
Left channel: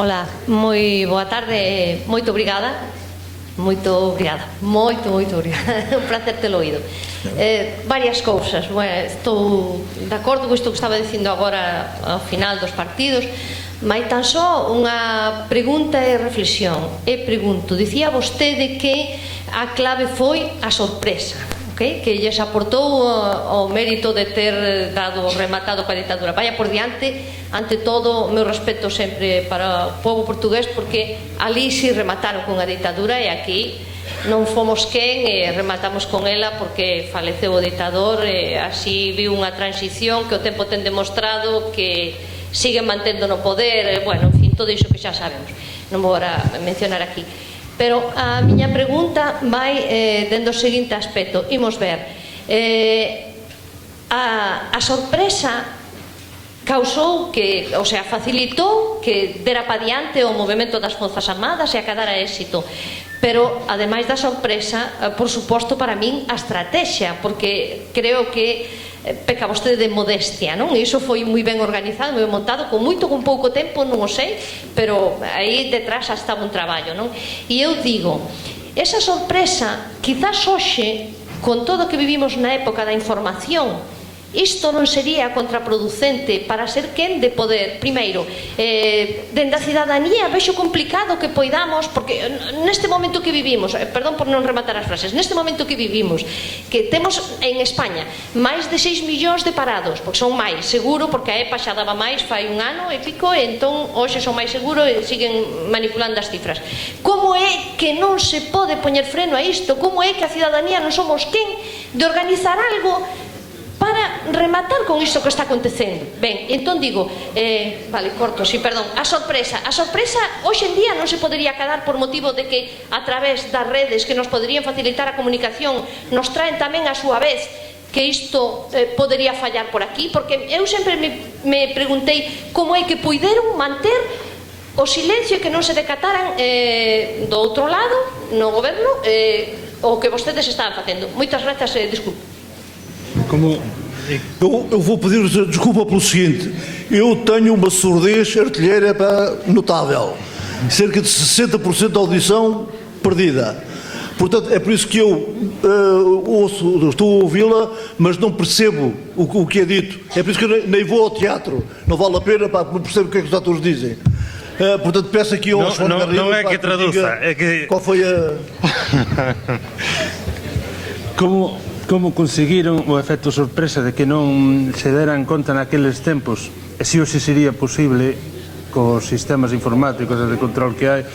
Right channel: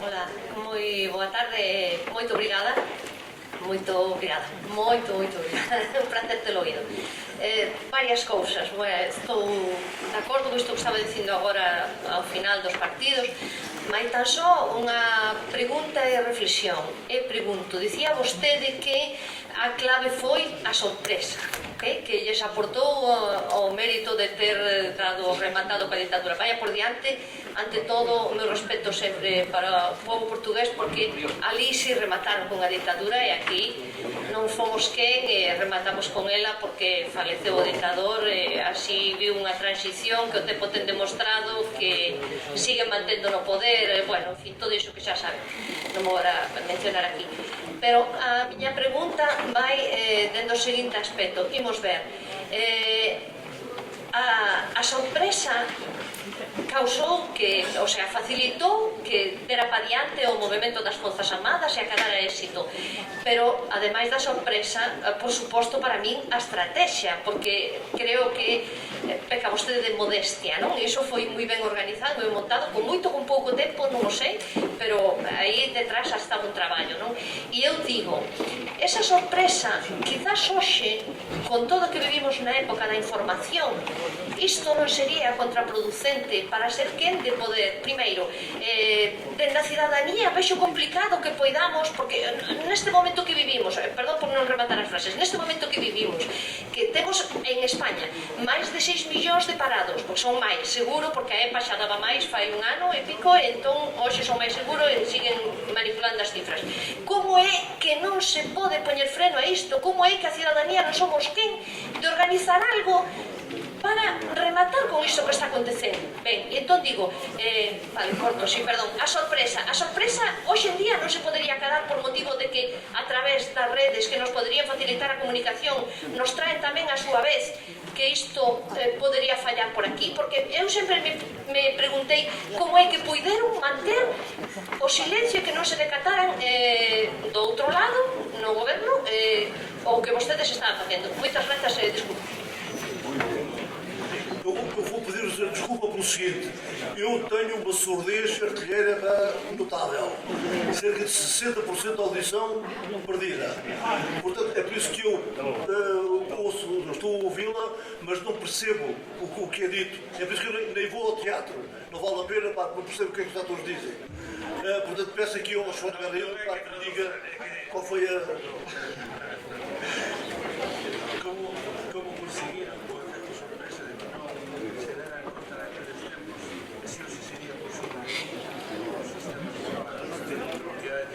Hola, moi boa tarde, moito obrigada. Moito obrigada, moito obrigada. Un placer telo oído. Varias cousas. Bueno, estou de acordo con isto que estaba dicindo agora ao final dos partidos, mas tan só unha pregunta e reflexión. E pregunto, dicía vostede que a clave foi a sorpresa, okay? Que lles aportou o mérito de ter dado rematado para a ditadura. Vaya por diante. Ante todo, o meu respeto sempre para o povo portugués, porque ali si remataron con a ditadura e aquí non fomos quen e rematamos con ela porque faleceu o ditador e así viu unha transición que o tempo ten demostrado que siguen mantendo no poder, bueno, en fin, todo iso que xa sabemos, non vou agora mencionar aquí. Pero a miña pregunta vai dentro do seguinte aspecto. Imos ver, a sorpresa causou que, o sea, facilitou que dera pa diante o movimento das Forzas Armadas e acadara éxito. Pero, ademais da sorpresa, por suposto, para min, a estrategia, porque creo que peca vostede de modestia, non? E iso foi moi ben organizado, moi montado, con pouco tempo, non o sei, pero aí detrás xa estaba un traballo, non? E eu digo, esa sorpresa, quizás hoxe, con todo o que vivimos na época da información, isto non sería contraproducente para ser quen de poder, primeiro, dende a cidadanía vexo complicado que poidamos, porque neste momento que vivimos, perdón por non rematar as frases, neste momento que vivimos, que temos en España máis de 6 millóns de parados, porque son máis, seguro, porque a EPA xa daba máis fai un ano e pico, e entón hoxe son máis seguro e siguen manipulando as cifras. Como é que non se pode poñer freno a isto? Como é que a cidadanía non somos quen de organizar algo para rematar con isto que está acontecendo? Ben, entón digo, vale, corto, sí, perdón, a sorpresa hoxe en día non se podería acadar por motivo de que a través das redes que nos poderían facilitar a comunicación nos traen tamén a súa vez que isto podería fallar por aquí, porque eu sempre me preguntei como é que puideron manter o silencio que non se decataran do outro lado, no goberno, o que vostedes estaban facendo. Moitas grazas, disculpe. Eu vou pedir desculpa pelo seguinte: eu tenho uma surdez artilheira notável, cerca de 60% da audição perdida. Portanto, é por isso que eu estou a ouvi-la, mas não percebo o que é dito. É por isso que eu nem vou ao teatro. Não vale a pena, pá, não percebo o que é que os atores dizem. Portanto, peço aqui ao João Garrido, não é pá, que traduza, diga é que... qual foi a... Como conseguiron o efecto sorpresa de que non se deran conta naqueles tempos, e se hoxe sería posible cos sistemas informáticos e de control que hai,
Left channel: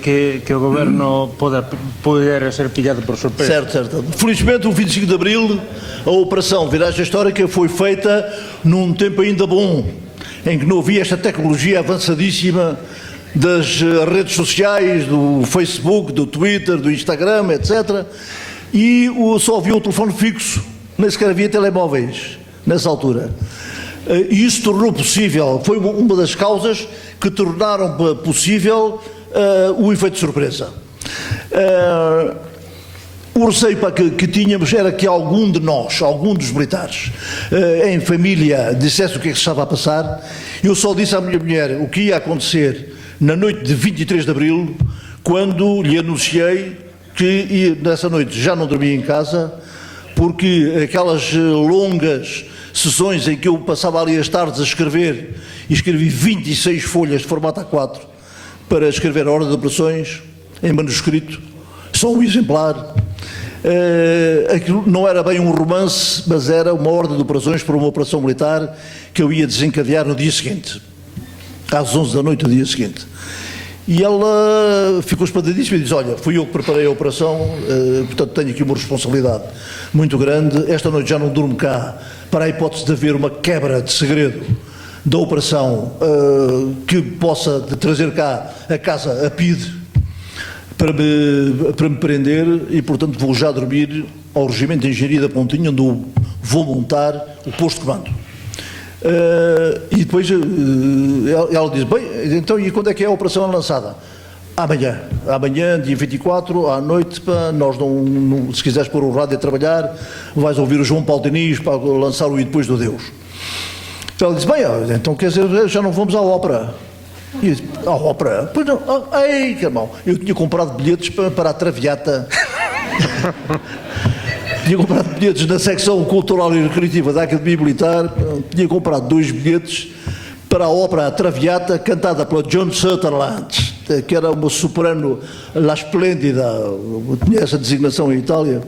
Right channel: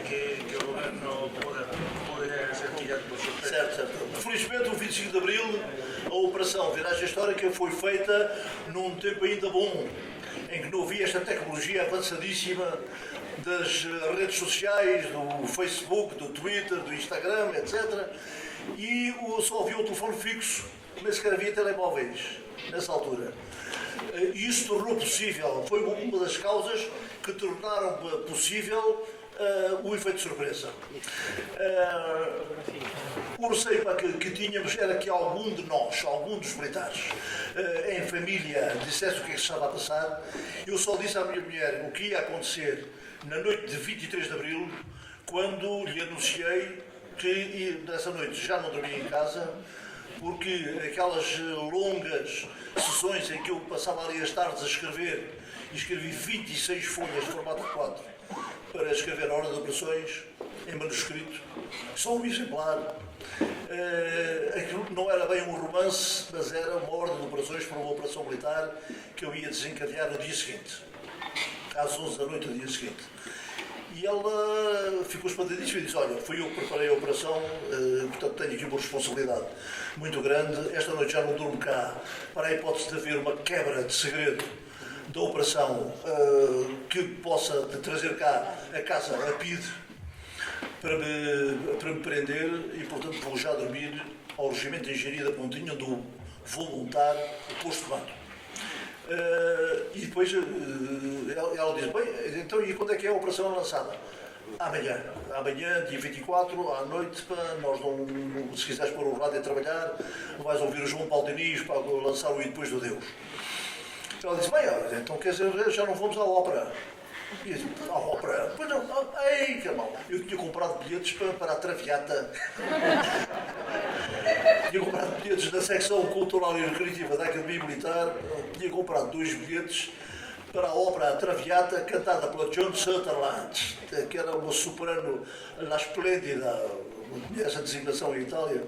que o goberno poder ser pillado por sorpresa? Certo. Felizmente, o 25 de Abril, a Operação Viragem Histórica foi feita num tempo ainda bom, em que não havia esta tecnologia avançadíssima das redes sociais, do Facebook, do Twitter, do Instagram, etc. E só havia um telefone fixo, nem sequer havia telemóveis nessa altura. E isso tornou possível, foi uma das causas que tornaram possível o efeito de surpresa. O receio que tínhamos era que algum de nós, algum dos militares, em família, dissesse o que é que se estava a passar. Eu só disse à minha mulher o que ia acontecer na noite de 23 de Abril, quando lhe anunciei que nessa noite já não dormia em casa, porque aquelas longas sessões em que eu passava ali as tardes a escrever, e escrevi 26 folhas de formato A4 para escrever a ordem de operações em manuscrito, só um exemplar. Aquilo não era bem um romance, mas era uma ordem de operações para uma operação militar que eu ia desencadear no dia seguinte, às 11 da noite do dia seguinte. E ela ficou espantadíssima e disse: olha, fui eu que preparei a operação, portanto tenho aqui uma responsabilidade muito grande. Esta noite já não durmo cá, para a hipótese de haver uma quebra de segredo da operação que possa trazer cá a casa a PIDE para me prender, e portanto vou já dormir ao Regimento de Engenharia da Pontinha, onde vou montar o posto de comando. E depois ela diz: bem, então e quando é que é a operação lançada? Amanhã, dia 24, à noite, pá, nós não, se quiseres pôr o rádio a trabalhar, vais ouvir o João Paulo Diniz para lançar o E Depois do Deus. Ela disse: bem, então quer dizer, já não vamos à ópera. E eu disse: à ópera? Pois não, ei, irmão, eu tinha comprado bilhetes para a Traviata. Tinha comprado bilhetes na secção cultural e recreativa da Academia Militar, tinha comprado 2 bilhetes para a ópera A Traviata, cantada pela John Sutherland, que era uma soprano La Splendida, tinha essa designação em Itália,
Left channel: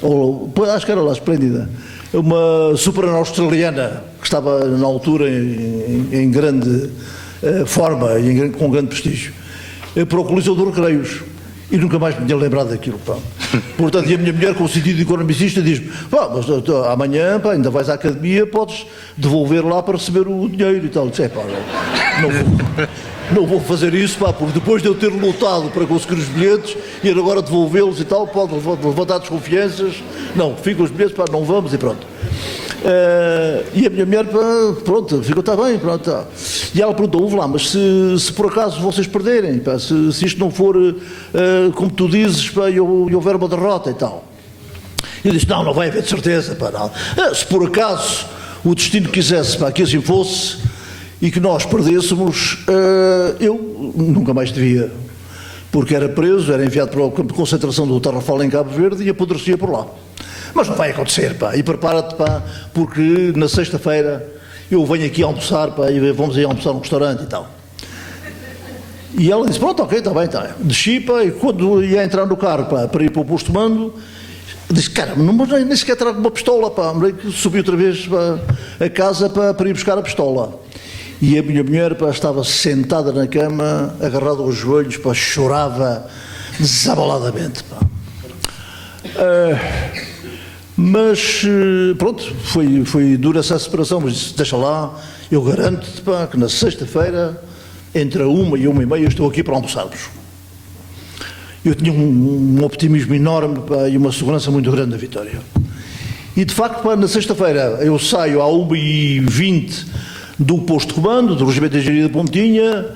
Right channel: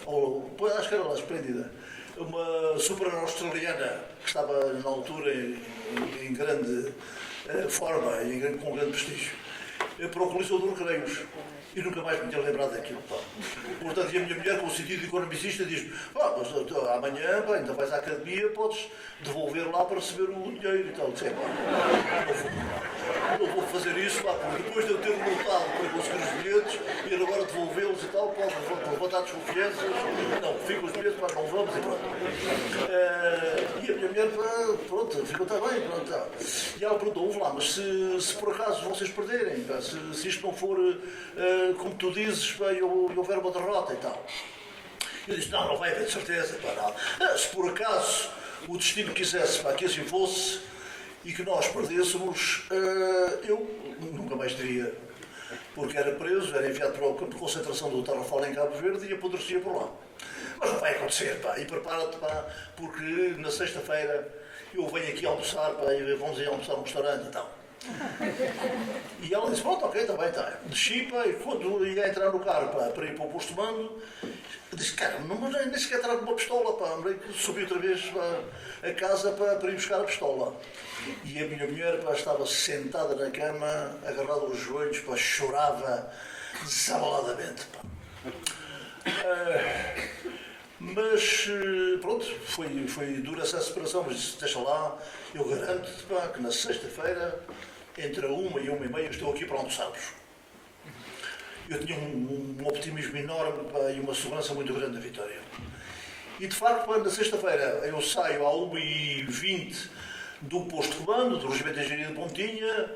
ou acho que era La Splendida, uma soprano australiana que estava na altura em grande forma e com grande prestígio, para o Coliseu dos Recreios. E nunca mais me tinha lembrado daquilo, pá. Portanto, e a minha mulher, com o sentido economicista, diz-me: pá, mas amanhã, pá, ainda vais à academia, podes devolver lá para receber o dinheiro e tal. Eu disse: pá, não vou fazer isso, pá, porque depois de eu ter lutado para conseguir os bilhetes e agora devolvê-los e tal, pode levantar desconfianças. Não, ficam os bilhetes, pá, não vamos, e pronto. E a minha mulher, pá, pronto, ficou: está bem, pronto. Tá. E ela perguntou: ouve lá, mas se por acaso vocês perderem, pá, se isto não for como tu dizes, pá, e houver uma derrota e tal. Eu disse: não vai haver de certeza, pá, não. Se por acaso o destino quisesse, pá, que assim fosse e que nós perdêssemos, eu nunca mais devia, porque era preso, era enviado para o campo de concentração do Tarrafal em Cabo Verde e apodrecia por lá. Mas não vai acontecer, pá, e prepara-te, pá, porque na sexta-feira eu venho aqui almoçar, pá, e vamos ir almoçar num restaurante e tal. E ela disse: pronto, ok, está bem, está bem. Desci, pá, e quando ia entrar no carro, pá, para ir para o posto de mando, disse: cara, nem sequer trago uma pistola, pá. Subi outra vez, pá, a casa, pá, para ir buscar a pistola. E a minha mulher, pá, estava sentada na cama, agarrada aos joelhos, pá, chorava desabaladamente, pá. Mas pronto, foi dura essa separação, mas disse: deixa lá, eu garanto-te, pá, que na sexta-feira, entre a 1 e 1h30, eu estou aqui para almoçarmos. Eu tinha um optimismo enorme, pá, e uma segurança muito grande da vitória. E de facto, pá, na sexta-feira eu saio à 1h20 do posto de comando, do Regimento de Engenharia da Pontinha,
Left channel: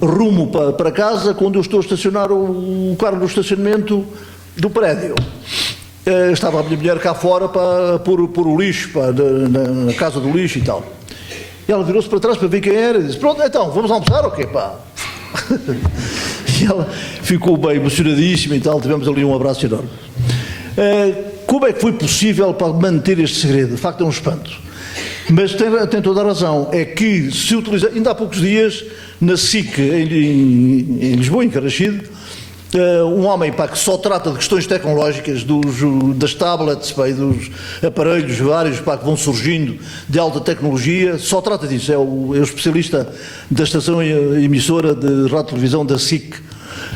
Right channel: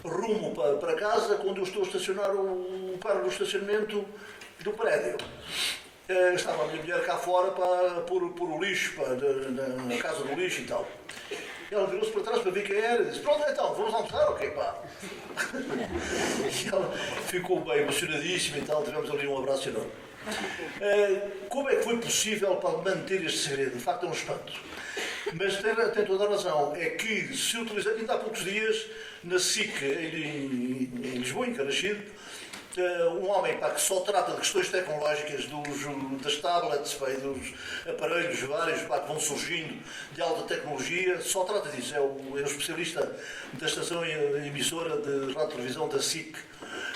rumo para casa, quando eu estou a estacionar o carro no estacionamento do prédio. Estava a minha mulher cá fora para pôr o lixo, pá, na casa do lixo e tal. E ela virou-se para trás para ver quem era e disse: pronto, então, vamos almoçar ou quê, pá? E ela ficou bem emocionadíssima e tal, tivemos ali um abraço enorme. Como é que foi possível para manter este segredo? De facto é um espanto. Mas tem toda a razão, é que se utiliza, ainda há poucos dias, na SIC, em Lisboa, em Carrachide, um homem que só trata de questões tecnológicas, das tablets e dos aparelhos vários que vão surgindo de alta tecnologia, só trata disso, é o especialista da estação emissora de rádio e televisão da SIC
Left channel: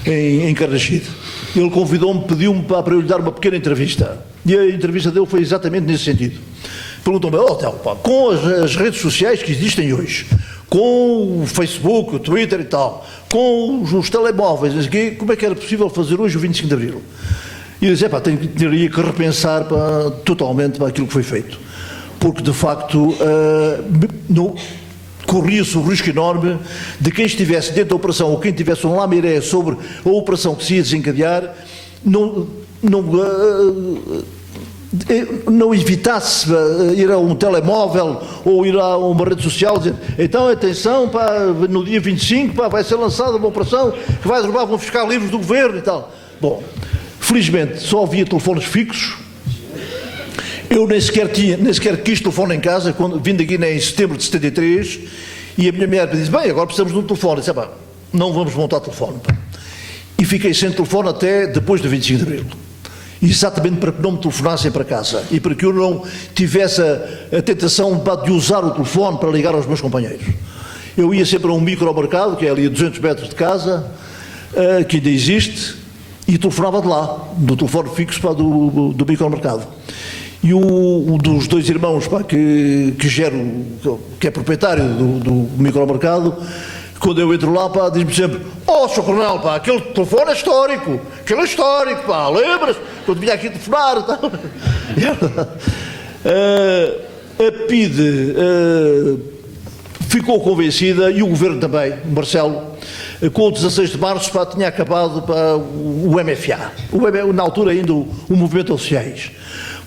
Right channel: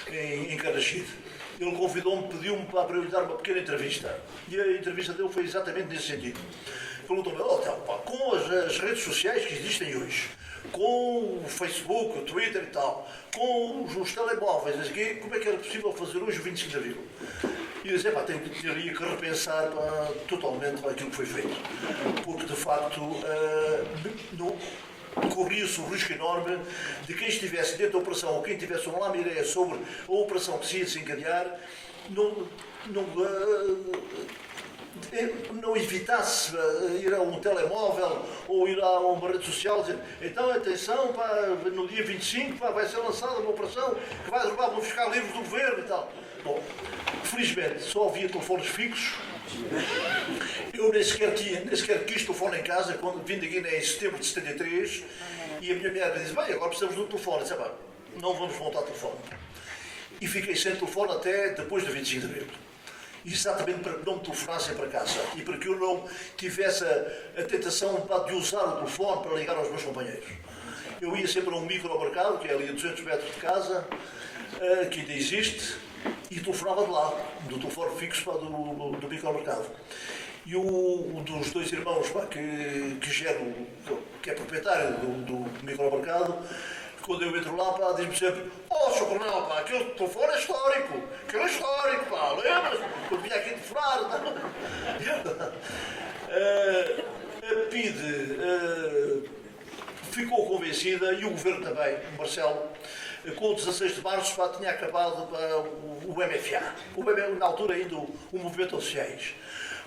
em Carrachide. Ele convidou-me, pediu-me para eu lhe dar uma pequena entrevista, e a entrevista dele foi exatamente nesse sentido. Perguntou-me, com as redes sociais que existem hoje, com o Facebook, o Twitter e tal, com os telemóveis, como é que era possível fazer hoje o 25 de Abril? E eu disse, teria que repensar totalmente para aquilo que foi feito. Porque, de facto, corria-se o risco enorme de quem estivesse dentro da operação ou quem tivesse uma ideia sobre a operação que se ia desencadear, não evitasse ir a um telemóvel ou ir a uma rede social dizer, então atenção, no dia 25 vai ser lançada uma operação que vai derrubar, vão fiscar livros do governo e tal. Bom, felizmente só havia telefones fixos. Eu nem sequer quis telefone em casa, quando vim da Guiné em setembro de 73, e a minha mulher me disse, agora precisamos de um telefone. Eu disse, não vamos montar telefone. E fiquei sem telefone até depois do 25 de Abril. Exatamente para que não me telefonassem para casa e para que eu não tivesse a tentação de usar o telefone para ligar aos meus companheiros. Eu ia sempre a um micromercado, que é ali a 200 metros de casa, que ainda existe, e telefonava de lá, do telefone fixo do micromercado. E um dos dois irmãos que é proprietário do micromercado, quando eu entro lá, diz-me sempre, Sr. Coronel, aquele telefone é histórico, lembra-se? Quando vinha aqui telefonar e tal. A PIDE ficou convencida, e o Governo também, Marcelo, com o 16 de março tinha acabado o MFA, na altura ainda o Movimento aos Sociais,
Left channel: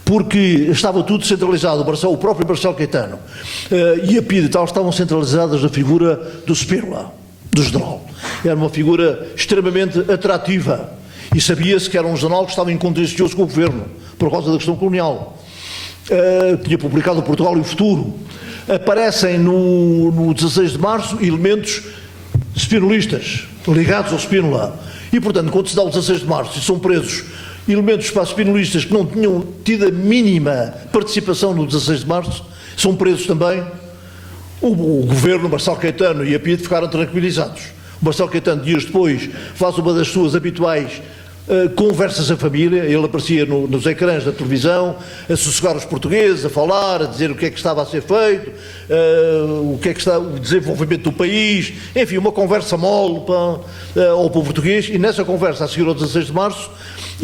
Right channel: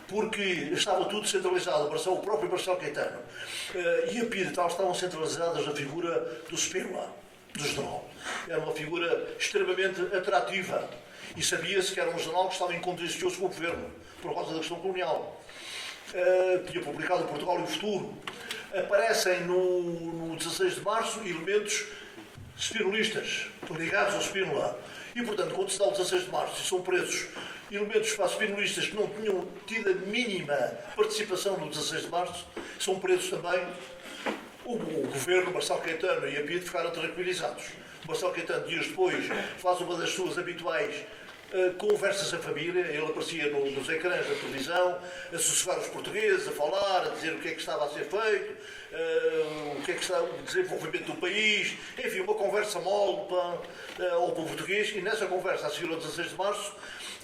porque estava tudo centralizado, o próprio Marcelo Caetano e a PIDE e tal estavam centralizadas na figura do Spínola, do general. Era uma figura extremamente atrativa e sabia-se que era um general que estava em contencioso com o governo por causa da questão colonial. Tinha publicado o Portugal e o Futuro. Aparecem no 16 de março elementos spinolistas ligados ao Spínola e, portanto, quando se dá o 16 de março e são presos elementos spinolistas que não tinham tido a mínima participação no 16 de março, são presos também. O governo, Marcelo Caetano e a PIDE ficaram tranquilizados. O Marcelo Caetano, dias depois, faz uma das suas habituais conversas em família. Ele aparecia nos ecrãs da televisão, a sossegar os portugueses, a falar, a dizer o que é que estava a ser feito, o que é que está o desenvolvimento do país, enfim, uma conversa mole ao povo português. E nessa conversa, a seguir ao 16 de março,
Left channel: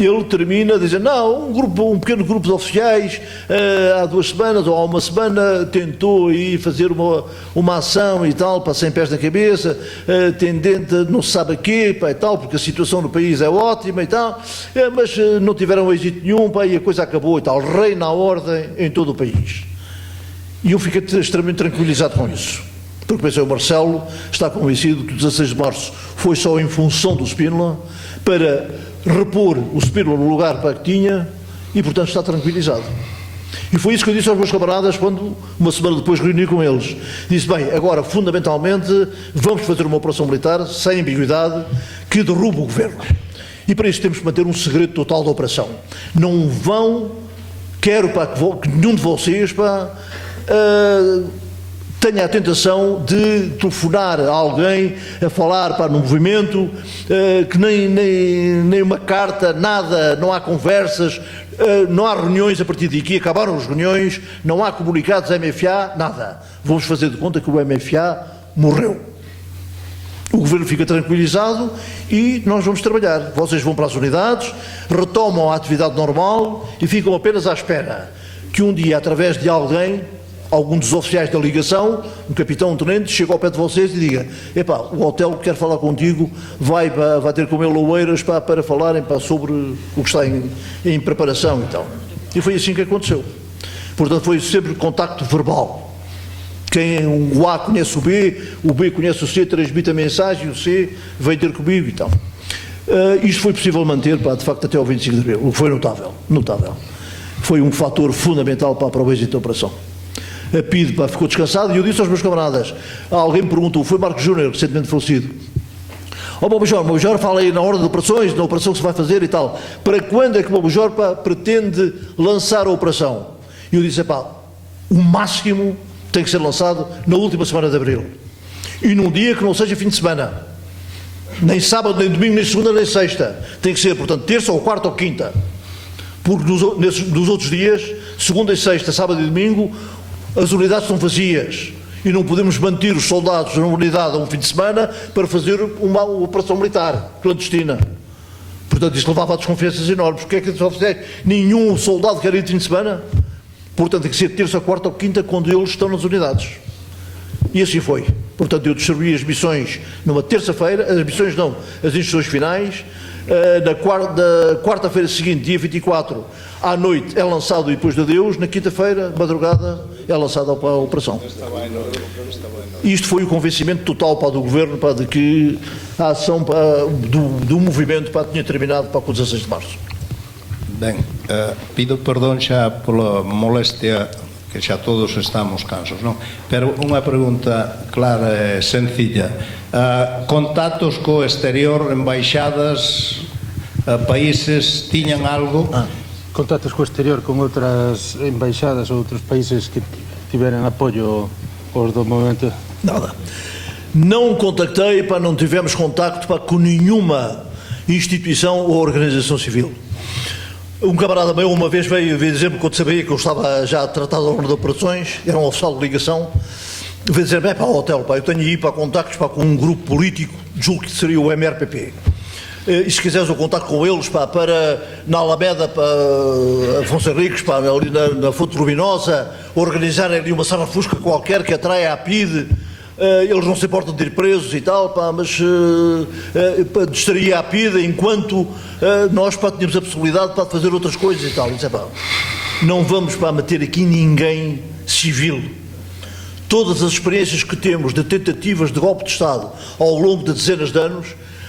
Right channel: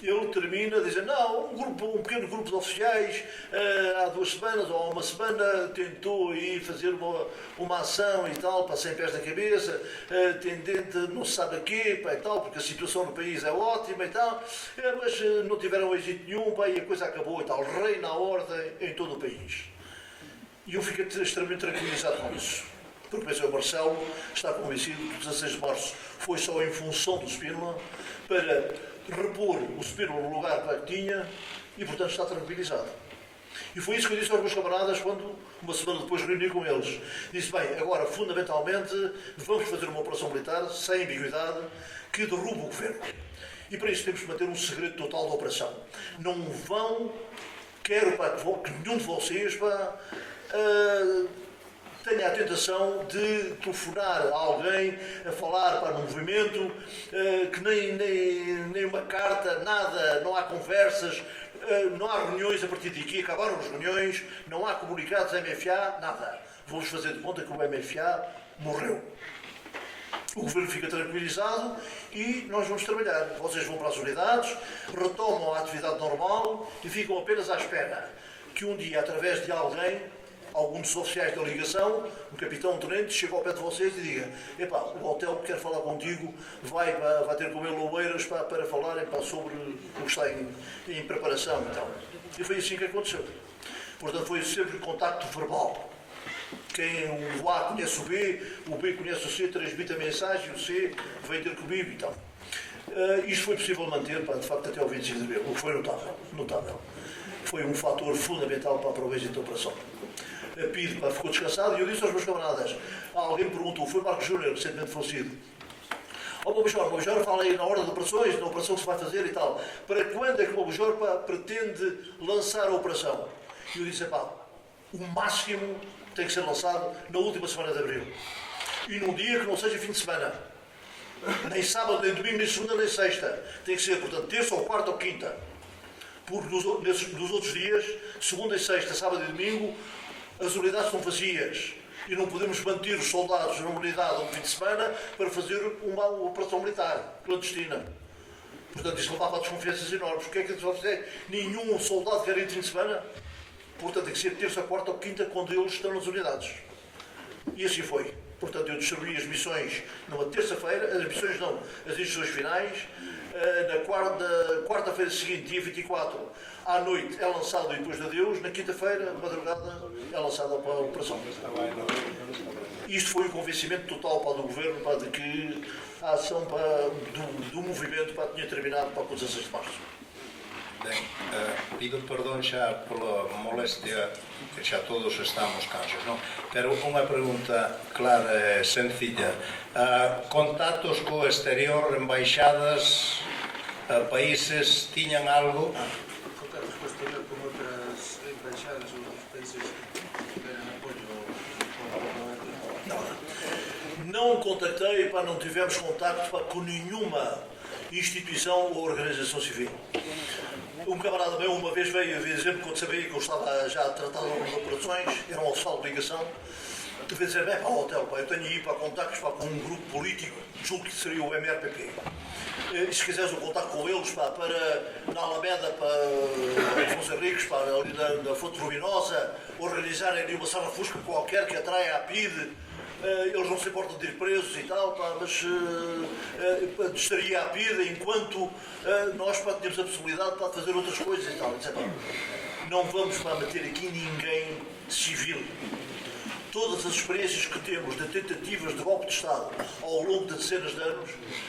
ele termina dizendo, um pequeno grupo de oficiais há 2 semanas ou há uma semana tentou aí fazer uma ação e tal, sem pés na cabeça, tendente a não se sabe a quê, e tal, porque a situação no país é ótima e tal, mas não tiveram êxito nenhum, e a coisa acabou e tal, reina a ordem em todo o país. E eu fiquei extremamente tranquilizado com isso, porque pensei, o Marcelo está convencido que o 16 de março foi só em função do Spínola, para repor o Spínola no lugar que tinha e, portanto, está tranquilizado. E foi isso que eu disse aos meus camaradas quando, uma semana depois, reuni com eles. Disse, agora, fundamentalmente, vamos fazer uma operação militar, sem ambiguidade, que derruba o governo. E para isso temos que manter um segredo total da operação. Não quero que nenhum de vocês tenha a tentação de telefonar a alguém, a falar no movimento, que nem uma carta, nada, não há conversas, não há reuniões a partir daqui, acabaram as reuniões, não há comunicados MFA, nada. Vamos fazer de conta que o MFA morreu. O governo fica tranquilizado e nós vamos trabalhar. Vocês vão para as unidades, retomam a atividade normal e ficam apenas à espera que um dia, através de algum dos oficiais da ligação, um capitão, um tenente, chega ao pé de vocês e diga, o hotel quer falar contigo, vai ter com ele Oeiras para falarem sobre o que está em preparação e tal. E foi assim que aconteceu. Portanto, foi sempre contacto verbal. O A conhece o B conhece o C, transmite a mensagem, o C veio ter comigo e tal. Isto foi possível manter, pá, de facto, até ao 25 de abril, o que foi notável, notável. Foi um fator fundamental, pá, para o êxito da operação. A PIDE, pá, ficou descansada, e eu disse aos meus camaradas, alguém me perguntou, foi Marcos Júnior, recentemente falecido, ó, Major, fala aí na ordem de operações, na operação que se vai fazer e tal, para quando é que o Major, pá, pretende lançar a operação? E eu disse, pá, o máximo tem que ser lançado na última semana de abril, e num dia que não seja fim de semana, nem sábado, nem domingo, nem segunda, nem sexta, tem que ser, portanto, terça ou quarta ou quinta, porque nos outros dias, segunda e sexta, sábado e domingo, as unidades estão vazias e não podemos manter os soldados na unidade a um fim de semana para fazer uma operação militar clandestina. Portanto, isso levava a desconfianças enormes. Porque é que só fizer? Nenhum soldado quer ir de fim de semana. Portanto, tem que ser terça, quarta ou quinta quando eles estão nas unidades. E assim foi. Portanto, eu distribuí as missões numa terça-feira, as missões não, as instruções finais. Na quarta-feira seguinte, dia 24, à noite é lançado e depois de adeus. Na quinta-feira, madrugada, é lançada a operação. Isto foi o convencimento total, pá, do Governo, pá, de que a ação, pá, do movimento, pá, tinha terminado, pá, com 16 de março. Ben, pido perdón xa pola molestia, que xa todos estamos cansos, non? Pero unha pregunta clara e sencilla. Contactos co exterior, embaixadas, países, tiñan algo? Contactos co exterior con outras embaixadas ou outros países que tiveran apoio aos do movimento? Nada. Não contactei, pá, não tivemos contacto, pá, com nenhuma instituição ou organização civil. Um camarada meu uma vez veio dizer-me, quando sabia que eu estava já a tratar da ordem de operações, era um oficial de ligação, veio dizer, bem, pá, hotel, pá, eu tenho aí, pá, contactos, pá, com um grupo político, julgo que seria o MRPP. E se quiseres o contacto com eles, pá, para na Alameda, pá, Afonso Henriques, pá, ali na Fonte Luminosa, organizarem ali uma sala fusca qualquer que atraia a PIDE, eles não se importam de ir presos e tal, pá, mas estaria a PIDE enquanto nós, pá, tínhamos a possibilidade, pá, de fazer outras coisas e tal. E disse, pá, não vamos, pá, meter aqui ninguém civil. Todas as experiências que temos de tentativas de golpe de Estado ao longo de dezenas de anos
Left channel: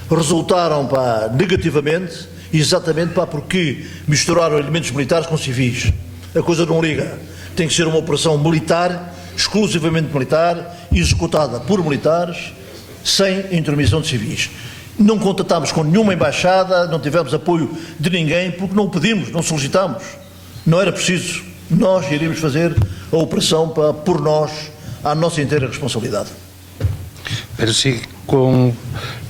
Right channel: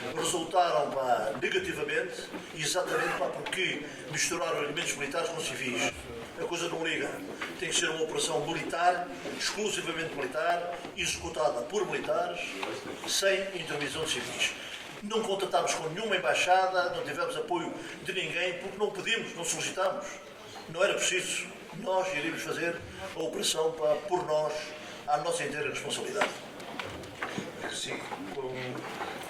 resultaram, pá, negativamente, exatamente, pá, porque misturaram elementos militares com civis. A coisa não liga. Tem que ser uma operação militar, exclusivamente militar, executada por militares, sem intermissão de civis. Não contatámos com nenhuma embaixada, não tivemos apoio de ninguém, porque não pedimos, não solicitamos. Não era preciso. Nós iríamos fazer a operação, pá, por nós, à nossa inteira responsabilidade. Pero si con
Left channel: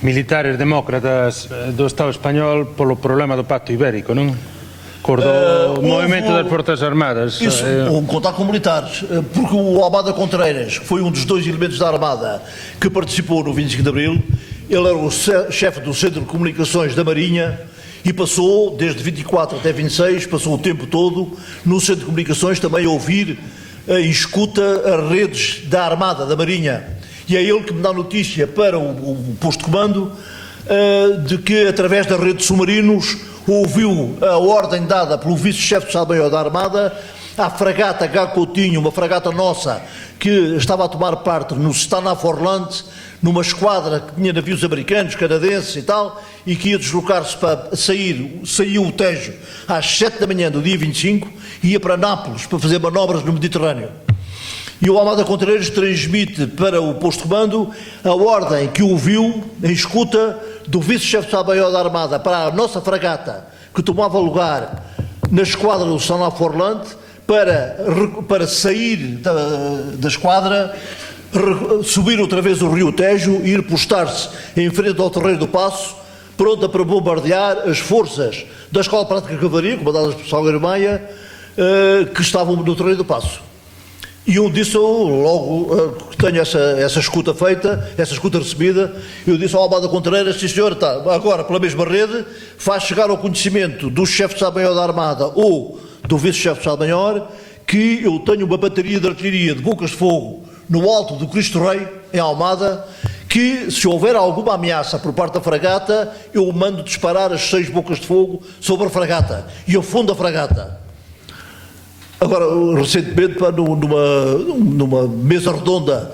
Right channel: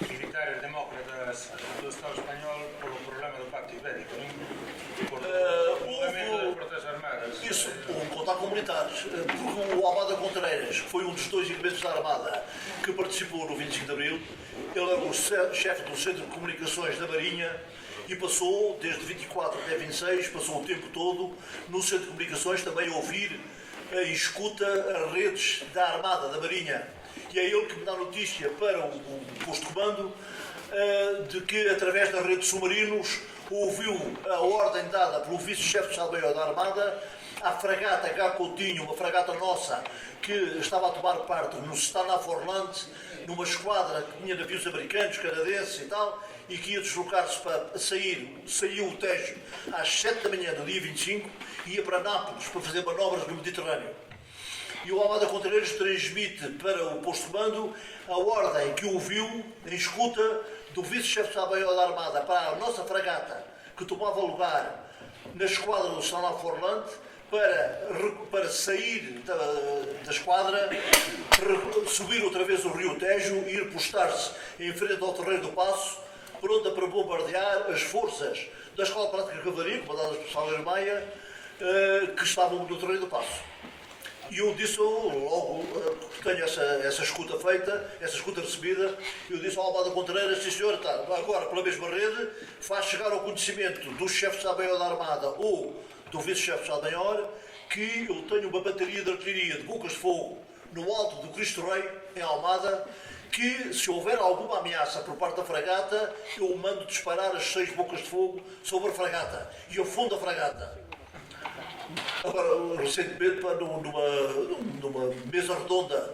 militares demócratas do Estado español polo problema do Pacto Ibérico, non? Do movimento das Forças Armadas. Isso, um contato com militares, porque o Almada Contreiras foi um dos dois elementos da Armada que participou no 25 de Abril. Ele era o chefe do Centro de Comunicações da Marinha e passou, desde 24 até 26, passou o tempo todo no Centro de Comunicações também a ouvir e escuta as redes da Armada, da Marinha. E é ele que me dá notícia para o posto de comando de que, através da rede de submarinos, ouviu a ordem dada pelo vice-chefe de Estado-Maior da Armada à fragata G. Coutinho, uma fragata nossa, que estava a tomar parte no Stanaforland, numa esquadra que tinha navios americanos, canadenses e tal, e que ia deslocar-se para saiu o Tejo às 7 da manhã do dia 25 e ia para Nápoles para fazer manobras no Mediterrâneo. E o Almada Contreiras transmite para o posto de comando a ordem que ouviu em escuta do vice-chefe de Estado-Maior da Armada para a nossa fragata, que tomava lugar na esquadra do Stanaforland, para sair da esquadra, subir outra vez o Rio Tejo e ir postar-se em frente ao Terreiro do Paço, pronta para bombardear as forças da Escola Prática de Cavalaria, comandadas por Salgueiro Maia, que estavam no Terreiro do Paço. E eu disse logo que tenho essa escuta feita, essa escuta recebida, eu disse ao Almada Contreiras, sim senhor, está, agora pela mesma rede, faz chegar ao conhecimento do chefe de Estado-Maior da Armada ou do vice-chefe de Estado-Maior que eu tenho uma bateria de artilharia de bocas de fogo no alto do Cristo Rei, em Almada, que se houver alguma ameaça por parte da fragata, eu mando disparar as 6 bocas de fogo sobre a fragata e afundo a fragata. Agora, recentemente, numa mesa redonda,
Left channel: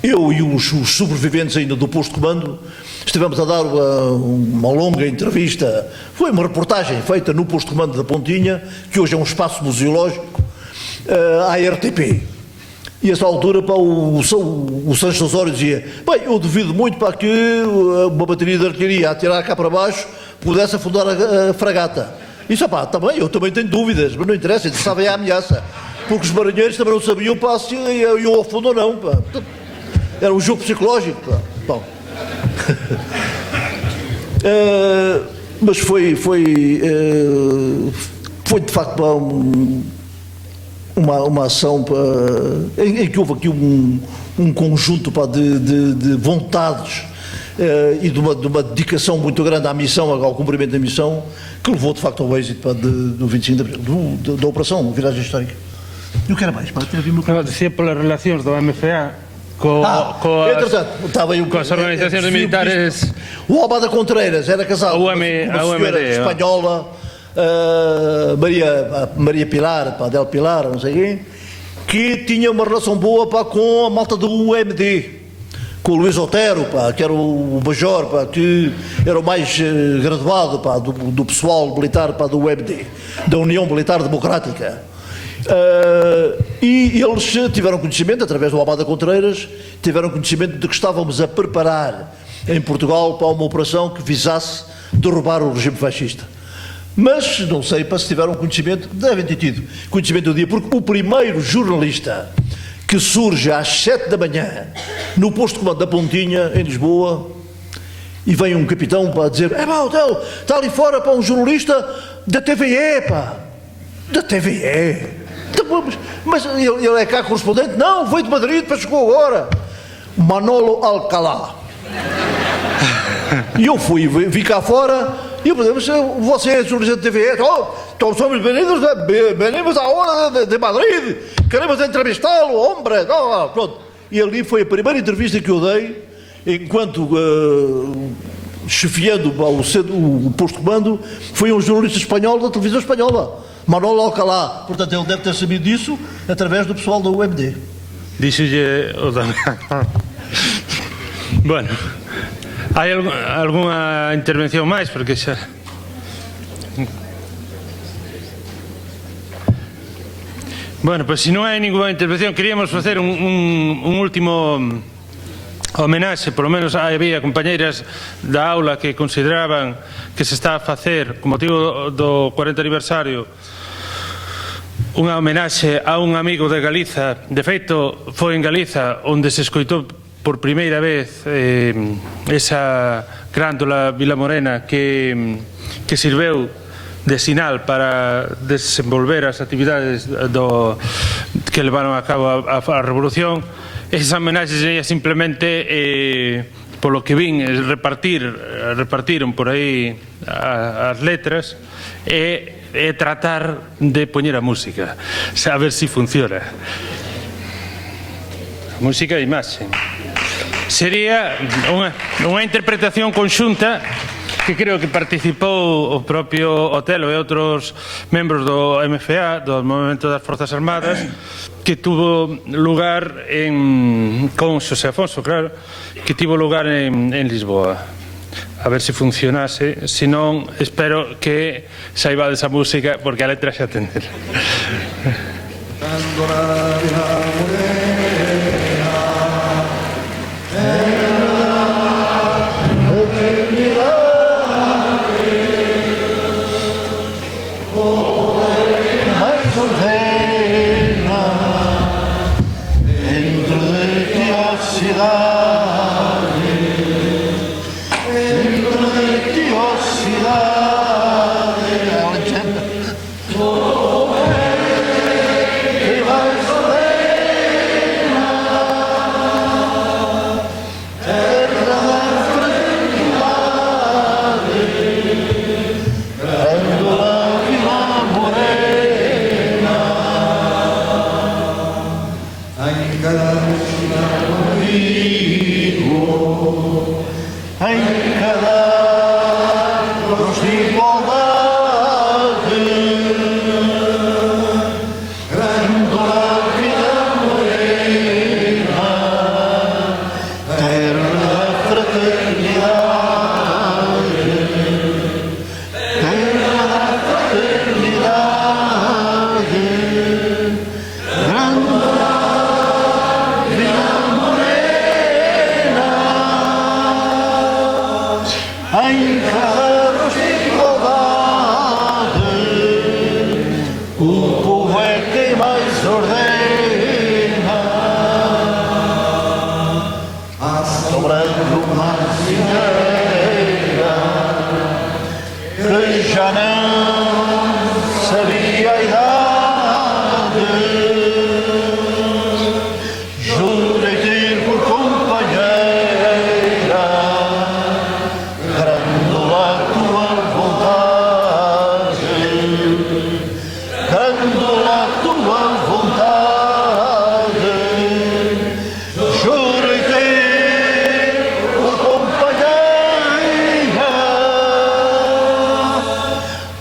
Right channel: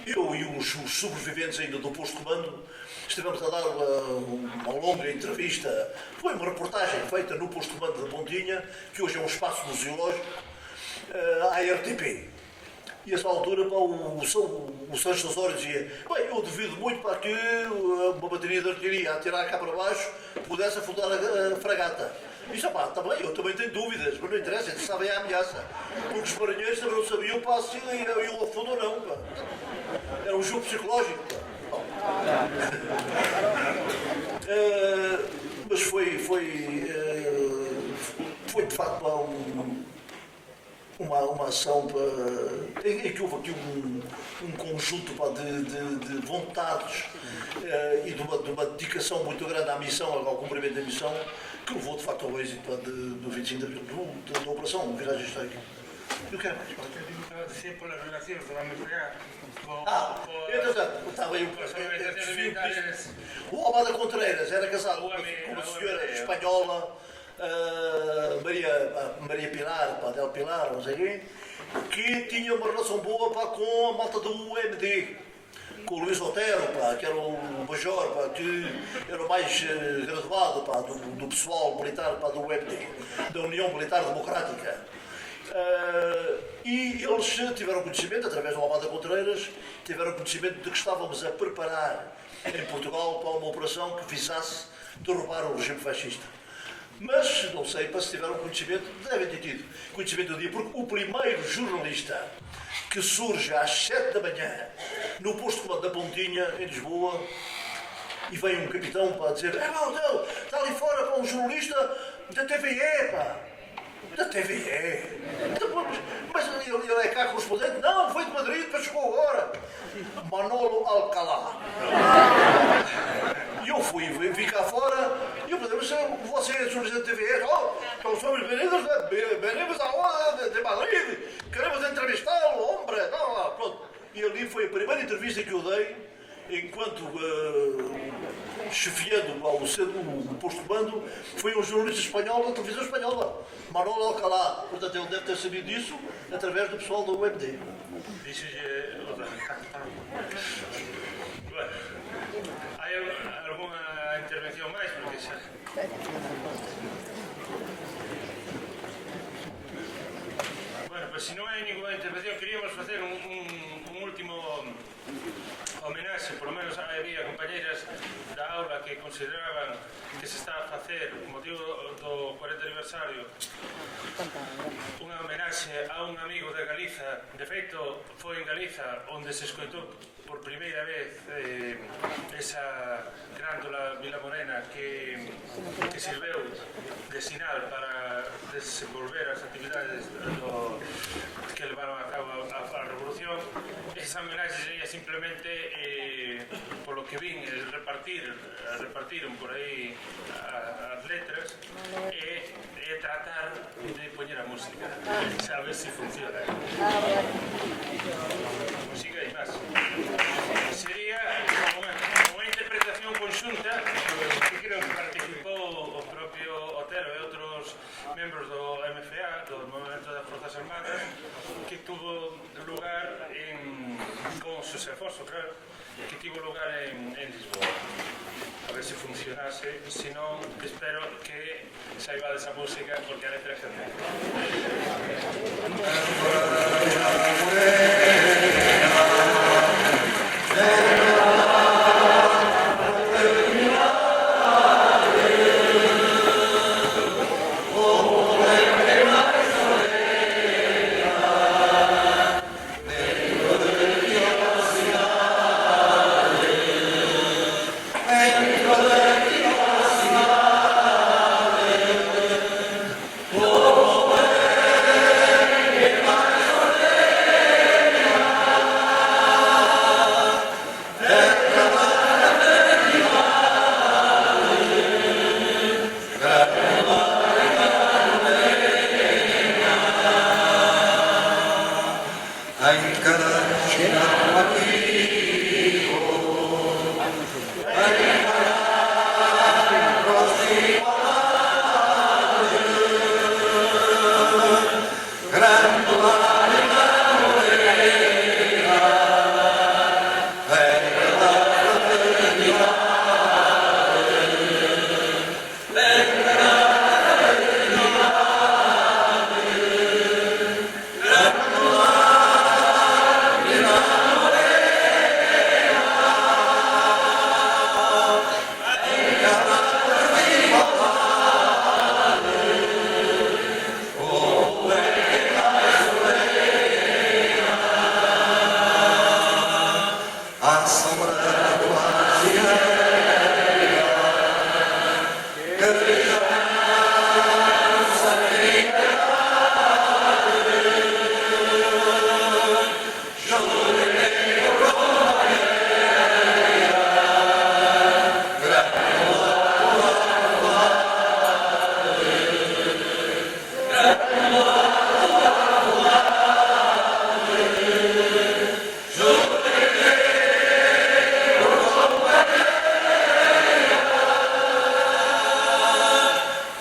eu e os sobreviventes ainda do posto de comando, estivemos a dar uma longa entrevista, foi uma reportagem feita no posto de comando da Pontinha, que hoje é um espaço museológico, à RTP. E a essa altura o Sancho Osório dizia: bem, eu duvido muito para que uma bateria de artilharia a tirar cá para baixo pudesse afundar a fragata. Isso, pá, está bem, eu também tenho dúvidas, mas não interessa, interessava a ameaça, porque os marinheiros também não sabiam, pá, se iam ao fundo ou não, pá. Era um jogo psicológico, pá. Bom. Mas foi de facto, pá, uma ação, pá, em que houve aqui um conjunto, pá, de vontades e de uma dedicação muito grande à missão, ao cumprimento da missão, que levou de facto ao êxito, pá, do 25 de abril, da operação Viragem Histórica. E o que era mais? Pá, não, dizia pelas relacións do MFA com as organizações militares. O Almada Contreiras era casado com uma senhora espanhola, Maria Pilar, pá, Del Pilar, não sei quem, que tinha uma relação boa, pá, com a malta do UMD, com o Luís Otero, pá, que era o major, pá, que era o mais graduado, pá, do pessoal militar, pá, do UMD, da União Militar Democrática. E eles tiveram conhecimento, através do Almada Contreiras, tiveram conhecimento de que estávamos a preparar em Portugal para uma operação que visasse derrubar o regime fascista. Mas não sei se tiveram conhecimento, devem ter tido conhecimento do dia, porque o primeiro jornalista que surge às 7 da manhã no posto de comando da Pontinha, em Lisboa, e vem um capitão para dizer: está ali fora, para um jornalista da TVE, pá, da TVE. Mas ele é cá correspondente? Não, veio de Madrid, para chegou agora. Manolo Alcalá. E eu vi cá fora, e eu falei: você é jornalista da TVE? Então somos bem-vindos à hora de Madrid, queremos entrevistá-lo, hombre. Pronto. E ali foi a primeira entrevista que eu dei, enquanto chefiando o posto de comando, foi um jornalista espanhol da televisão espanhola, Manolo Alcalá. Portanto, ele deve ter sabido disso através do pessoal da UMD. Dixolle o Damián. Bueno, hai algunha intervención máis? Porque xa... Bueno, pues se non hai ninguna intervención, queríamos facer un último homenaxe, polo menos había compañeiras da aula que consideraban que se está a facer, con motivo do 40 aniversario, unha homenaxe a un amigo de Galiza. De feito, foi en Galiza onde se escoitou por primeira vez esa grándola Vilamorena que sirveu de sinal para desenvolver as actividades que levaron a cabo a Revolución. Esa homenaxe sería simplemente, polo que vin, repartiron por aí as letras e tratar de poñer a música, a ver se funciona. Música e imaxe. Sería unha interpretación conxunta que creo que participou o propio Otelo e outros membros do MFA, do Movimento das Forzas Armadas, que tuvo lugar con Xosé Afonso, claro, que tivo lugar en Lisboa. A ver se funcionase, se non, espero que saibades a música, porque a letra xa tendera. O povo é quem mais ordena, assombrando uma cineira que já não sabia a idade. Jurei-te por companheira, dando a tua vontade, dando a tua vontade. Jurei-te por companheira,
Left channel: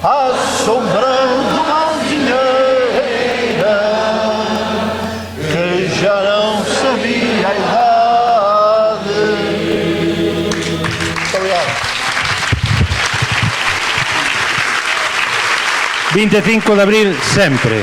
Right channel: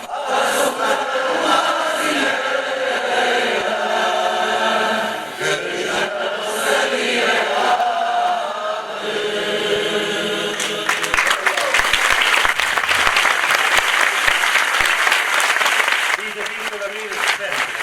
assombrando uma vinheira que já não sabia a idade. Obrigado. 25 de abril sempre.